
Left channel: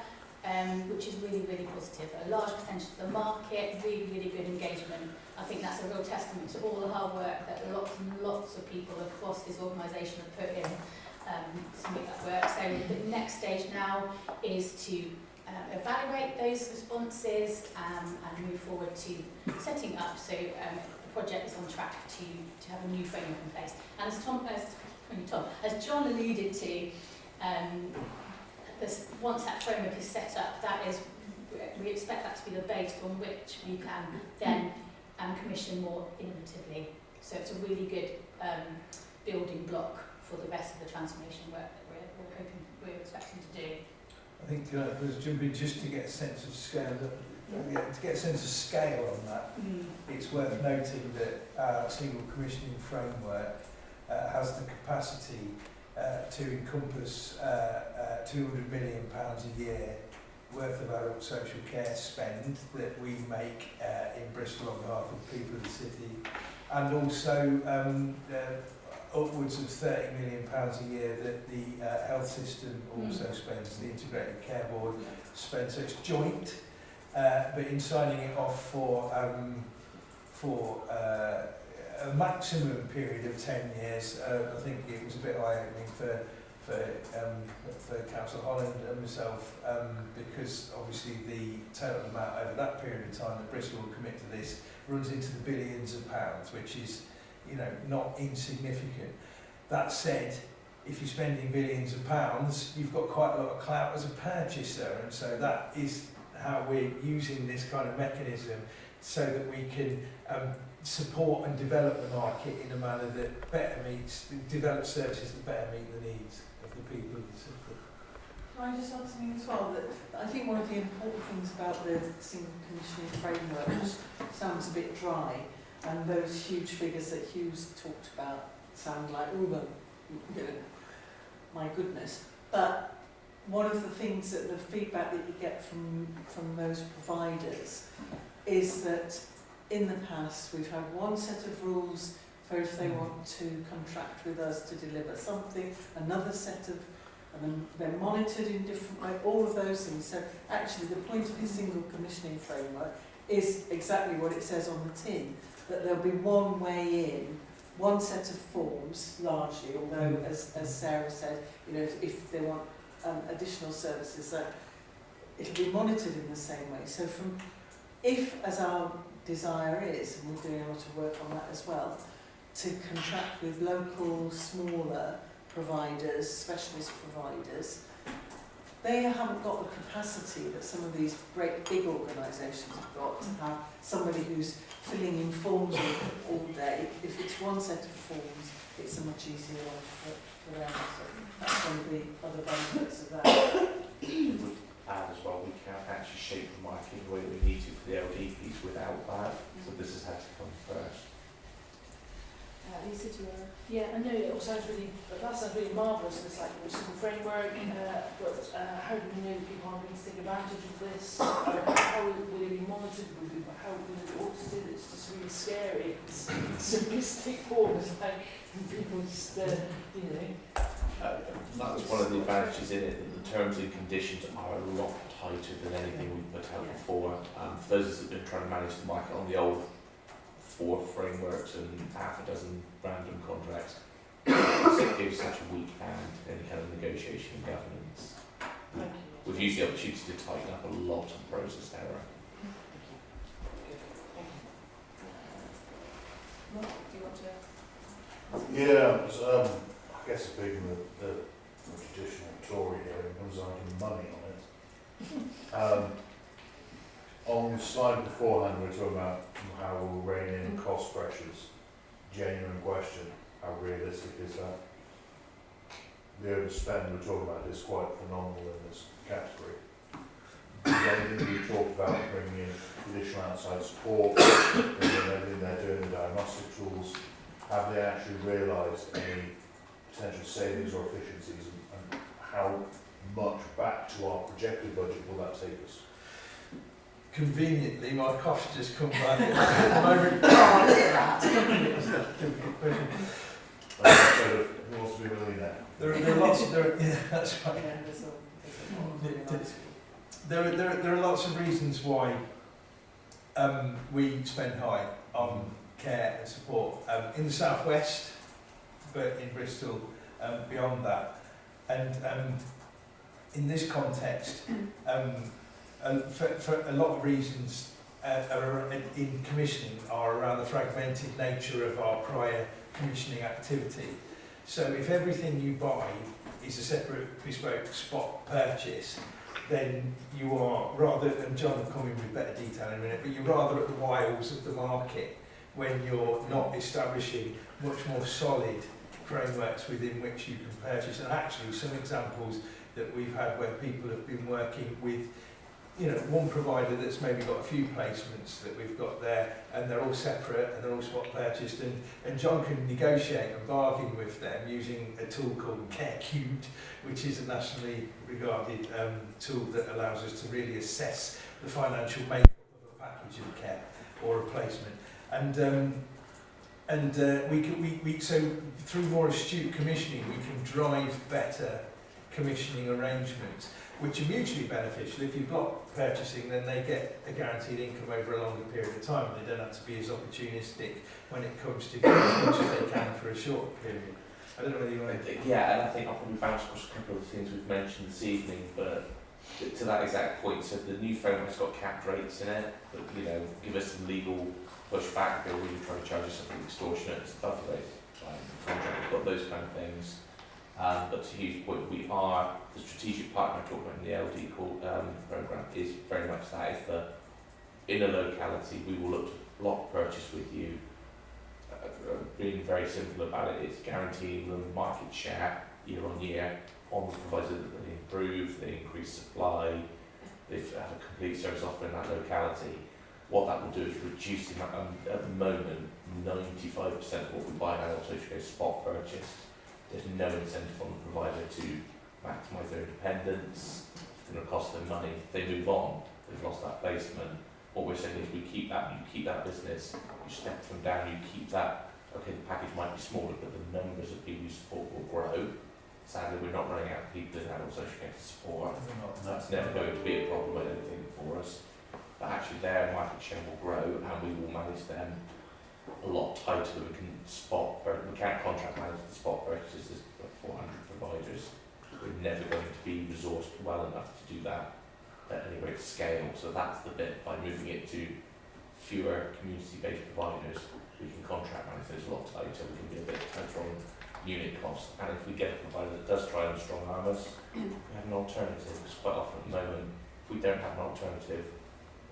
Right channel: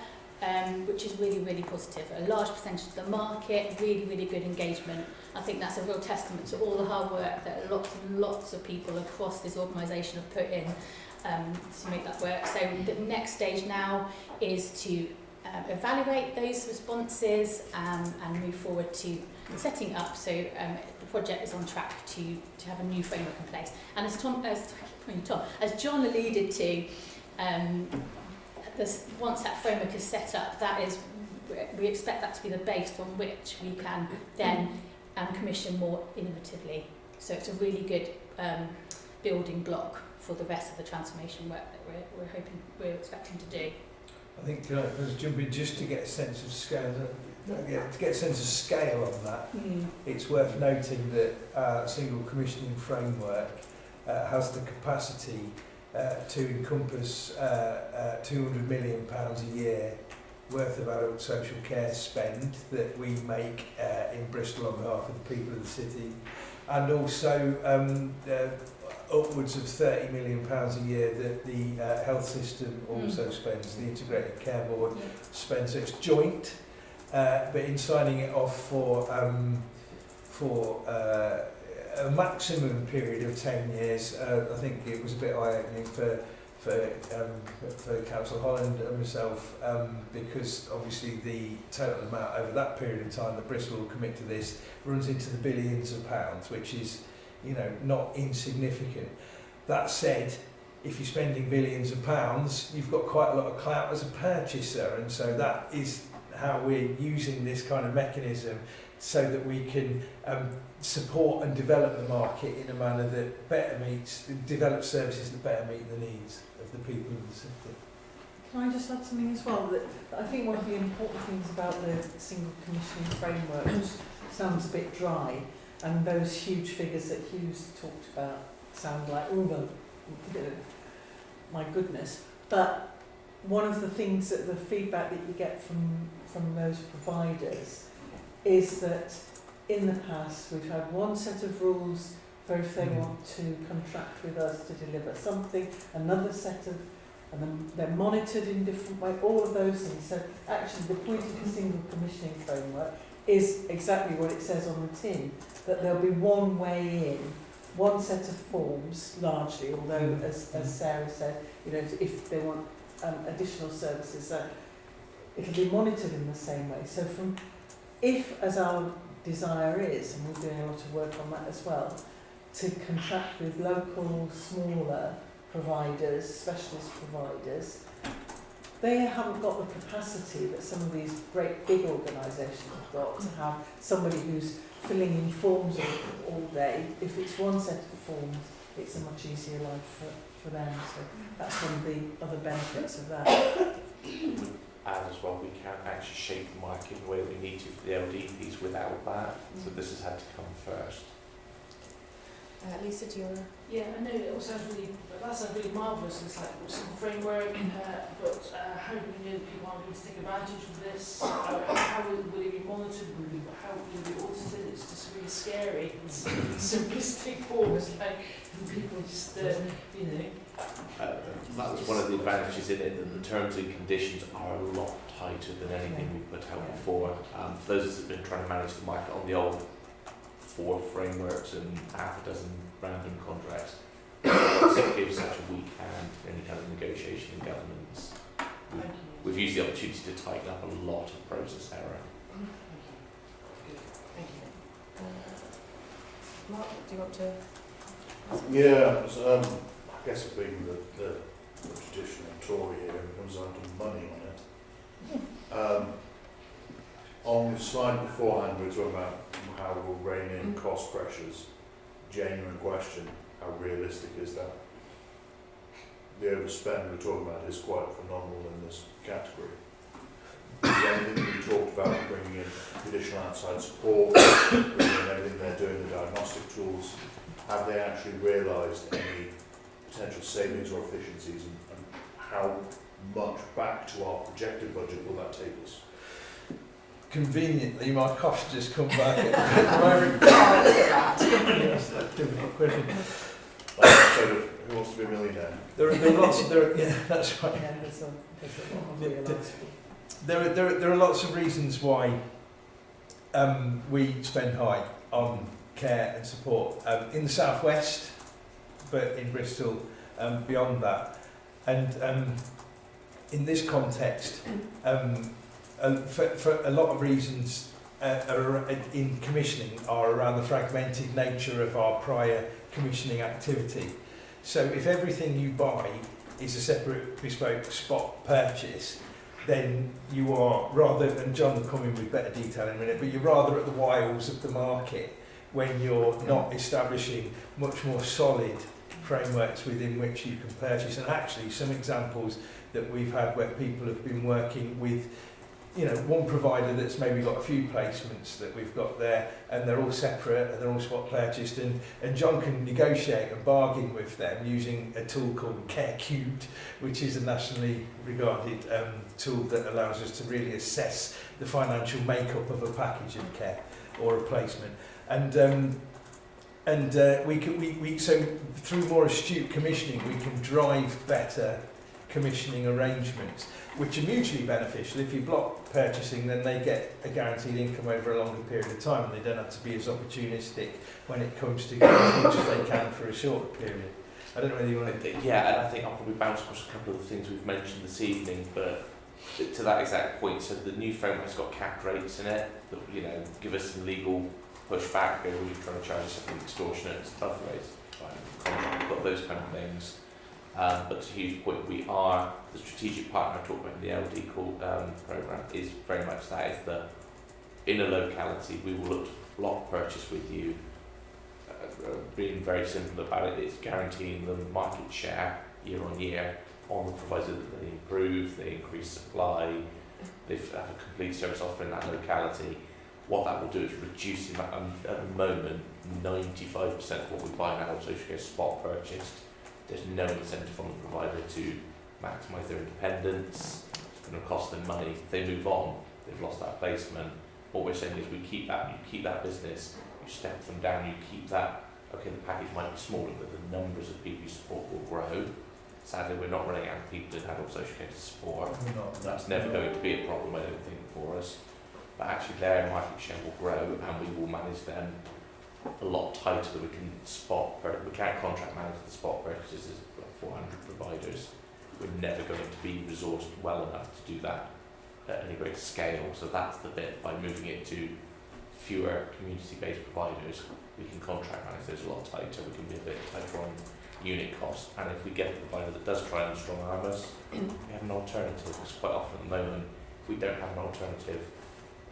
which is really, really positive. A large percentage of the market, really, really good engagement. I think that's a real testament to all the hard work that lots and lots of people across this organisation have put in to make that work. So the next stage now is to evaluate those responses and move forward to setting up. So the project is on track to have a new framework in place. And as John alluded to, once that framework is set up, we expect that to be the base from which we can then commission more innovatively. So it's a really good building block for the rest of the transformation work that we're expecting to do. I think let's jump in just to get a sense of scale. To get a sense of scale on that, it's worth noting that our single commissioning framework has the capacity to encompass £200 million a year worth of adult social care spend that we make in Bristol on behalf of the people of the city, and also upwards of £30 million a year that the health system also spends, the Integrated Care Board spends. So it's joint, but in signing it off for a maximum period of 10 years, I think it was a bit eye-opening for Councillor Holland and myself, because obviously the total amount over that period of time that Bristol will commit to this runs into the billions of pounds, which is, you know, not insignificant. That said, if you're spending billions of pounds, you've got quite a lot of clout as a purchaser, and so that is how we're using this kind of mechanism so that we can support and develop the market in a manner that better develop services that better meet the needs of the people in the city. Can I just add something as well? That I think one of the important things about the single commissioning framework, which sounds a bit dry, and those huge figures that Hugh's talked about sound like, oh, well, you know, my goodness. But one of the things that the feedback that you get from those providers is that in the past we've had one set of rules for if they want to contract with us to deliver something, another set of, and then they're monitored in different ways, all of those things. So actually the point of the single commissioning framework is exactly what it says on the tin, that there'll be one way in, one set of forms largely, although as Sarah said, you know, if they want additional services, so it'll be monitored in the same way. So from, if as our desire is, and we're doing a lot of work on that as well, to contract with local, smaller providers, specialist providers, they haven't got the capacity that some of these great big organisations have got to have somebody who's filling in forms all day. If it's one set of forms, it's a much easier life for them. So that's one of the other benefits of that. Add as well, we can't actually shape the market the way we need to for the LD piece without that. So this has had to come first. Lisa, do you want to? Yeah, I know it all sounds really, that sounds really marvellous. It's like a simple framework, but how do we know that people aren't going to take advantage of this? How will it be monitored? How will it be audited? It's just really scary in simplistic forms, like people just, you know. That's one of the advantages in it, that the terms and conditions are a lot tighter than anything we've put out before. For those that have been trying to manage the market on the old 4 frameworks and half a dozen random contracts, it gives such a weak hand in any kind of negotiation and governance. We've used the opportunity to tighten up a lot of process error. Thank you. Mark, do you want to? Yeah, so, I guess being the traditional Tory here, it comes down to money on it. On the slide beforehand, we were talking about how we'll rein in cost pressures. Genuine question, how realistic is that? The overspend we're talking about is quite phenomenal in this category. The only thing we talked about bringing in additional outside support, bringing in everything they're doing, the diagnostic tools, have they actually realised any potential savings or efficiencies, and how much back to our projected budget will that take us? Conveniently, my costs just come back. Sort of, who wants to be a millionaire? There are lots. Yeah, that's right. There are lots of reasons why we spend high on care and support in the southwest, but in Bristol beyond that, and in this context. For a lot of reasons in commissioning are around the fragmented nature of our prior commissioning activity. So if everything you buy is a separate bespoke spot purchase, then you are rather, and John will come in with better detail in a minute, but you're rather at the wiles of the market when you're not establishing much more solid frameworks within which you can purchase. And actually some examples that we've had where people have been working with, you know, one provider that's maybe got a few placements that we've got there, and they're all separate and they're all spot purchased, and John can negotiate and bargain with them using a tool called Care Cubed, which is a nationally regarded tool that allows us to really assess the financial makeup of a package of care or a placement. So through more astute commissioning we can drive better commissioning arrangements. which are mutually beneficial. If you block purchasing, then they get a guaranteed income over a longer period of time, and they don't have to be as opportunistic when it comes to getting as much as they can for a short period. I don't know whether you want to... Yeah, and I think I'll probably bounce across a couple of the things we've mentioned this evening, but to that exact point, so the new framework's got capped rates in it, that, you know, give us some legal pushback, or we're trying to charge us something extortionate, above rates, we've got those kind of things. But to Hugh's point, we are, the strategic partner I talked about in the LD programme is very much that, is the, in a locality, we will look to block purchase with you. Being very simple about it, it's guaranteeing them market share year on year on the proviso that they improve, they increase supply, they have a complete service offer in that locality. What that will do is reduce the amount, at the moment, 95% of what we buy now is associated with spot purchase. There's no incentive on the provider to maximise their independence. It's going to cost them money. If they move on, they've lost that placement. What we're saying is we keep that, you keep that business, you step them down, you keep that. Okay, the package might be smaller, but the numbers of people you support will grow. Sadly, we're not running out of people in adult social care to support. That's never going to be a problem, I don't think, for us. But actually their market share will grow, and we will manage them a lot tighter. We can we can't contract manage the spot purchases. There's like 400 providers. We're never going to be resourced well enough to do that at any great scale. So that's the bit, by moving it to fewer community-based providers, we can contract manage those a lot tighter. We can be a bit tighter on unit cost, and if we get a provider that does try and strong arm us, we have an alternative. Because quite often at the moment, if we don't have an alternative,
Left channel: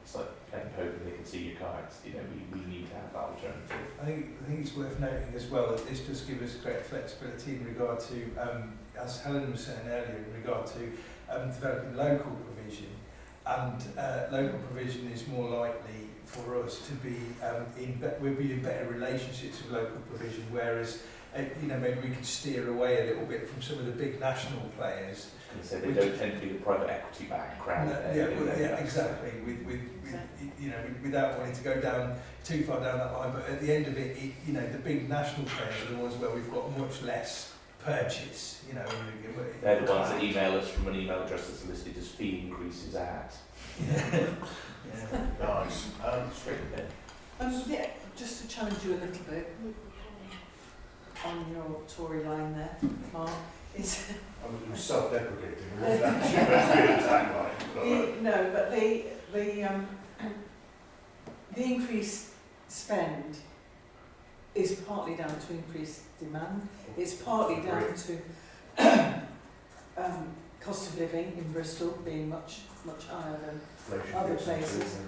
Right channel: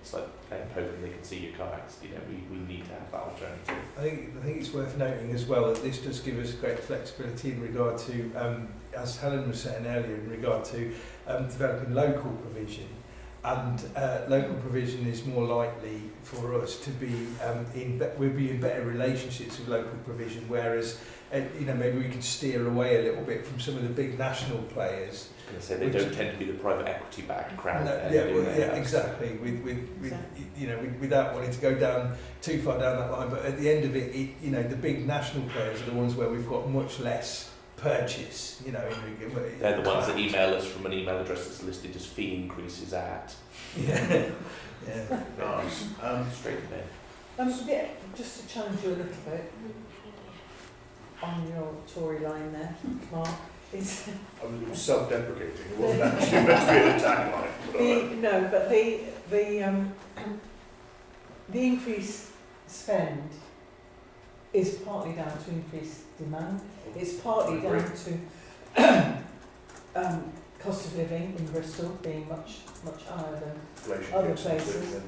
it's like playing poker, they can see your cards. You know, we need to have that alternative. I think it's worth noting as well that this does give us great flexibility in regard to, as Helen was saying earlier, in regard to developing local provision. And local provision is more likely for us to be we'll be in better relationships with local provision, whereas you know, maybe we can steer away a little bit from some of the big national players. They don't tend to be the private equity backed crowd. Exactly. With you know, without wanting to go down too far down that line, but at the end of it, you know, the big national players are the ones where we've got much less purchase. You know, they're the ones that email us from an email address that's listed as fee increases at. Yeah. Nice. Straight in. Yeah, just to challenge you a little bit on your Tory line there, Mark. I was self-deprecating. It wasn't actually meant to be an attack line. No, but the increased spend is partly down to increased demand. It's partly down to cost of living in Bristol being much higher than other places.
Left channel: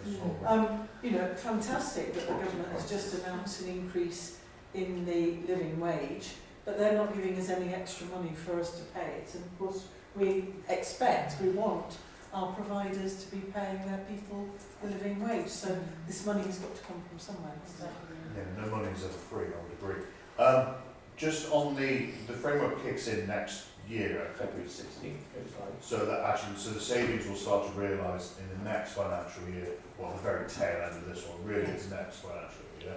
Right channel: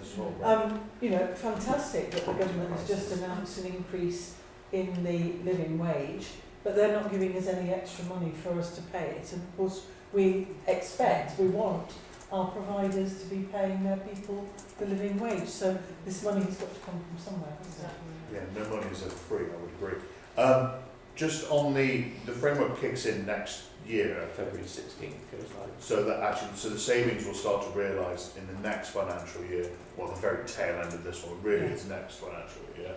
You know, fantastic that the government has just announced an increase in the living wage, but they're not giving us any extra money for us to pay it. And of course, we want our providers to be paying their people the living wage. So this money has got to come from somewhere. Yeah, no money is ever free, I would agree. Just on the framework kicks in next year, February 16th goes live. So that actually, so the savings will start to realise in the next financial year, well, the very tail end of this one, really it's next financial year.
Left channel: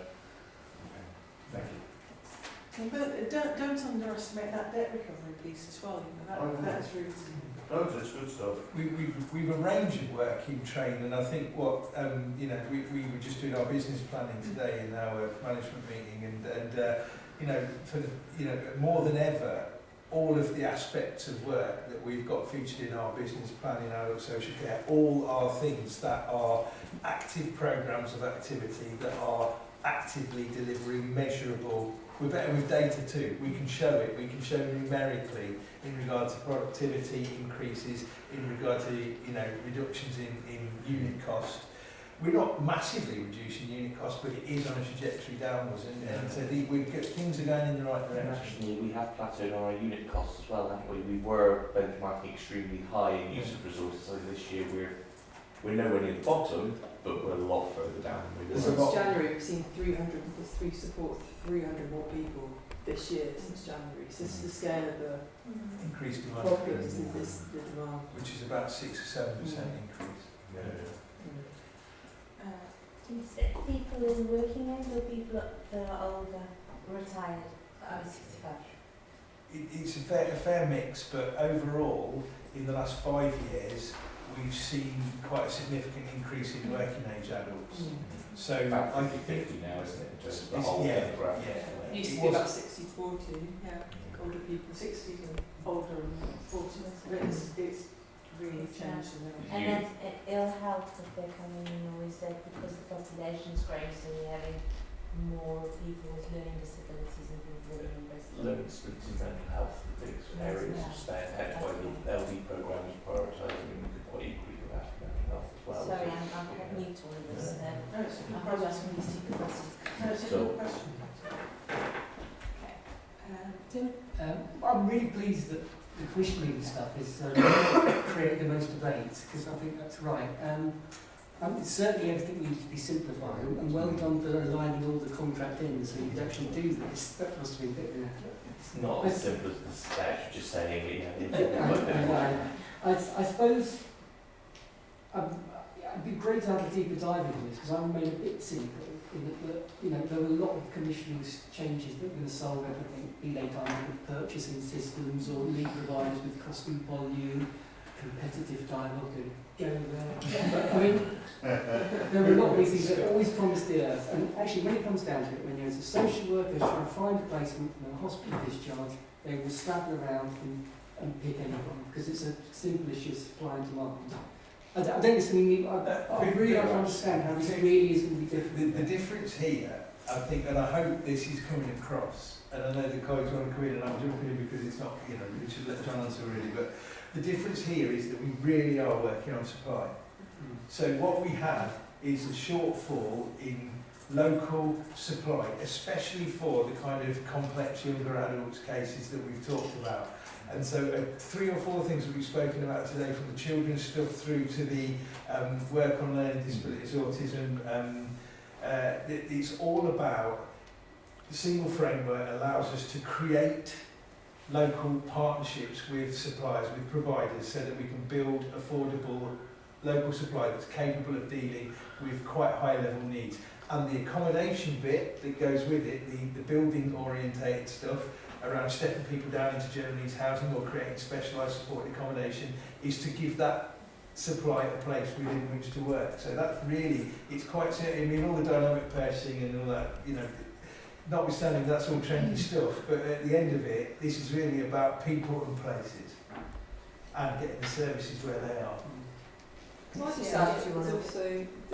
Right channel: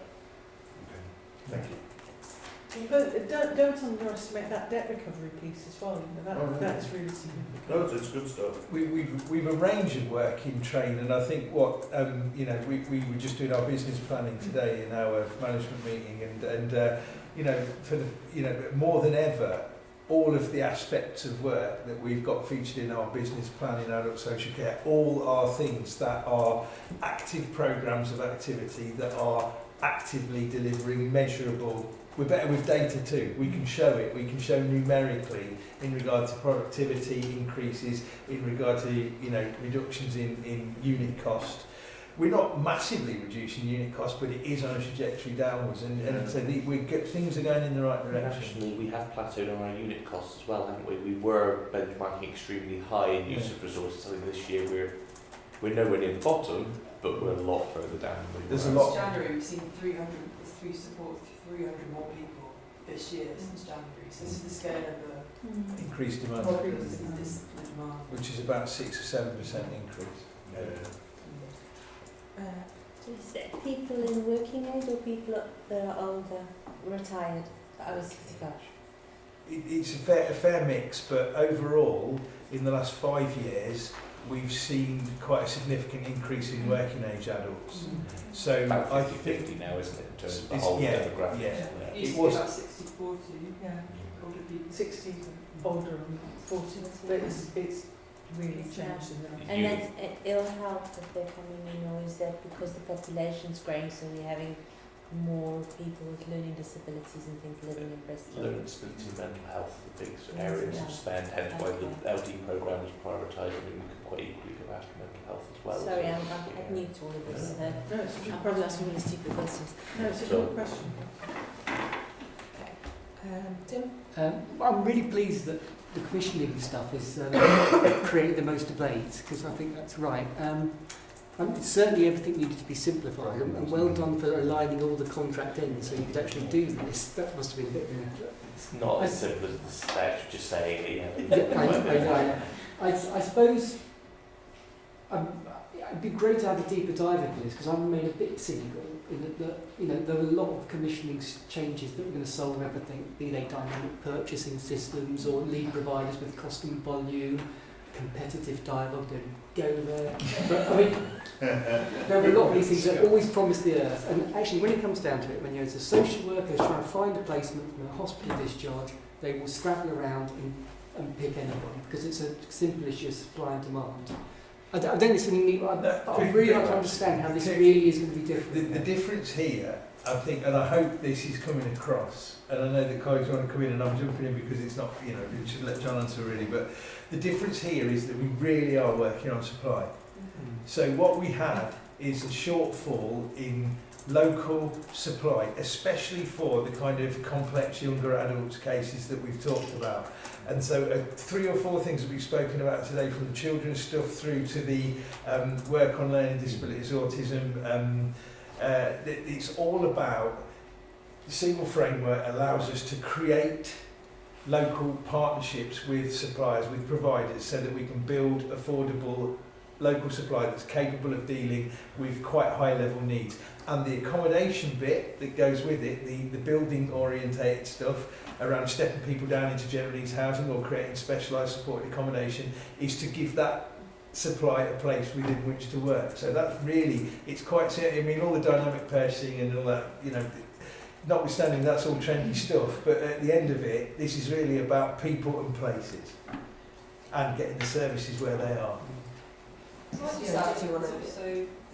Okay, thank you. But don't underestimate that debt recovery piece as well. You know, that's really significant. No, it's good stuff. We've a range of work in train, and I think what you know, we were just doing our business planning today in our management meeting, and you know, for the, you know, more than ever, all of the aspects of work that we've got featured in our business plan in adult social care, all are things that are active programmes of activity that are actively delivering measurable. We're better with data too. We can show it. We can show numerically in regard to productivity increases, in regard to, you know, reductions in unit cost. We're not massively reducing unit cost, but it is on a trajectory downwards, and so things are going in the right direction. Actually, we have plateaued on our unit costs as well, haven't we? We were benchmarking extremely high in use of resources. I think this year we're nowhere near the bottom, but we're a lot further down than we were. Since January, we've seen 300 more people this year since January. So this is the scale of the increased demand, which is about 6 or 7% increase. Is it people in working age or people that are older, retired? It's a fair mix, but overall, in the last 5 years, we've seen quite a significant increase in working age adults. So About I 50-50 now, isn't it, in terms of the It's- whole yeah, demographic? yeah. It used to be about 60-40, older people, 60 older and 40, but it's really changed in that. And that's ill health that they're coming in, or is that because the population's growing, so we're having more people with learning disabilities and things living in Bristol? Learning disability, mental health, the big areas of spend, hence why the LD programme is prioritised. I mean, we could quite equally go after mental health as well. Sorry, I'm new to all of this. No, it's a good I'm question. asking you stupid questions. No, it's a good question. Tim? I'm really pleased that the commissioning stuff is creating the most debate, because I think that's right. Certainly everything needed to be simplified, and well done for aligning all the contract in so you could actually do this. That must have been a bit of an effort. It's not as simple as the statute just saying I suppose it'd be great to have a deeper dive into this, because I'm made a bit cynical in that you know, there are a lot of commissioning changes that are going to solve everything, be they dynamic purchasing systems or lead providers with cost and volume, competitive dialogue, don't go there. But I mean, there are a lot of these things that always promise the earth, and actually when it comes down to it, when you're as a social worker trying to find a placement from a hospital discharge, they will scrabble around and pick anyone, because it's a simple issue of supply and demand. I don't necessarily need, I really don't understand how this really is going to be different. The difference here, I think, and I hope this is coming across, and I know the colleagues want to come in and I'm jumping in because it's not, you know, we should let John answer really, but the difference here is that we really are working on supply. So what we have is a shortfall in local supply, especially for the kind of complex younger adults cases that we've talked about. And so 3 or 4 things that we've spoken about today, from the children's stuff through to the work on learning disabilities, autism, it's all about the single framework allows us to create local partnerships with suppliers, with providers, so that we can build affordable local supply that's capable of dealing with quite high level needs. And the accommodation bit that goes with it, the building orientated stuff around stepping people down into general needs housing or creating specialised supported accommodation, is to give that supply a place within which to work. So that's really, it's quite, I mean, all the dynamic purchasing and all that, you know, notwithstanding that's all trendy stuff, but at the end of it, this is really about people and places and getting the services where they are.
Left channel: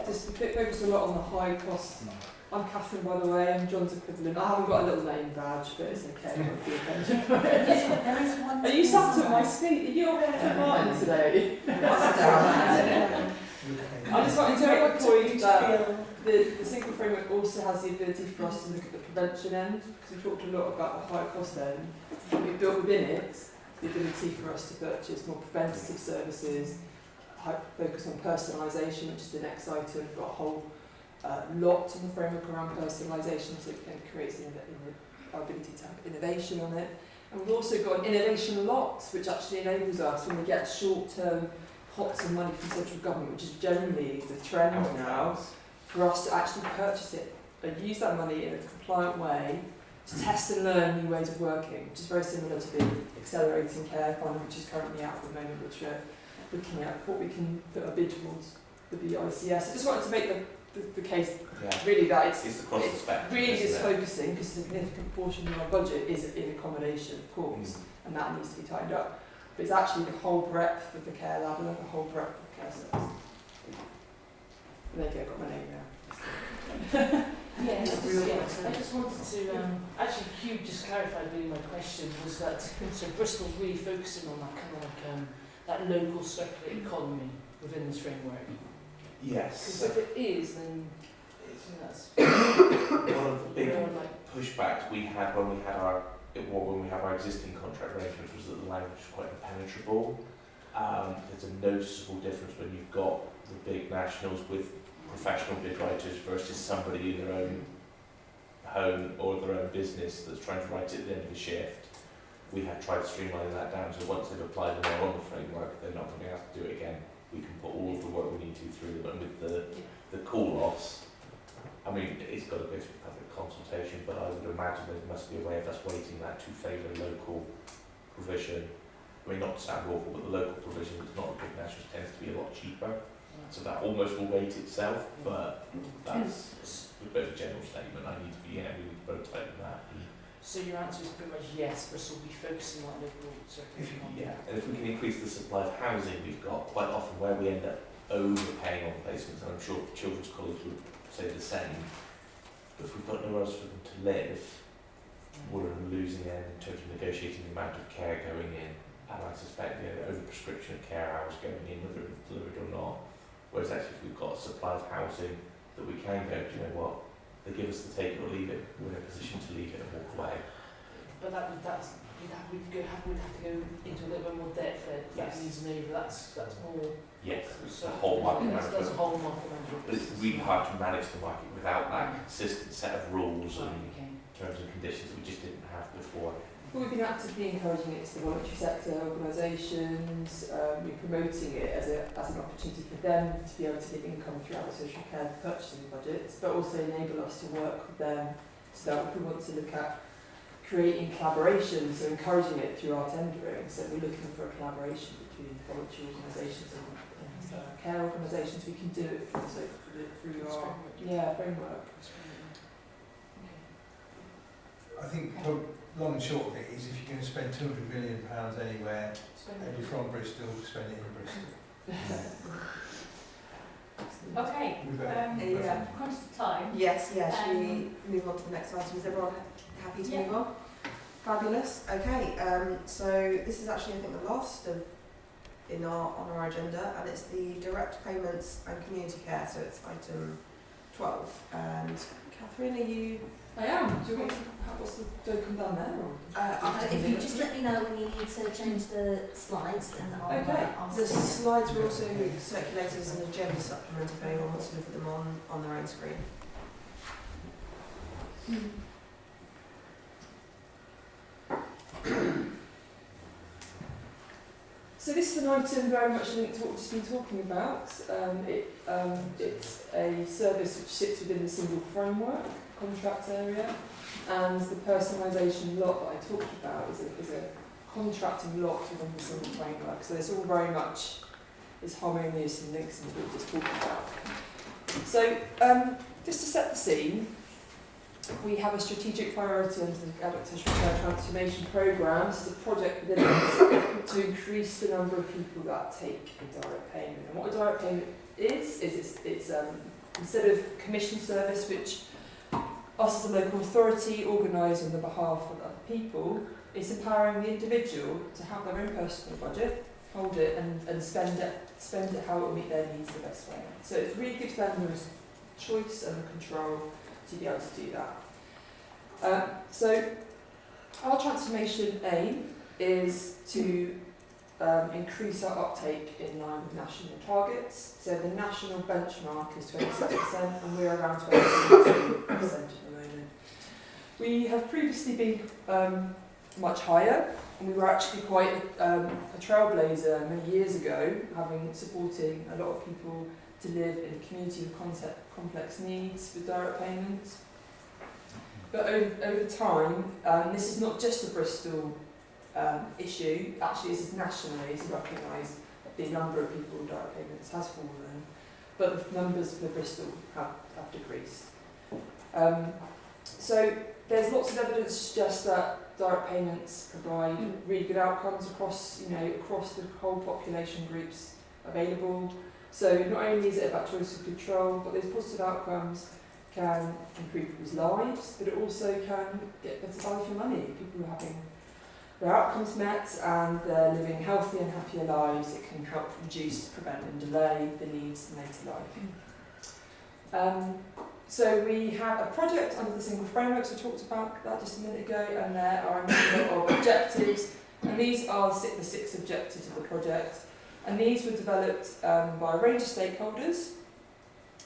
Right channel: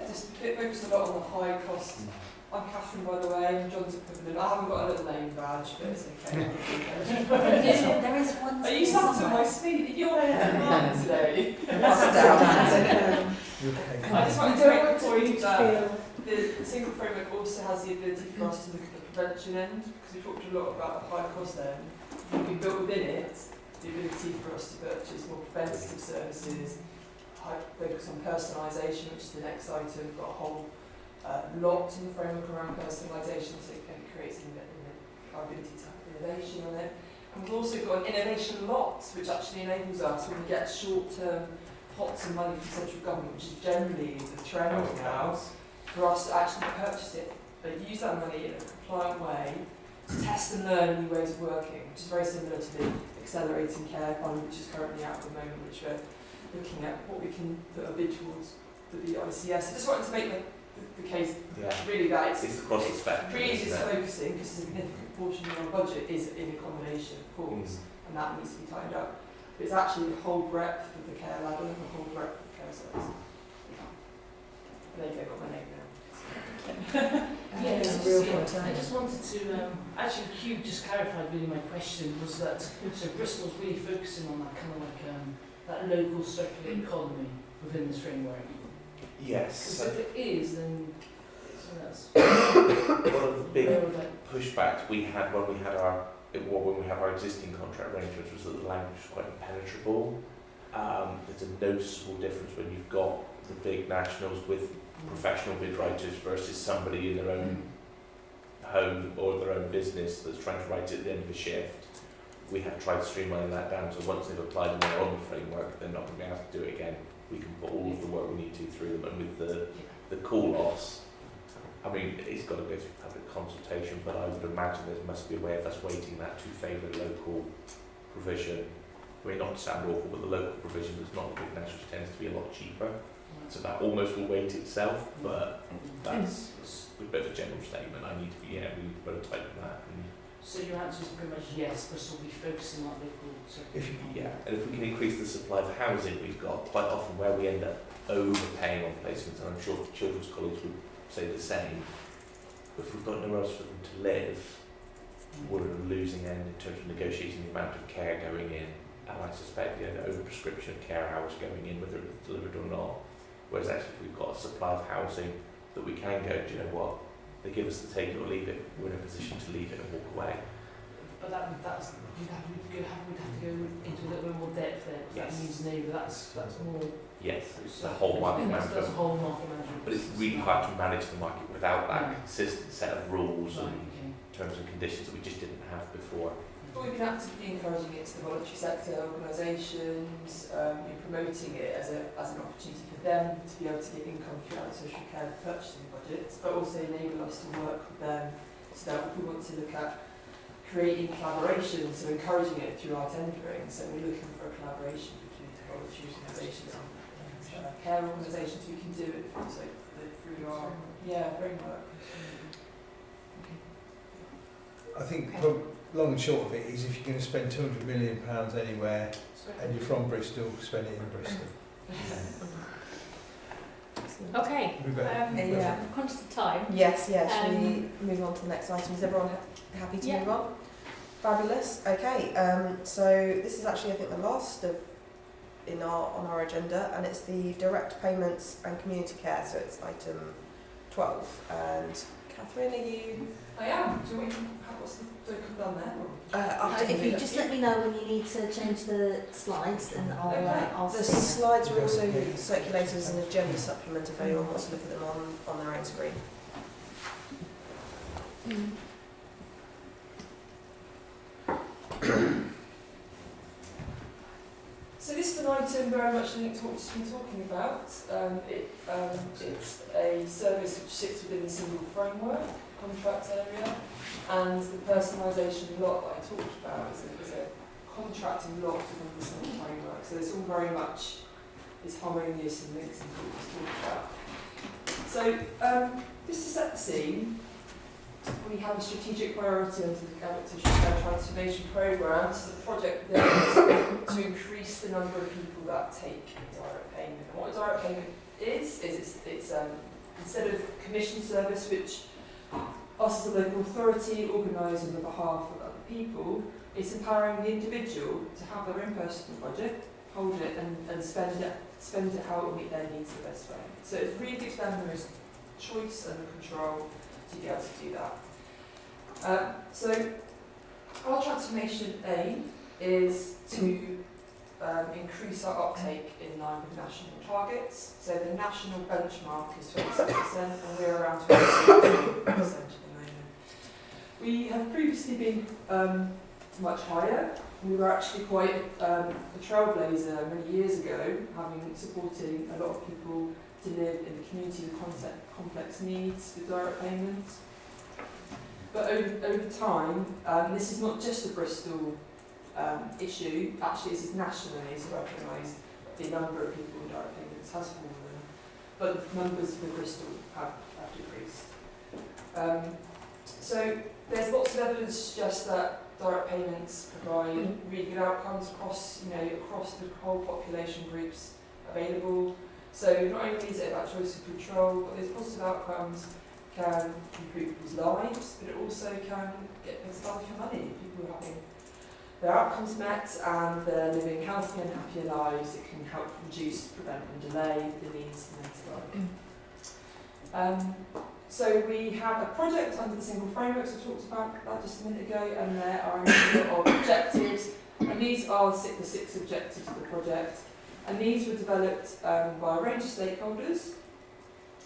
Just focus a lot on the high cost. I'm Catherine, by the way, I'm John's equivalent. I haven't got a little name badge, but it's okay. Are you sat at my speed? You're there today. I just wanted to make the point that the single framework also has the ability for us to look at the prevention end, because we talked a lot about the high cost end. We built within it the ability for us to purchase more preventative services, focus on personalisation, which is the next item. We've got a whole lot in the framework around personalisation, so it creates our ability to have innovation on it. And we've also got an innovation lots, which actually enables us, when we get short-term pots of money from central government, which is generally the trend now, for us to actually purchase it and use that money in a compliant way to test and learn new ways of working, which is very similar to the Accelerating Care Fund, which is currently out at the moment, which we're looking at what we can put a bid towards the BICS. I just wanted to make the case really that it's the cost spectrum, really is focusing, because a significant portion of our budget is in accommodation, of course, and that needs to be tied up. But it's actually the whole breadth of the care ladder, the whole breadth of the care service. There you go, got my name now. Yeah, I just wanted to, actually Hugh just clarified really my question, was that, so Bristol's really focusing on that kind of like, that local circular economy within this framework. Yes. Because if it is, then that's one of the big pushbacks we had when we had our existing contract arrangements was that the language was quite impenetrable. There's a noticeable difference when you've got the big nationals with professional bid writers versus somebody in their own home or their own business that's trying to write it at the end of a shift. We have tried to streamline that down, so once they've applied in their own framework, they're not going to be able to do it again. We can put all of the work we need to through them, and with the call-offs, I mean, it's got to go through public consultation, but I would imagine there must be a way of us weighting that to favour local provision. I mean, not to sound awful, but the local provision that's not a big national tends to be a lot cheaper. So that almost will weight itself, but that's a bit of a general statement. I need to be, we need to put a type in that. So your answer is pretty much yes, Bristol will be focusing on local circulation. And if we can increase the supply of housing, we've got quite often where we end up overpaying on placements, and I'm sure the Children's College would say the same. But if we've got nowhere else for them to live, we're losing then in terms of negotiating the amount of care going in, and I suspect the overprescription of care hours going in, whether it's delivered or not. Whereas actually if we've got a supply of housing that we can go, do you know what, they give us the take it or leave it, we're in a position to leave it and walk away. But we'd have to go into a little bit more depth there. Yes. That means that's more. Yes, it's a whole market management. That's a whole market management. But it's really hard to manage the market without that consistent set of rules Right, and okay. terms and conditions that we just didn't have before. But we've been actively encouraging it to the voluntary sector organisations, we're promoting it as an opportunity for them to be able to get income throughout the social care purchasing budgets, but also enable us to work with them so that if we want to look at creating collaborations, so encouraging it through our tendering, so we're looking for a collaboration between voluntary organisations and care organisations, we can do it also through our framework. I think long and short of it is if you're going to spend £200 million anywhere and you're from Bristol, spend it in Bristol. Okay, Yeah. I'm conscious of time. Yes, shall we move on to the next item? Is everyone happy to move on? Fabulous. Okay, so this is actually I think the last of on our agenda, and it's the direct payments and community care. So it's item 12. And Catherine, are you? I am. Do you want me to have what's the token done there? If you just let me know when you need to change the slides, and I'll The slides were also circulated as an agenda supplement if anyone wants to look at them on their own screen. So this is an item very much linked to what we've just been talking about. It's a service which sits within the single framework contract area, and the personalisation lot that I talked about is a contracting lot within the single framework. So this all very much is harmonious and links into what we just talked about. So just to set the scene, we have a strategic priority under the Gaelic Social Care Transformation Programme. It's a project there to increase the number of people that take a direct payment. And what a direct payment is it's instead of commission service, which us as a local authority organise on the behalf of other people, it's empowering the individual to have their own personal budget, hold it and spend it how it will meet their needs the best way. So it's really gives them the choice and the control to be able to do that. So our transformation aim is to increase our uptake in line with national targets. So the national benchmark is 27% and we're around 26% at the moment. We have previously been much higher. We were actually quite a trailblazer many years ago, supporting a lot of people to live in the community with complex needs with direct payments. But over time, this is not just a Bristol issue, actually this is nationally, it's recognised the number of people with direct payments has fallen, but the numbers for Bristol have decreased. So there's lots of evidence to suggest that direct payments provide really good outcomes across the whole population groups available. So not only is it about choice of control, but those positive outcomes can improve people's lives, but it also can get better value for money. People are having their outcomes met and they're living healthy and happier lives. It can help reduce, prevent and delay the needs later life. So we have a project under the single frameworks, we talked about that just a minute ago, and there are a number of objectives, and these are the six objectives of the project. And these were developed by a range of stakeholders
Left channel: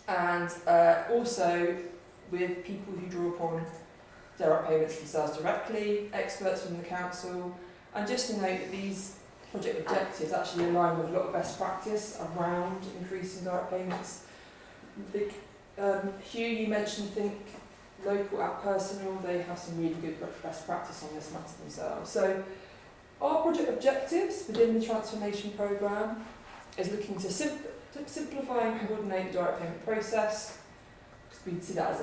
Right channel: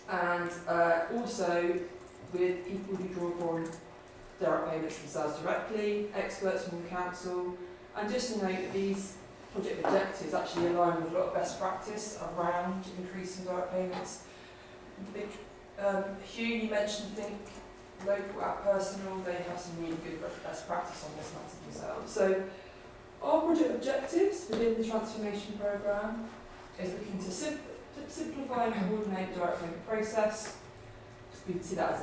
and also with people who draw upon direct payments themselves directly, experts from the council, and just to note that these project objectives actually align with a lot of best practice around increasing direct payments. Hugh, you mentioned Think Local at Personal, they have some really good best practice on this matter themselves. So Our project objectives within the transformation programme is looking to simplify and coordinate the direct payment process. We see that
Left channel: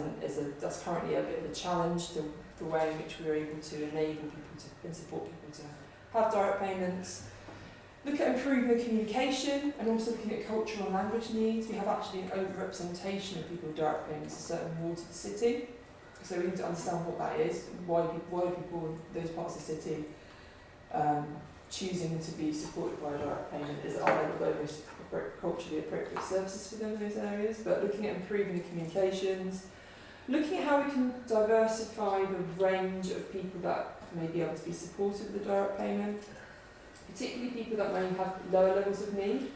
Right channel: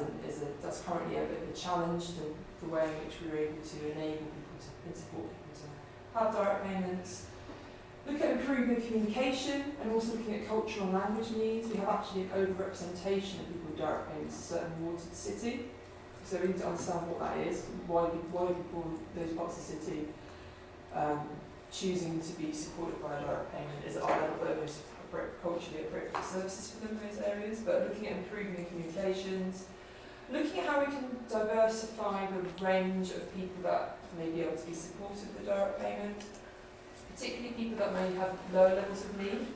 that's currently a bit of a challenge, the way in which we're able to enable people to and support people to have direct payments. Look at improving communication and also looking at cultural and language needs. We have actually an over-representation of people with direct payments in certain wards of the city. So we need to understand what that is, why people in those parts of the city choosing to be supported by a direct payment is are there the most culturally appropriate services for them in those areas, but looking at improving the communications, looking at how we can diversify the range of people that may be able to be supported with a direct payment, particularly people that may have lower levels of need.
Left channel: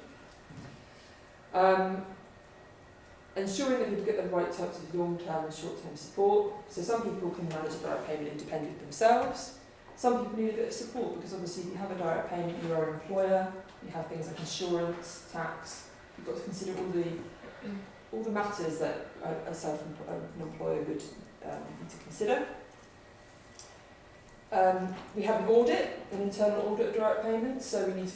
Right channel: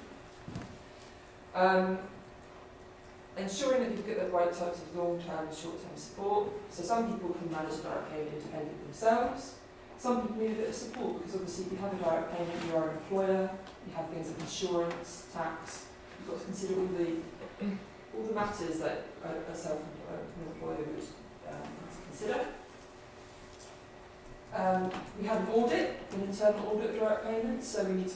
Ensuring that people get the right types of long-term and short-term support. So some people can manage a direct payment independently themselves. Some people need a bit of support because obviously if you have a direct payment, you're an employer, you have things like insurance, tax, you've got to consider all the matters that a self-employer would need to consider. We have an audit, an internal audit of direct payments, so we need to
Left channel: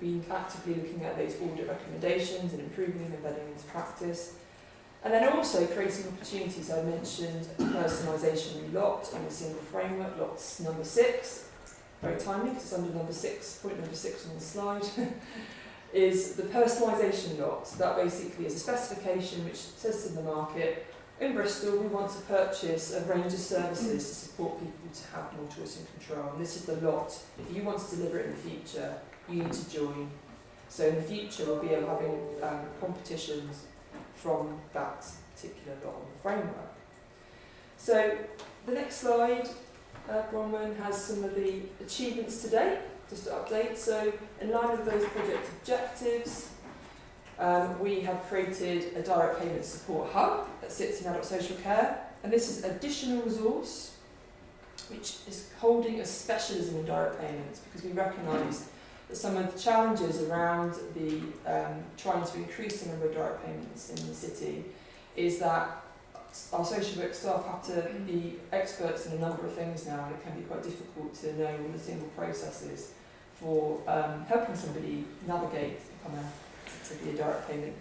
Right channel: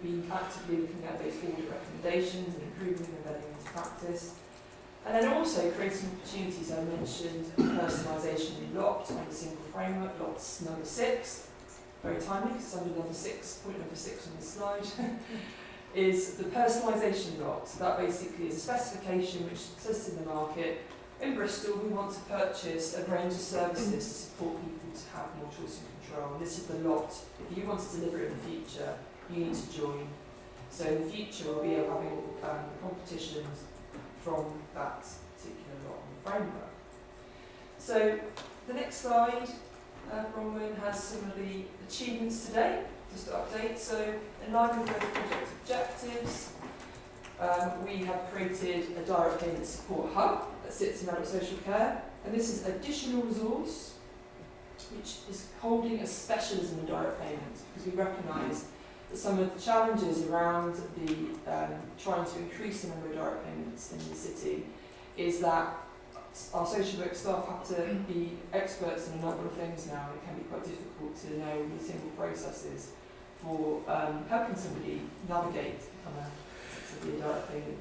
be actively looking at those audit recommendations and improving them and embedding into practice. And then also creating opportunities. I mentioned personalisation lot on the single framework, lots number 6, very timely because it's under number 6, point number 6 on the slide, is the personalisation lot. That basically is a specification which says in the market, in Bristol we want to purchase a range of services to support people to have more choice and control. This is the lot. If you want to deliver it in the future, you need to join. So in the future we'll be having competitions from that particular lot and framework. So the next slide, Bronwyn, has some of the achievements today, just to update. So in line with those project objectives, we have created a direct payment support hub that sits in adult social care, and this is additional resource which is holding a specialism in direct payments because we recognise that some of the challenges around the trying to increase the number of direct payments in the city is that our social work staff have to be experts in a number of things now, and it can be quite difficult to know the single processes for helping somebody navigate to be a direct payment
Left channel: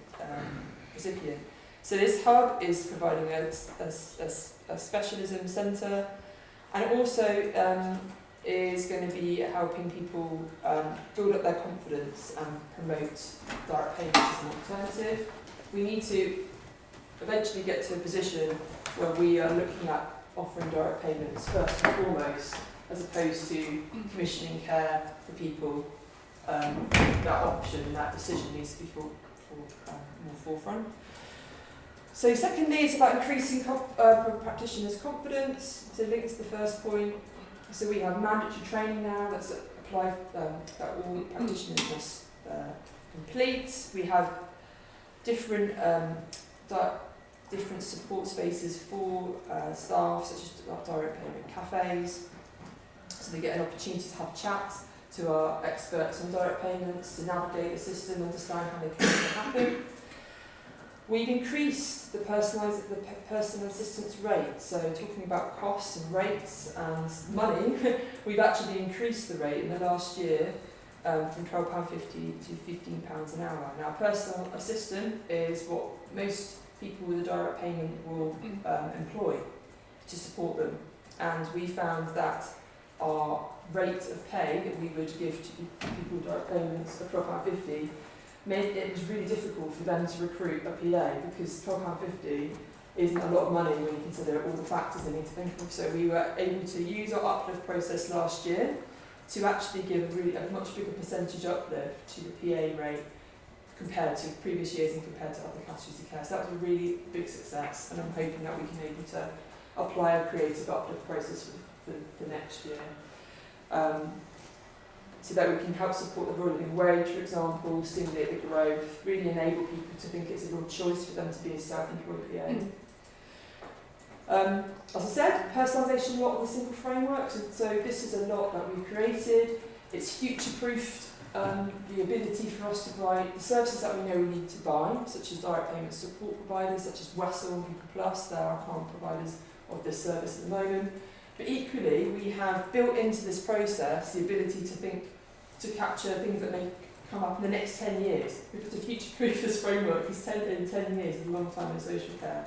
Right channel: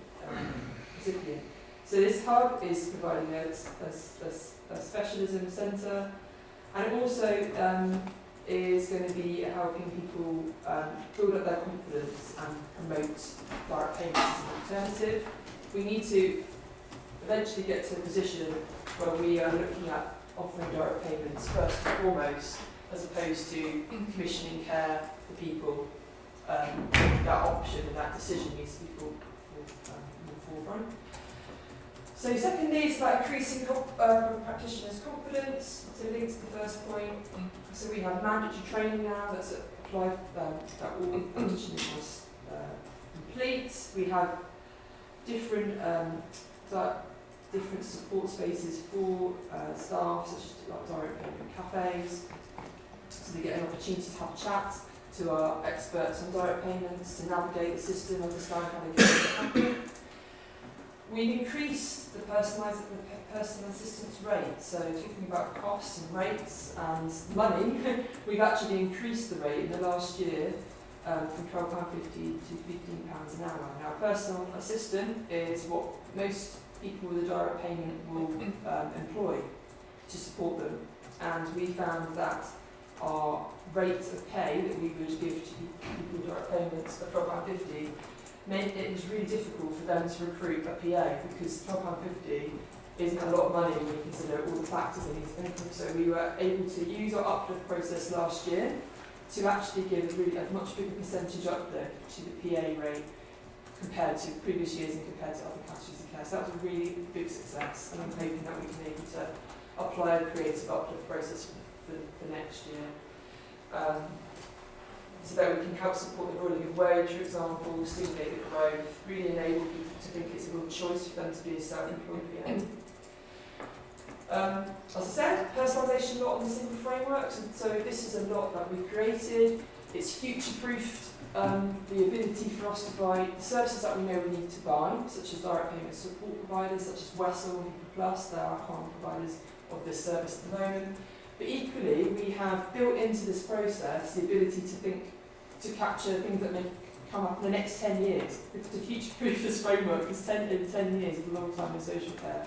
recipient. So this hub is providing a specialism centre, and it also is going to be helping people build up their confidence and promote direct payments as an alternative. We need to eventually get to a position where we are looking at offering direct payments first and foremost, as opposed to commissioning care for people. That option and that decision needs to be more forefront. So secondly, it's about increasing practitioners' confidence. So linked to the first point, so we have mandatory training now that's applied that all practitioners must complete. We have different support spaces for staff, such as direct payment cafes, so they get an opportunity to have chat to our experts on direct payments, to navigate the system, understand how they can make it happen. We've increased the personal assistance rate, so talking about costs and rates and money, we've actually increased the rate in the last year from £12.50 to £15 an hour. Now, personal assistant is what most people with a direct payment will employ to support them, and we found that our rate of pay that we would give to people with direct payments of £12.50 meant it was really difficult for them to recruit a PA because £12.50 isn't a lot of money when you consider all the factors they need to think of. So we were able to use our uplift process last year to actually give a much bigger percentage uplift to the PA rate compared to previous years and compared to other categories of care. So that was a really big success, and I'm hoping that we can be able to apply a creative uplift process for next year. So that we can help support the real living wage, for example, stimulate the growth, really enable people to think it's a real choice for them to be a self-employed PA. As I said, personalisation lot on the single frameworks, and so this is a lot that we've created. It's future-proofed the ability for us to buy the services that we know we need to buy, such as direct payment support providers, such as Wessel, People Plus, they're our current providers of this service at the moment. But equally, we have built into this process the ability to capture things that may come up in the next 10 years. Because to future-proof this framework is 10 years is a long time in social care.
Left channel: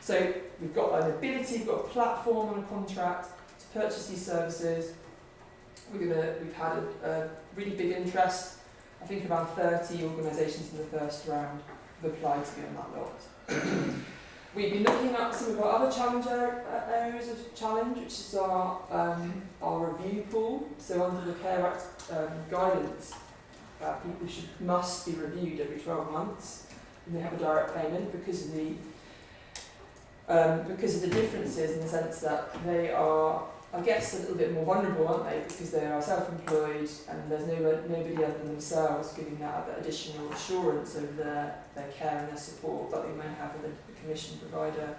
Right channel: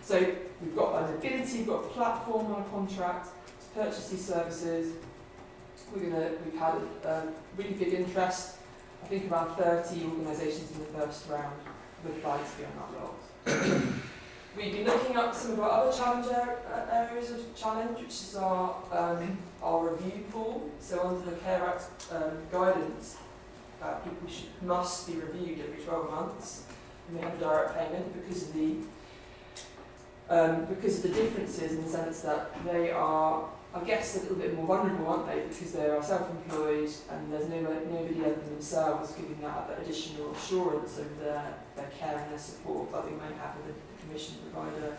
So we've got an ability, we've got a platform on a contract to purchase these services. We've had a really big interest. I think around 30 organisations in the first round have applied to be on that lot. We've been looking at some of our other areas of challenge, which is our review pool. So under the Care Act guidance, people must be reviewed every 12 months, and they have a direct payment because of the differences in the sense that they are, I guess, a little bit more vulnerable, aren't they? Because they are self-employed and there's nobody other than themselves giving that additional assurance of their care and their support that they may have with a commission provider.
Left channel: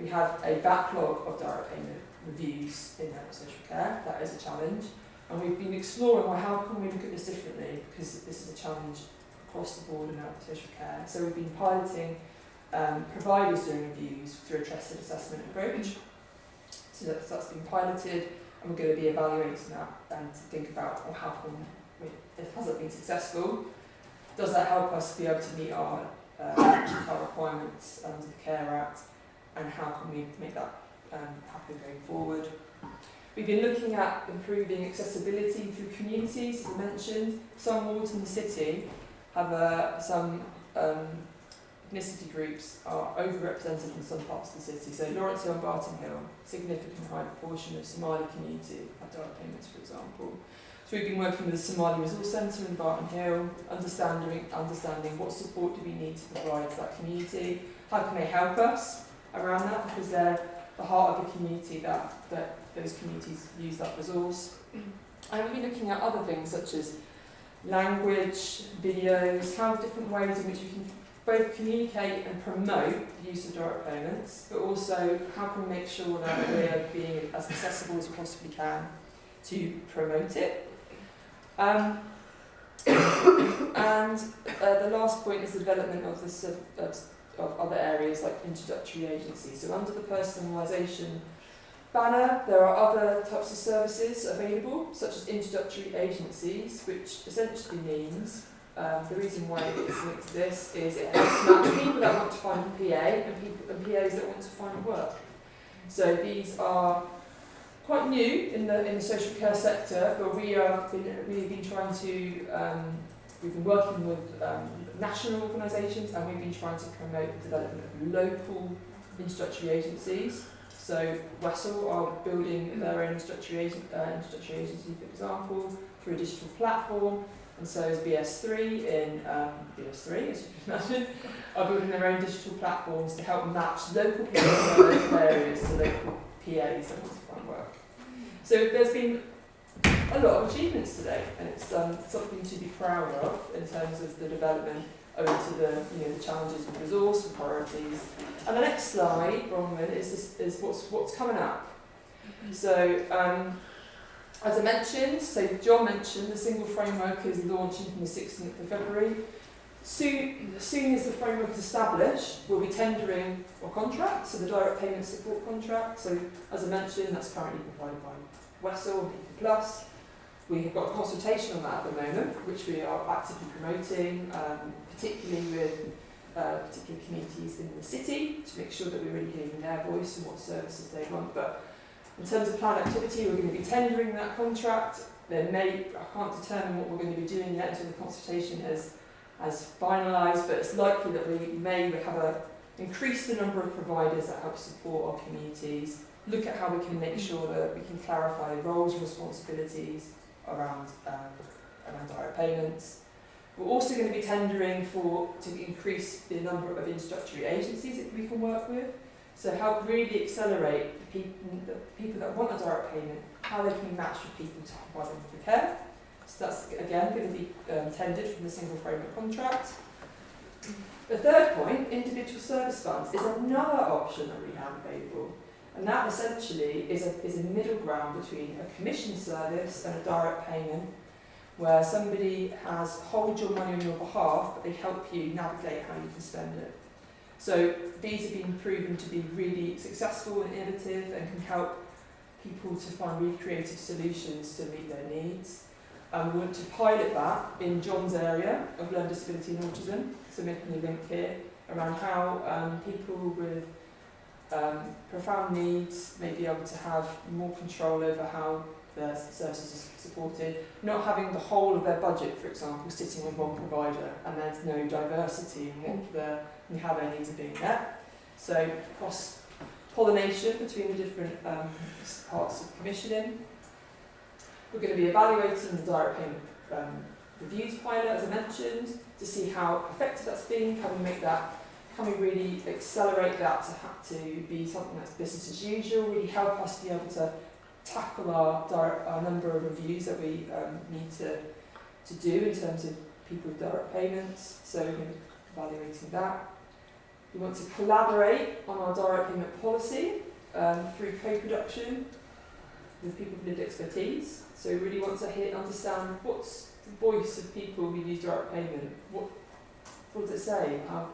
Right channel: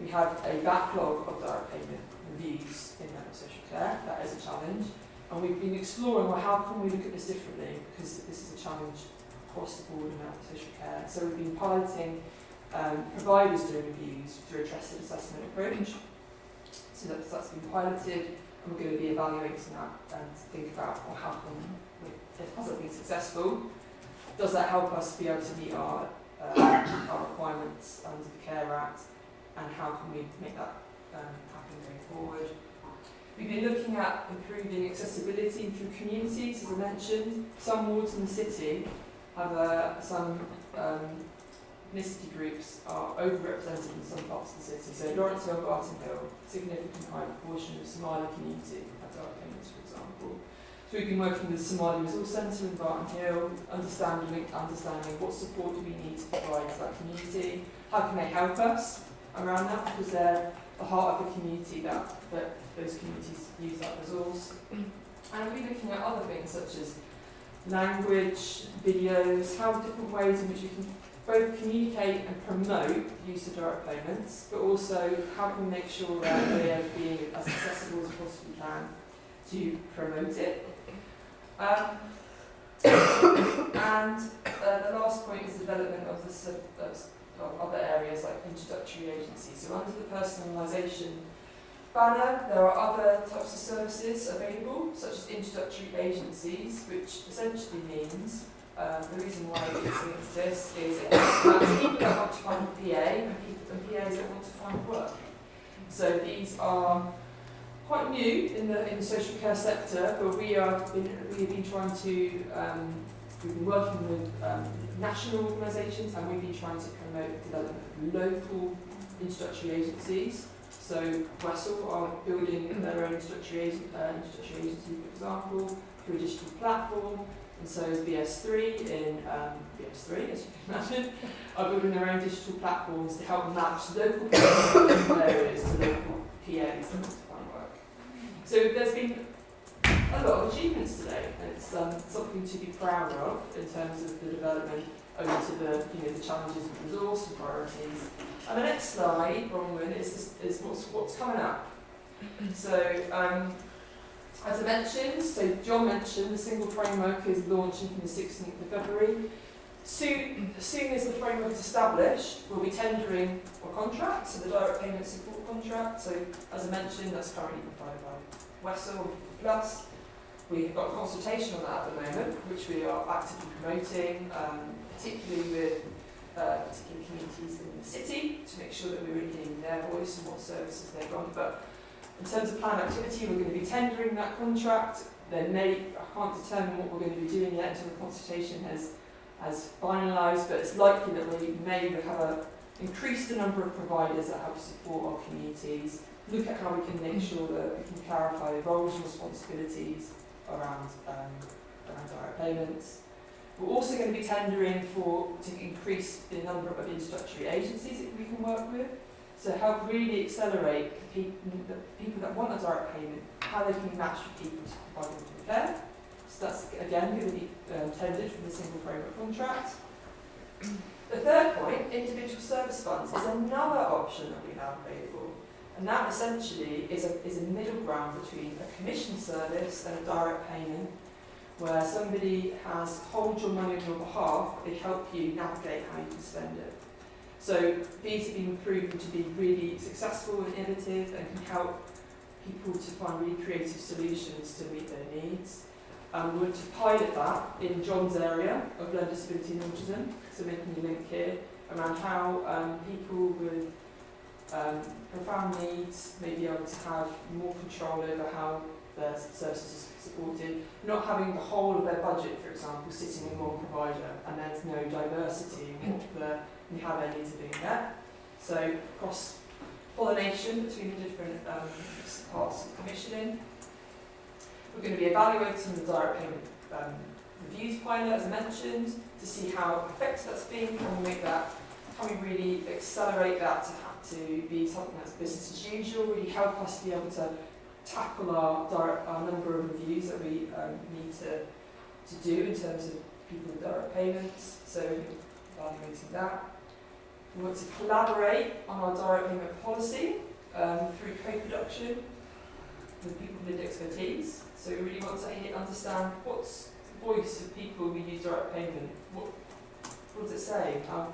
We have a backlog of direct payment reviews in social care. That is a challenge. And we've been exploring, well, how can we look at this differently? Because this is a challenge across the board in social care. So we've been piloting providers doing reviews through a trusted assessment approach. So that's been piloted, and we're going to be evaluating that and to think about, well, how can has it been successful? Does that help us be able to meet our requirements under the Care Act, and how can we make that happen going forward? We've been looking at improving accessibility through communities, as I mentioned. Some wards in the city have some ethnicity groups are overrepresented in some parts of the city. So Lawrence Hill and Barton Hill, significant high proportion of Somali community at direct payments, for example. So we've been working with the Somali Resource Centre in Barton Hill, understanding what support do we need to provide to that community, how can they help us around that, because they're the heart of the community that those communities use that resource. And we've been looking at other things such as language, videos, how different ways in which we can both communicate and promote the use of direct payments, but also how can we make sure that they are being as accessible as we possibly can to promote it. And the last point is the development of other areas like introductory agencies. So under the personalisation banner, there are other types of services available, such as introductory agencies, which essentially means the reason why it's linked to this is it helps people that want to find a PA and PAs that want to find work. So these are quite new in the social care sector, but we've been trying to we've been working with national organisations, and we've been trying to promote the development of local introductory agencies. So Wessel are building their own introductory agency, for example, through a digital platform. And so is BS3 BS3, as you can imagine, are building their own digital platforms to help match local areas to local PAs that want to find work. So there's been a lot of achievements today, and it's something to be proud of in terms of the development over to the challenges with resource and priorities. And the next slide, Bronwyn, is what's coming up. So as I mentioned, so John mentioned, the single framework is launching from the 16th of February. Soon as the framework is established, we'll be tendering our contract, so the direct payment support contract. So as I mentioned, that's currently provided by Wessel Plus. We've got consultation on that at the moment, which we are actively promoting, particularly with particular communities in the city, to make sure that we're really hearing their voice and what services they want. But in terms of planned activity, we're going to be tendering that contract. I can't determine what we're going to be doing yet until the consultation has finalised, but it's likely that we may increase the number of providers that help support our communities, look at how we can make sure that we can clarify roles and responsibilities around direct payments. We're also going to be tendering to increase the number of introductory agencies that we can work with, so help really accelerate the people that want a direct payment, how they can match with people to provide them with care. So that's, again, going to be tendered from the single framework contract. The third point, individual service funds, is another option that we have available. And that essentially is a middle ground between a commission service and a direct payment, where somebody holds your money on your behalf, but they help you navigate how you can spend it. So these have been proven to be really successful and innovative, and can help people to find really creative solutions to meet their needs. We want to pilot that in John's area of learning disability and autism, so making a link here around how people with profound needs may be able to have more control over how their services are supported, not having the whole of their budget, for example, sitting with one provider, and there's no diversity in how their needs are being met. So cross-pollination between the different parts of commissioning. We're going to be evaluating the direct payment reviews pilot, as I mentioned, to see how effective that's been. Can we really accelerate that to be something that's business as usual, really help us be able to tackle our number of reviews that we need to do in terms of people with direct payments, so evaluating that. We want to collaborate on our direct payment policy through co-production with people with expertise. So we really want to understand what's the voice of people who use direct payment. What does it say? How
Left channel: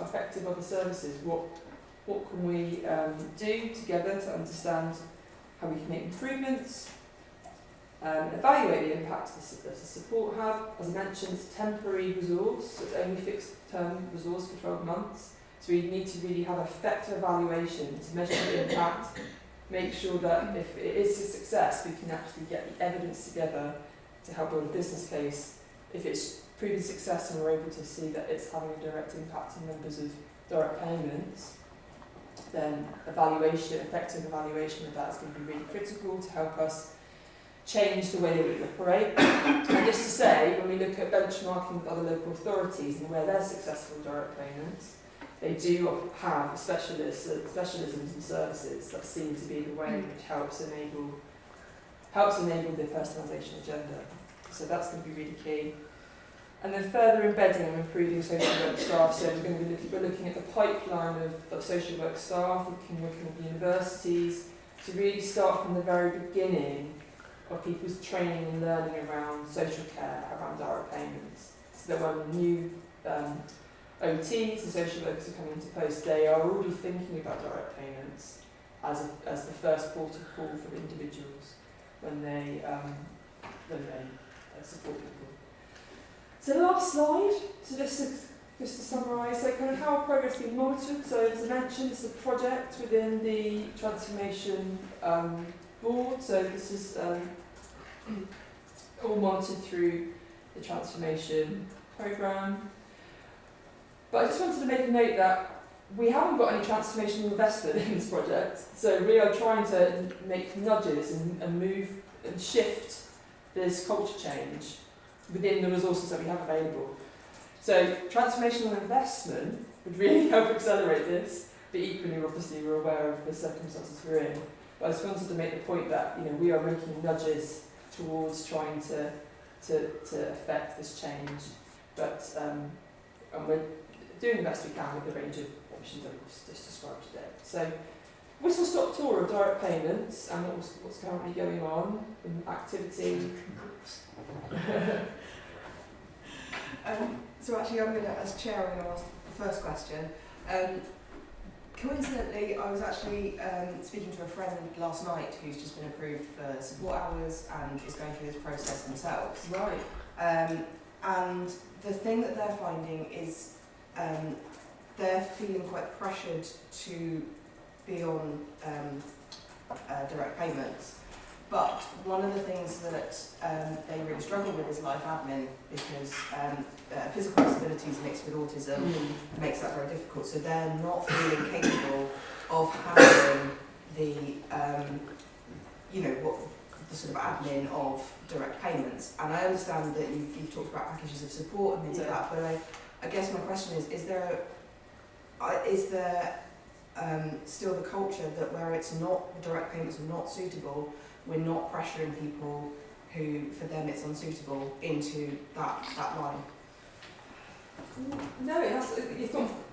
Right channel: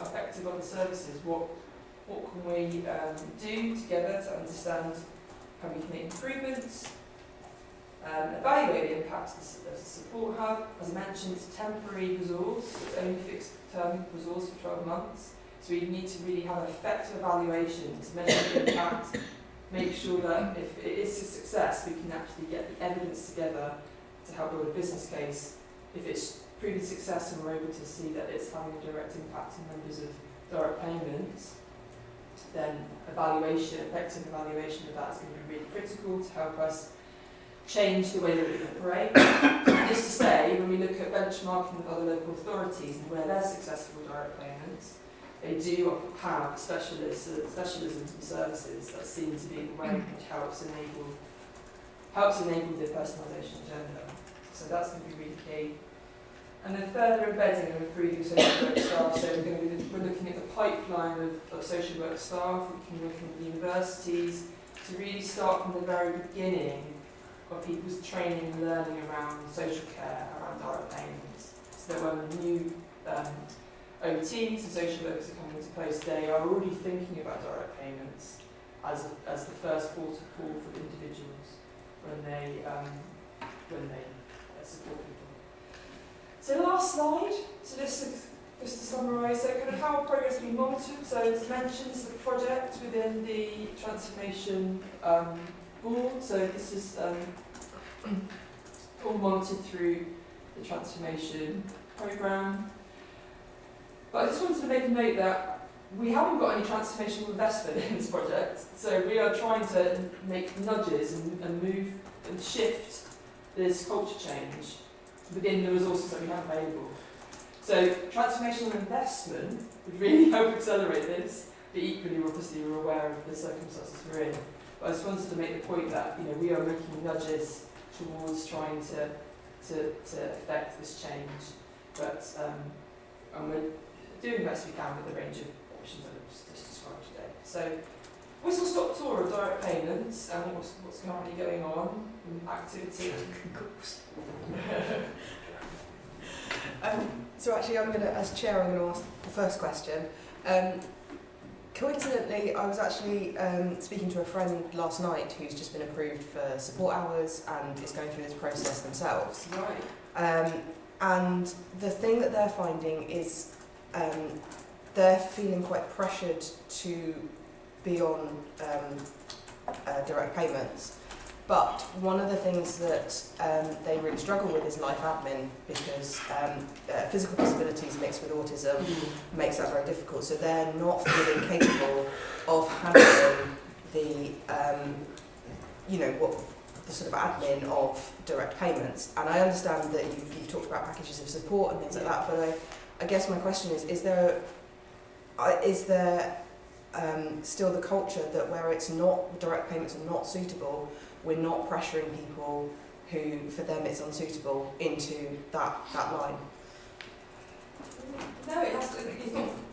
effective are the services? What can we do together to understand how we can make improvements? Evaluate the impact of the support hub. As I mentioned, it's a temporary resource. It's only a fixed term resource for 12 months. So we need to really have an effective evaluation to measure the impact, make sure that if it is a success, we can actually get the evidence together to help build a business case. If it's proven success and we're able to see that it's having a direct impact on numbers of direct payments, then effective evaluation of that is going to be really critical to help us change the way that we operate. And just to say, when we look at benchmarking with other local authorities and where they're successful with direct payments, they do have specialisms and services that seem to be the way which helps enable the personalisation agenda. So that's going to be really key. And then further embedding and improving social work staff. So we're looking at the pipeline of social work staff, working with universities, to really start from the very beginning of people's training and learning around social care, around direct payments. So that when new OTs and social workers are coming into post, they are already thinking about direct payments as the first port of call for individuals when they support people. So last slide, so just to summarise, so kind of how progress has been monitored. So as I mentioned, it's a project within the transformation board, so this is all monitored through the transformation programme. But I just wanted to make a note that we haven't got any transformational investment in this project, so we are trying to make nudges and move and shift this culture change within the resources that we have available. So transformational investment would really help accelerate this, but equally obviously we're aware of the circumstances we're in. But I just wanted to make the point that we are making nudges towards trying to affect this change. But and we're doing the best we can with the range of options that we've just described today. So whistle-stop tour of direct payments and what's currently going on in activity. So actually, as chair, I'm going to ask the first question. Coincidentally, I was actually speaking to a friend last night who's just been approved for support hours and is going through this process themselves. Right. And the thing that they're finding is they're feeling quite pressured to be on direct payments. But one of the things that they really struggle with is life admin, because physical disabilities mixed with autism makes that very difficult. So they're not feeling capable of handling the, the sort of admin of direct payments. And I understand that you've talked about packages of support and things like that, but I guess my question is there still the culture that where it's not, direct payments are not suitable, we're not pressuring people who, for them, it's unsuitable into that line? No,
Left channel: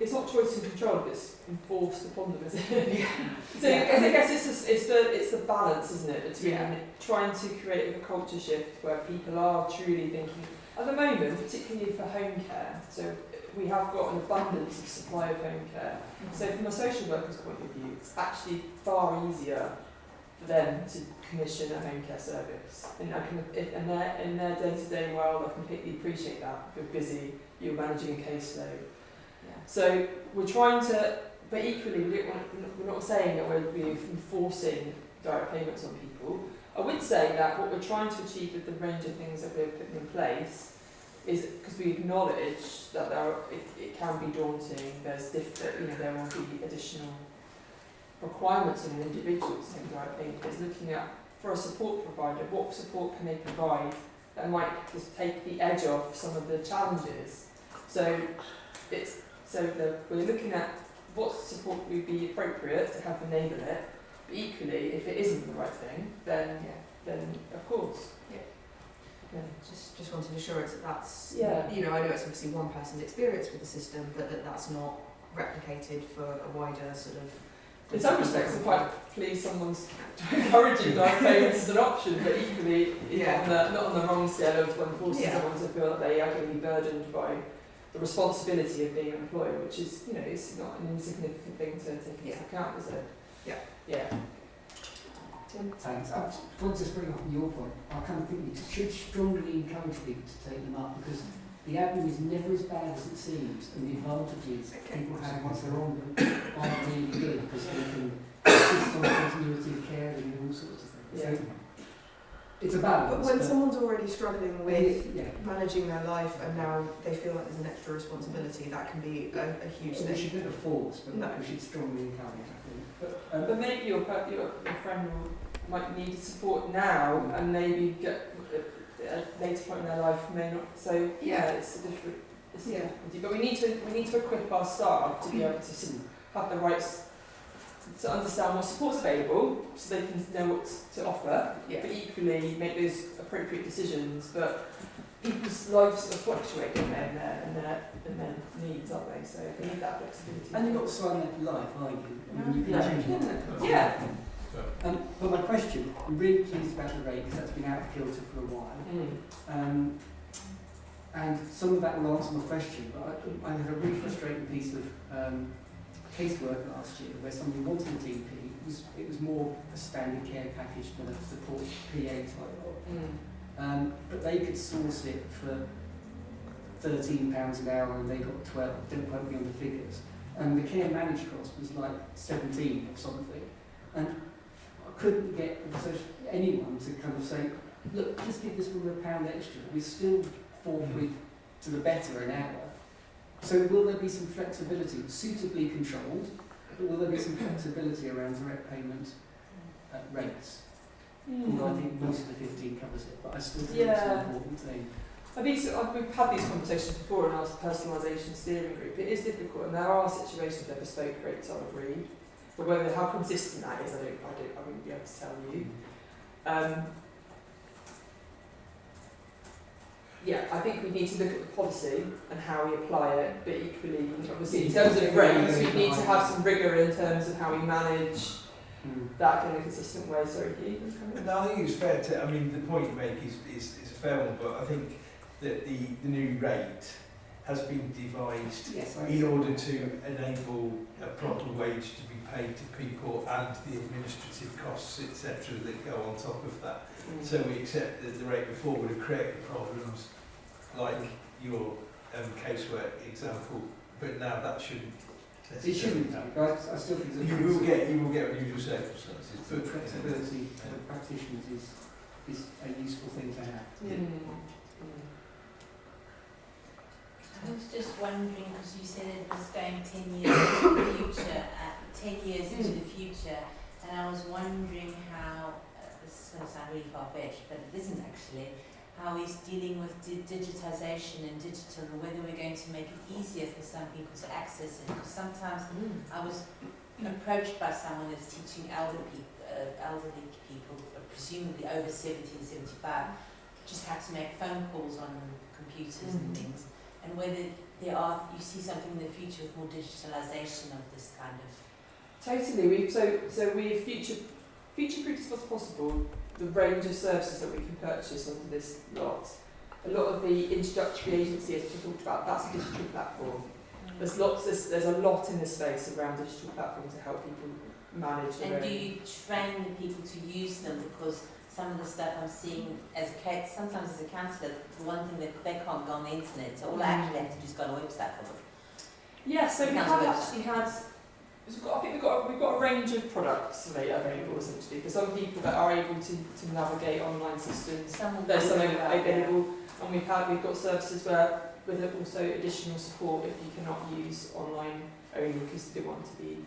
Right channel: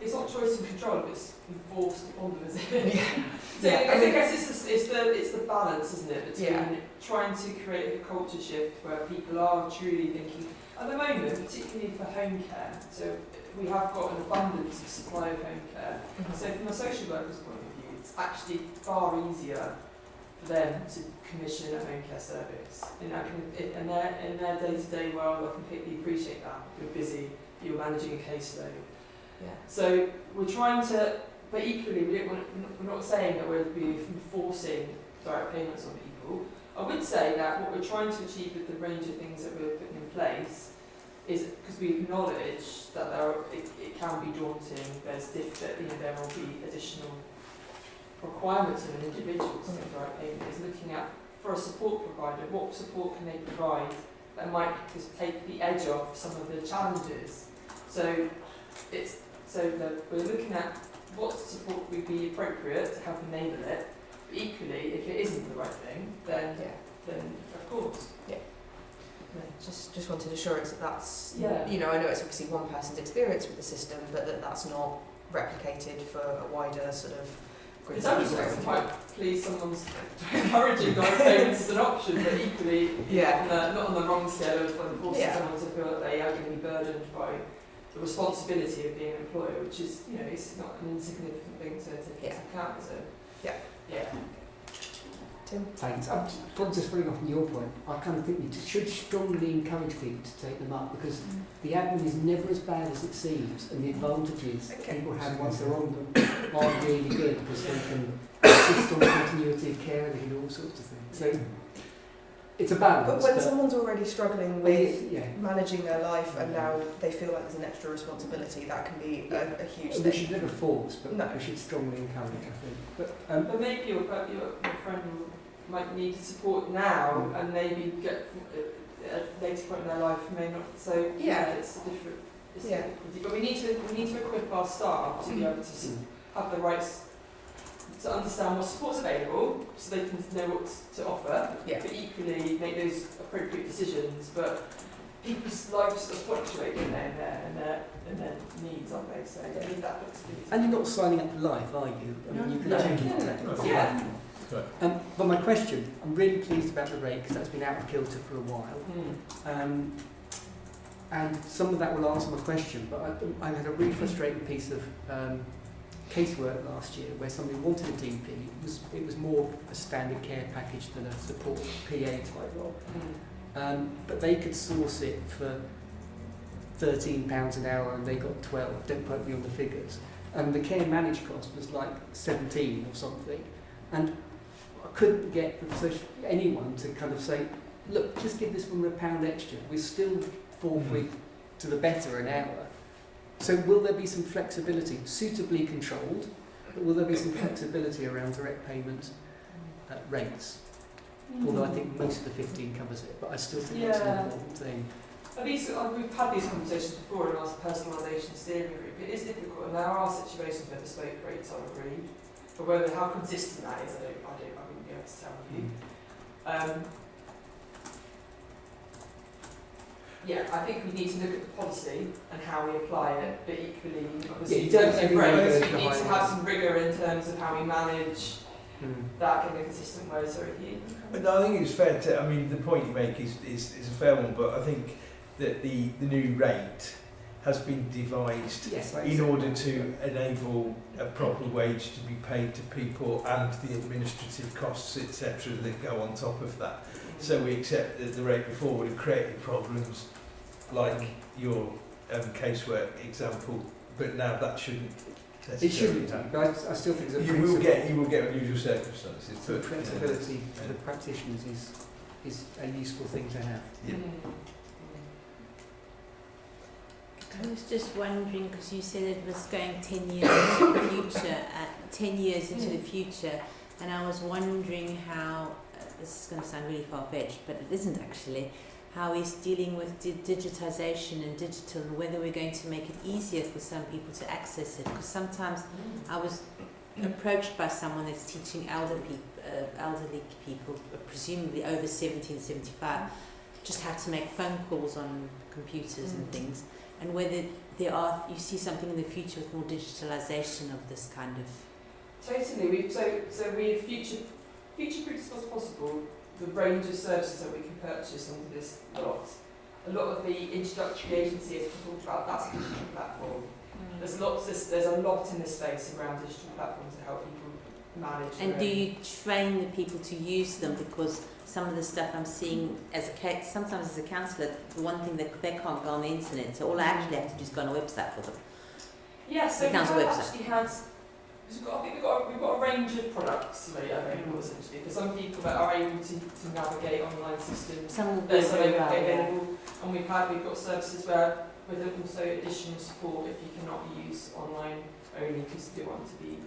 it's not choice and control, it's enforced upon them, is it? Yeah. So Yeah. I guess it's the balance, isn't it, between trying to create a culture shift where people are truly thinking, at the moment, particularly for home care, so we have got an abundance of supply of home care. So from a social worker's point of view, it's actually far easier for them to commission a home care service. And I can, if, in their day-to-day world, I completely appreciate that. You're busy, you're managing a caseload. Yeah. So we're trying to, but equally we're not saying that we're enforcing direct payments on people. I would say that what we're trying to achieve with the range of things that we're putting in place is because we acknowledge that it can be daunting. There's there will be additional requirements on an individual. Something direct payment is looking at, for a support provider, what support can they provide that might just take the edge off some of the challenges. So we're looking at what support would be appropriate to help enable it. But equally, if it isn't the right thing, then of course. Yeah. Just wanted assurance that that's, Yeah. you know, I know it's obviously one person's experience with the system, but that's not replicated for a wider sort of group. In some respects, I'm quite pleased someone's encouraging direct payments as an option, but equally, not on the wrong scale, I was forcing someone to feel that they are going to be burdened by the responsibility of being an employer, which is, you know, it's not an insignificant thing to take into account, is it? Yeah. Tim? Thanks. From just bring up on your point, I kind of think we should strongly encourage people to take them up because the admin is never as bad as it seems, and the advantages people have once they're on them aren't really good because they can assist on continuity of care and all sorts of things. So it's a balance. But when someone's already struggling with yeah. managing their life and now they feel like there's an extra responsibility, that can be a huge thing. We should never force, but no. we should strongly encourage, I think. But maybe your friend might need support now and maybe get at a later point in their life may not. So it's a different. It's a difficulty. But we need to equip our staff to be able to have the rights to understand what support's available, so they can know what to offer. Yeah. But equally make those appropriate decisions. But people's lives sort of fluctuate in their needs, aren't they? So they need that flexibility. And you're not signing up for life, are you? I mean, Yeah. But my question, I'm really pleased about the rate because that's been out of kilter for a while. And some of that will answer my question, but I had a really frustrating piece of casework last year where somebody wanted a DP. It was more a standard care package than a support PA type role. But they could source it for £13 an hour and they got 12, don't quote me on the figures. And the care managed cost was like 17 or something. And I couldn't get anyone to kind of say, look, just give this woman £1 extra. We're still 4 quid to the better an hour. So will there be some flexibility, suitably controlled, but will there be some flexibility around direct payment rates? Although I think most of the 15 covers it, but I still think it's an important thing. We've had these conversations before in our personalisation steering group. It is difficult, and there are situations where bespoke rates are agreed, but whether how consistent that is, I wouldn't be able to tell you. I think we need to look at the policy and how we apply it, but equally, obviously, in terms of rates, we need to have some rigour in terms of how we manage that in a consistent way. Sorry, Hugh. No, I think it's fair to. I mean, the point you make is a fair one, but I think that the new rate has been devised in order to enable a proper wage to be paid to people and the administrative costs, etc., that go on top of that. So we accept that the rate before would have created problems like your casework example, but now that shouldn't. It shouldn't do, but I still think you will get unusual circumstances. So flexibility for practitioners is a useful thing to have. I was just wondering, because you said it was going 10 years into the future, 10 years into the future, and I was wondering how, this is going to sound really far-fetched, but it isn't actually, how he's dealing with digitisation and digital, whether we're going to make it easier for some people to access it. Because sometimes I was approached by someone that's teaching elderly people, presumably over 70 and 75, just had to make phone calls on computers and things. And whether you see something in the future with more digitalisation of this kind of. Totally. So we've future-proofed as much as possible the range of services that we can purchase onto this lot. A lot of the introductory agency, as we talked about, that's a digital platform. There's a lot in the space around digital platforms to help people manage. And their do own- you train the people to use them? Because some of the stuff I'm seeing as sometimes as a counsellor, the one thing that they can't go on the internet, so all I actually have to do is go on a website for them. Yeah, so we've Council website. actually had, I think we've got a range of products made available essentially for some people that are able to navigate online systems. Some will be There's some very well, yeah. available, and we've got services where with also additional support if you cannot use online only because you don't want to be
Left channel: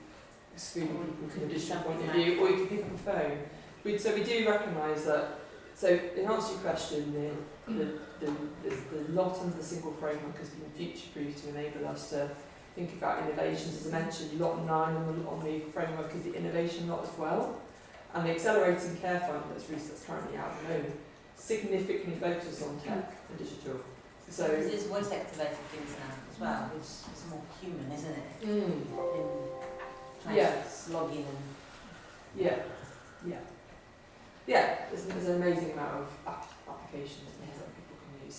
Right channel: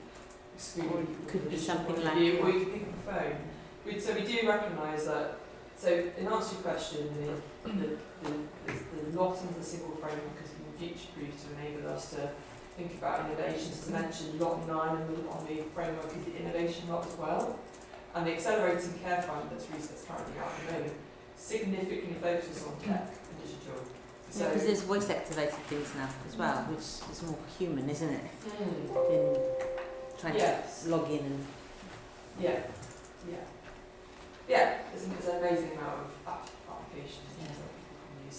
excluded Or from could be additional something point of like- view, or you can pick up the phone. So we do recognise that. So in answer to your question, the lot under the single framework has been future-proof to enable us to think about innovations. As I mentioned, lot 9 on the framework is the innovation lot as well. And the Accelerating Care Fund that's currently out at the moment significantly focuses on tech and digital. So Because there's voice activated things now as well, which is more human, isn't it? Than trying yes. to log in and There's an amazing amount of applications and things that people can use.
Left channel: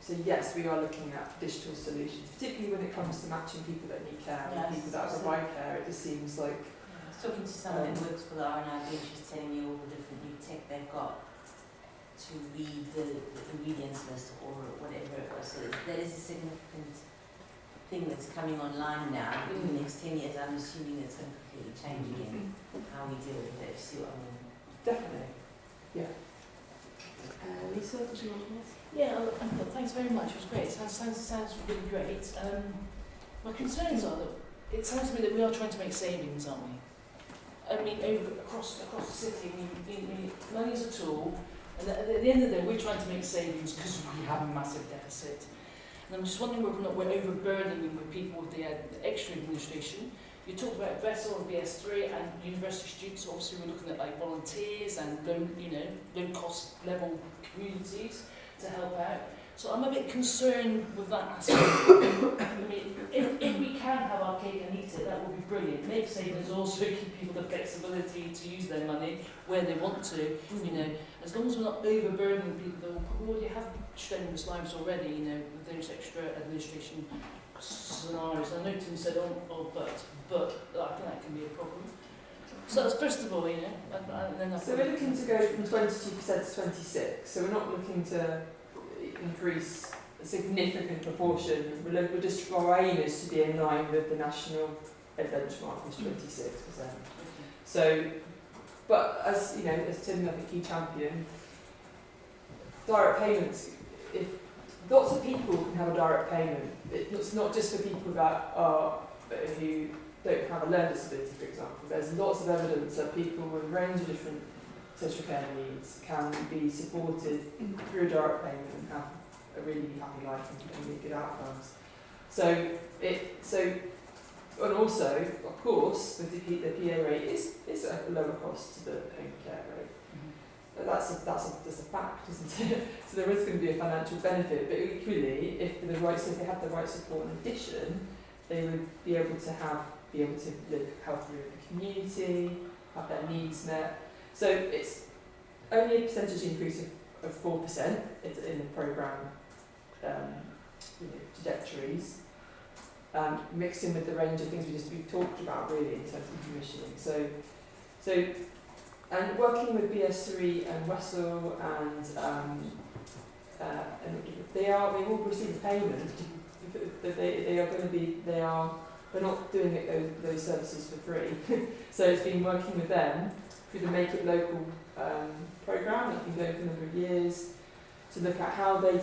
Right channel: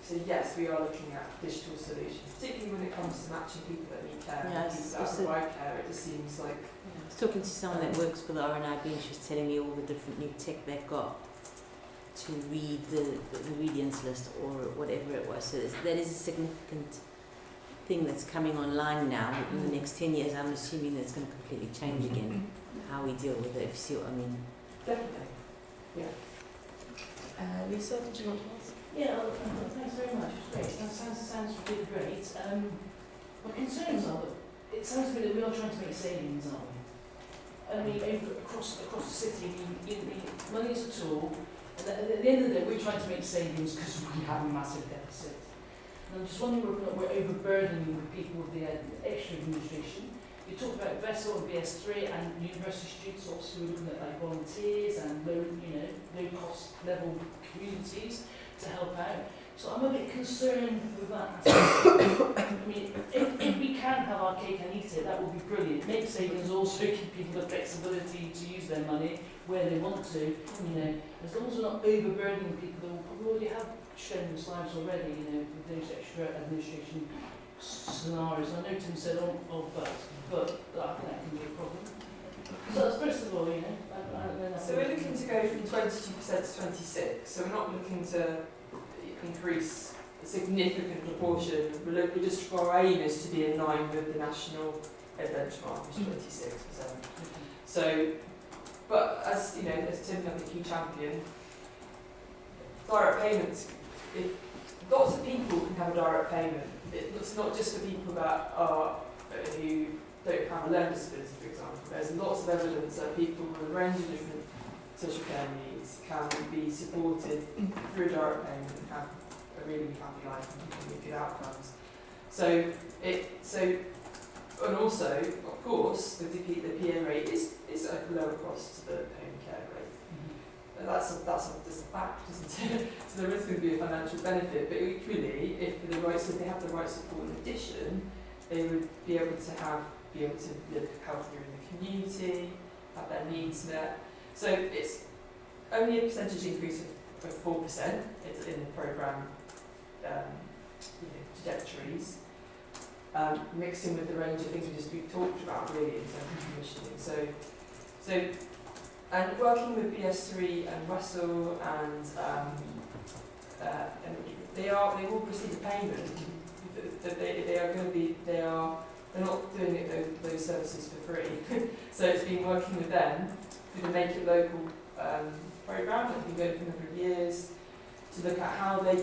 So yes, we are looking at digital solutions, particularly when it comes to matching people that need care and Yes, people that also- provide care. It just seems like I was talking to someone that works for the RNIB and she was telling me all the different new tech they've got to read the ingredients list or whatever it was. So there is a significant thing that's coming online now. In the next 10 years, I'm assuming that's going to completely change again, how we deal with it, if you see what I mean. definitely. Lisa, did you want to ask? Yeah, thanks very much. It was great. Sounds really great. My concerns are that it sounds to me that we are trying to make savings, aren't we? I mean, across the city, money is a tool, and at the end of the day, we're trying to make savings because we have a massive deficit. And I'm just wondering whether or not we're overburdening with people with the extra administration. We talked about Vessel and BS3 and university students, so obviously we're looking at like volunteers and low cost level communities to help out. So I'm a bit concerned with that aspect. I mean, if we can have our cake and eat it, that would be brilliant. Make savings also give people the flexibility to use their money where they want to, as long as we're not overburdening people. We already have strenuous lives already, with those extra administration scenarios. I know Tim said, but I think that can be a problem. So that's first of all, So we're looking to go from 22% to 26%. So we're not looking to increase a significant proportion. Our aim is to be in line with the national benchmark, which is 26%. So, but as Tim, I think, key champion, direct payments. If lots of people can have a direct payment, it's not just for people that who don't have a learning disability, for example. There's lots of evidence that people with a range of different social care needs can be supported through direct payment and have a really happy life and really good outcomes. And also, of course, the PA rate is at a lower cost to the home care rate. But that's a fact, isn't it? So there is going to be a financial benefit, but equally, if they have the right support in addition, they would be able to live healthier in the community, have their needs met. So it's only a percentage increase of 4% in the programme trajectories, mixed in with the range of things we've talked about really in terms of commissioning. And working with BS3 and Russell and they've all received a payment. They're not doing those services for free. So it's been working with them through the Make It Local programme that's been going for a number of years to look at how they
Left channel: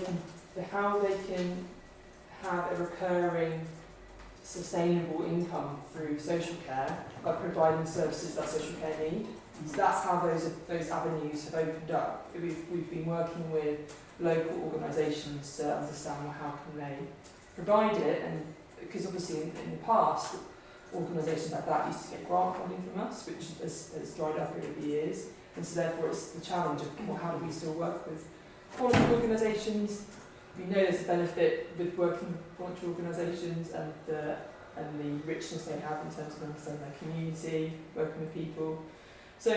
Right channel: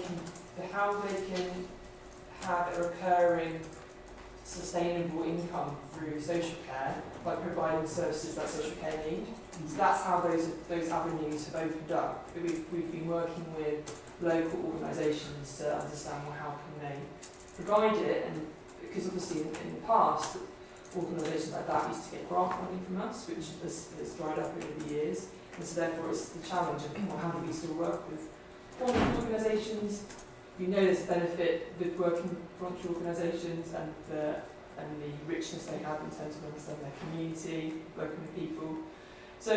can have a recurring sustainable income through social care by providing services that social care need. So that's how those avenues have opened up. We've been working with local organisations to understand how can they provide it, and because obviously in the past organisations like that used to get grant funding from us, which has dried up over the years, and so therefore it's the challenge of how do we still work with voluntary organisations. We know there's a benefit with working with voluntary organisations and the richness they have in terms of understanding their community, working with people. So,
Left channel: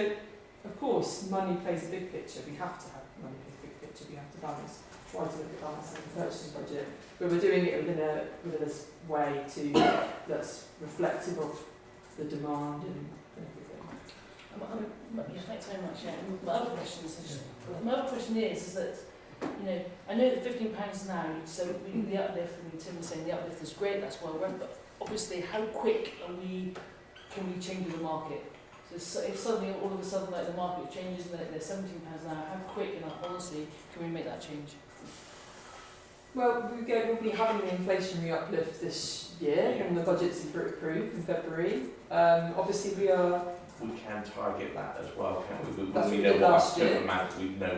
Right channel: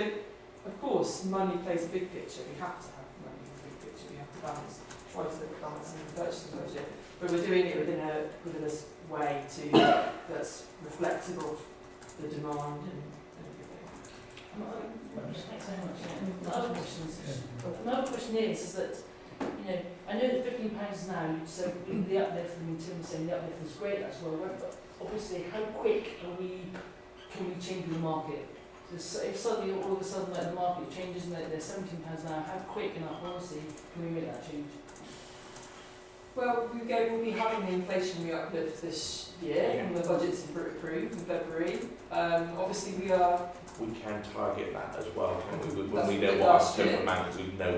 of course, money plays a big picture. We have to have money in the big picture. We have to try to look at balancing the purchasing budget. But we're doing it within a way that's reflective of the demand and everything. Thanks very much. My other question is that, you know, I know that £15 now, so the uplift, I mean, Tim was saying the uplift is great, that's well run, but obviously how quick can we change the market? So if suddenly, all of a sudden, like, the market changes and they're £17 now, how quick in our policy can we make that change? Well, we'll be having the inflationary uplift this year, and the budget's approved in February. Obviously, we can target that as well, can we? That's When we what we know did what our last year. certain amount, we know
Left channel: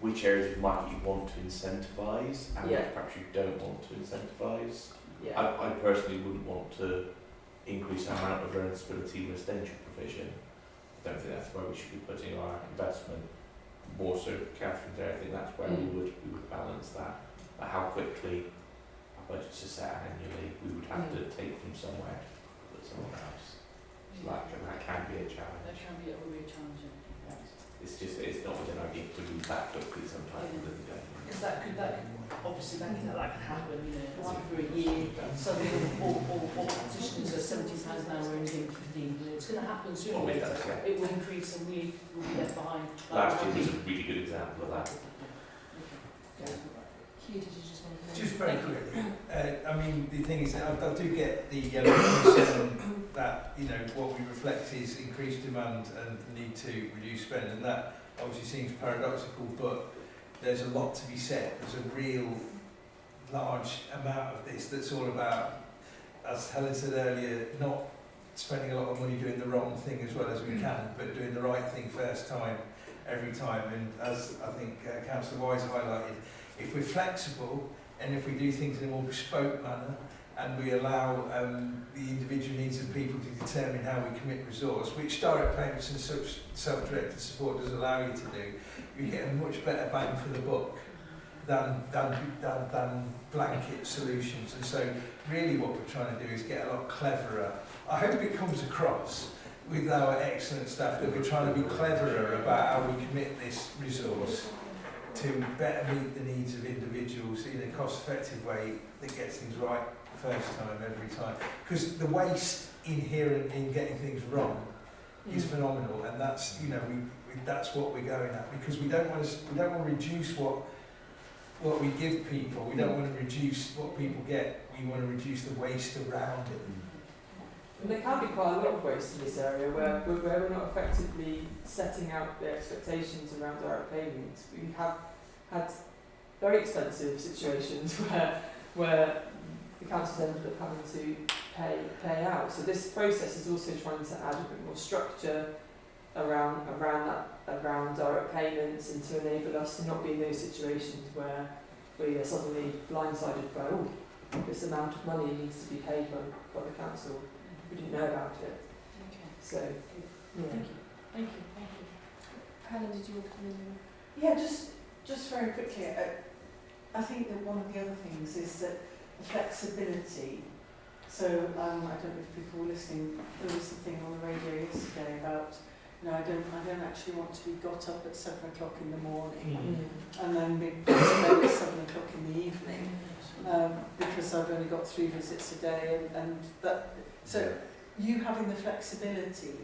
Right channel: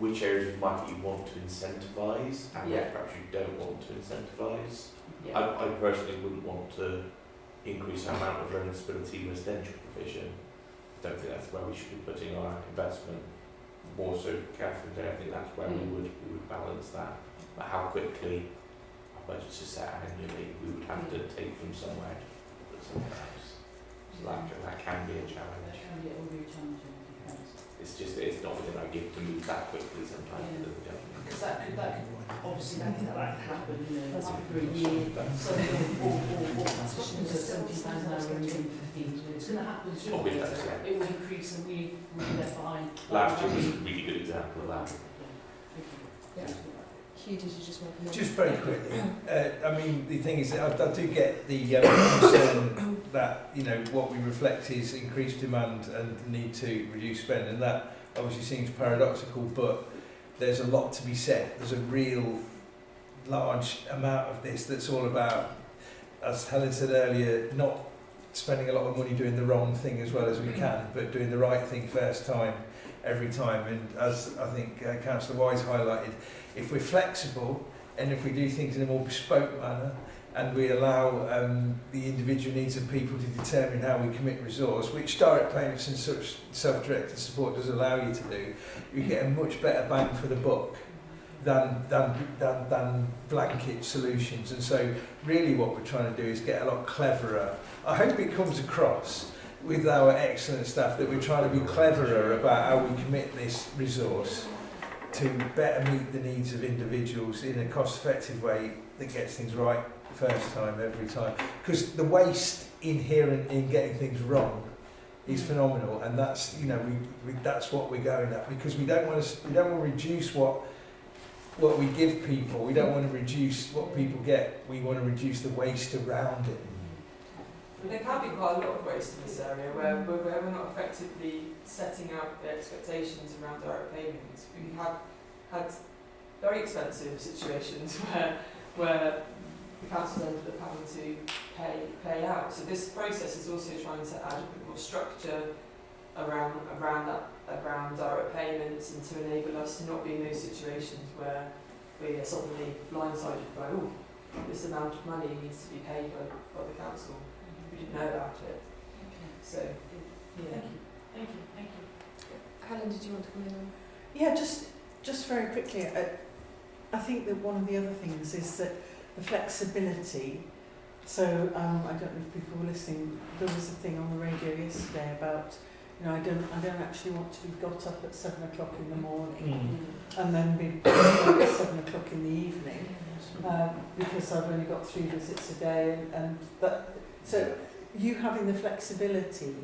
which areas might you want to incentivise and Yeah. which perhaps you don't want to incentivise. yeah. I personally wouldn't want to increase the amount of learning disability residential provision. I don't think that's where we should be putting our investment. More so, Catherine, I think that's where we would balance that. But how quickly our budgets are set annually, we would have to take from somewhere to put somewhere else. So that can be a challenge. It will be a challenge. It's not within our gift to move that quickly sometimes. Because that could obviously that could happen, you know, after a year, suddenly all practitioners are £17 an hour and doing 15, you know, it's going to happen sooner or later. It will increase and we will be left behind. Last year was a really good example of that. Hugh, did you just want to... Just very quickly, I mean, the thing is that I do get the concern that, you know, what we reflect is increased demand and the need to reduce spend, and that obviously seems paradoxical, but there's a lot to be said. There's a real large amount of this that's all about, as Helen said earlier, not spending a lot of money doing the wrong thing as well as we can, but doing the right thing first time, every time. And as I think Councillor Wise highlighted, if we're flexible and if we do things in a more bespoke manner and we allow the individual needs of people to determine how we commit resource, which direct payments and such self-directed support does allow you to do, you get a much better bang for the buck than blanket solutions. And so really what we're trying to do is get a lot cleverer. I hope it comes across with our excellent staff that we're trying to be cleverer about how we commit this resource to better meet the needs of individuals in a cost-effective way that gets things right first time, every time. Because the waste inherent in getting things wrong is phenomenal, and that's, you know, that's what we're going at, because we don't want to reduce what we give people. We don't want to reduce what people get. We want to reduce the waste around it. And there can be quite a lot of waste in this area where we're not effectively setting out the expectations around direct payments. We have had very expensive situations where the council ended up having to pay out. So this process is also trying to add a bit more structure around direct payments, and to enable us to not be in those situations where we are suddenly blindsided by, oh, this amount of money needs to be paid by the council. We didn't know about it. Okay. So, yeah. Thank you. Helen, did you want to come in on? Yeah, just very quickly, I think that one of the other things is that the flexibility. So I don't know if people were listening. There was a thing on the radio yesterday about, you know, I don't actually want to be got up at 7 o'clock in the morning and then be at 7 o'clock in the evening because I've only got 3 visits a day, and that. So you having the flexibility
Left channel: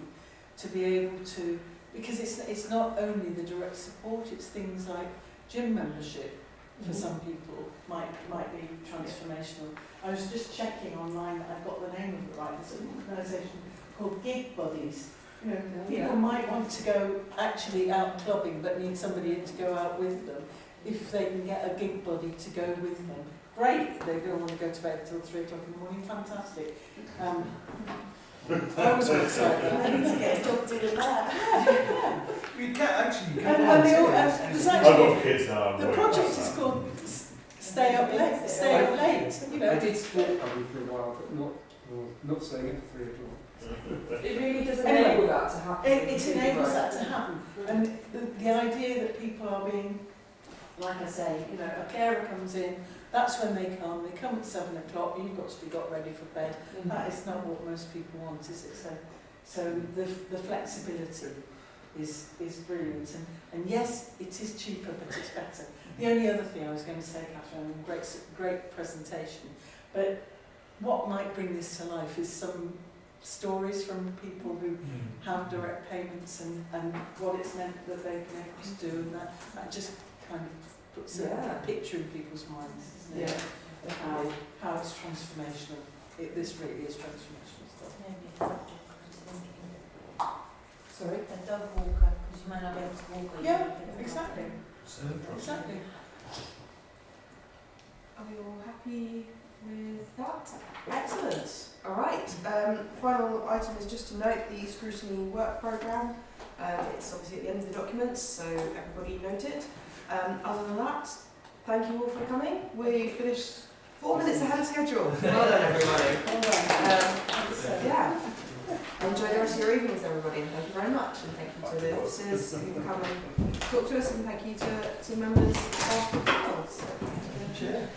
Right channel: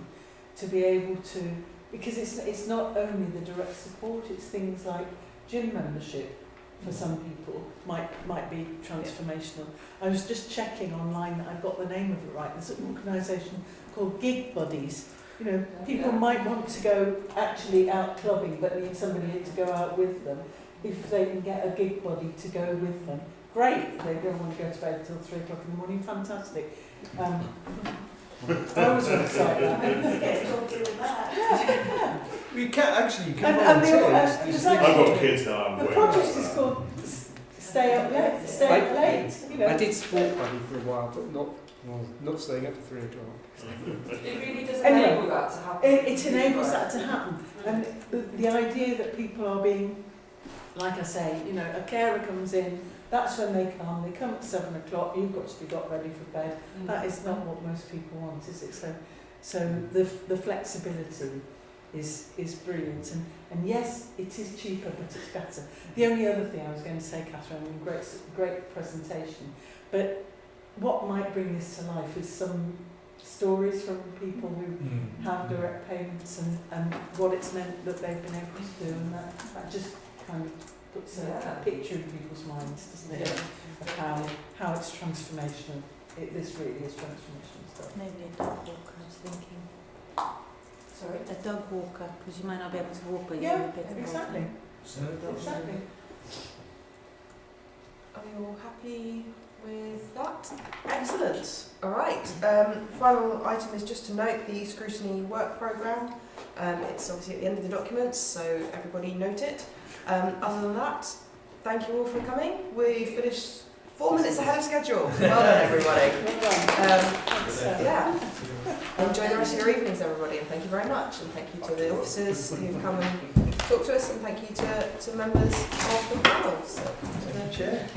to be able to, because it's not only the direct support, it's things like gym membership for some people might be transformational. I was just checking online that I've got the name of it right. There's an organisation called Gig Buddies. You know, people might want to go actually out clubbing but need somebody to go out with them. If they can get a gig buddy to go with them, great. They don't want to go to bed until 3 o'clock in the morning, fantastic. I always want to say that. I need to get a job doing that. Yeah. You can actually, you can And volunteer. there's I've actually, got kids now. I'm the worried project about is that. called Stay Up Late. You know. I did sport buddy for a while, but not staying up to 3 o'clock. It really does Anyway, enable that to happen. It enables that to happen. And the idea that people are being, like I say, you know, a carer comes in, that's when they come at 7 o'clock, you've got to be got ready for bed. That is not what most people want, is it? So the flexibility is brilliant. And yes, it is cheaper, but it's better. The only other thing I was going to say, Catherine, great presentation, but what might bring this to life is some stories from people who have direct payments and what it's meant that they've been able to do, and that just kind of puts Yeah. a picture in people's minds, doesn't it, of how it's transformational. This really is transformational stuff. Maybe a dog walker, I was thinking. Sorry? A dog walker, because you might not be able to walk where you Yeah, want to be. exactly. So, Exactly. Are we all happy with that? Excellent. All right. Final item is just to note the scrutiny work programme. It's obviously at the end of the documents, so everybody note it. Other than that, thank you all for coming. We finished 4 minutes ahead of schedule. Well done, everybody. Well done. Yeah. Enjoy the rest of your evenings, everybody. Thank you very much, and thank you to the officers who've come and talked to us, and thank you to members of the panel. So, Chair.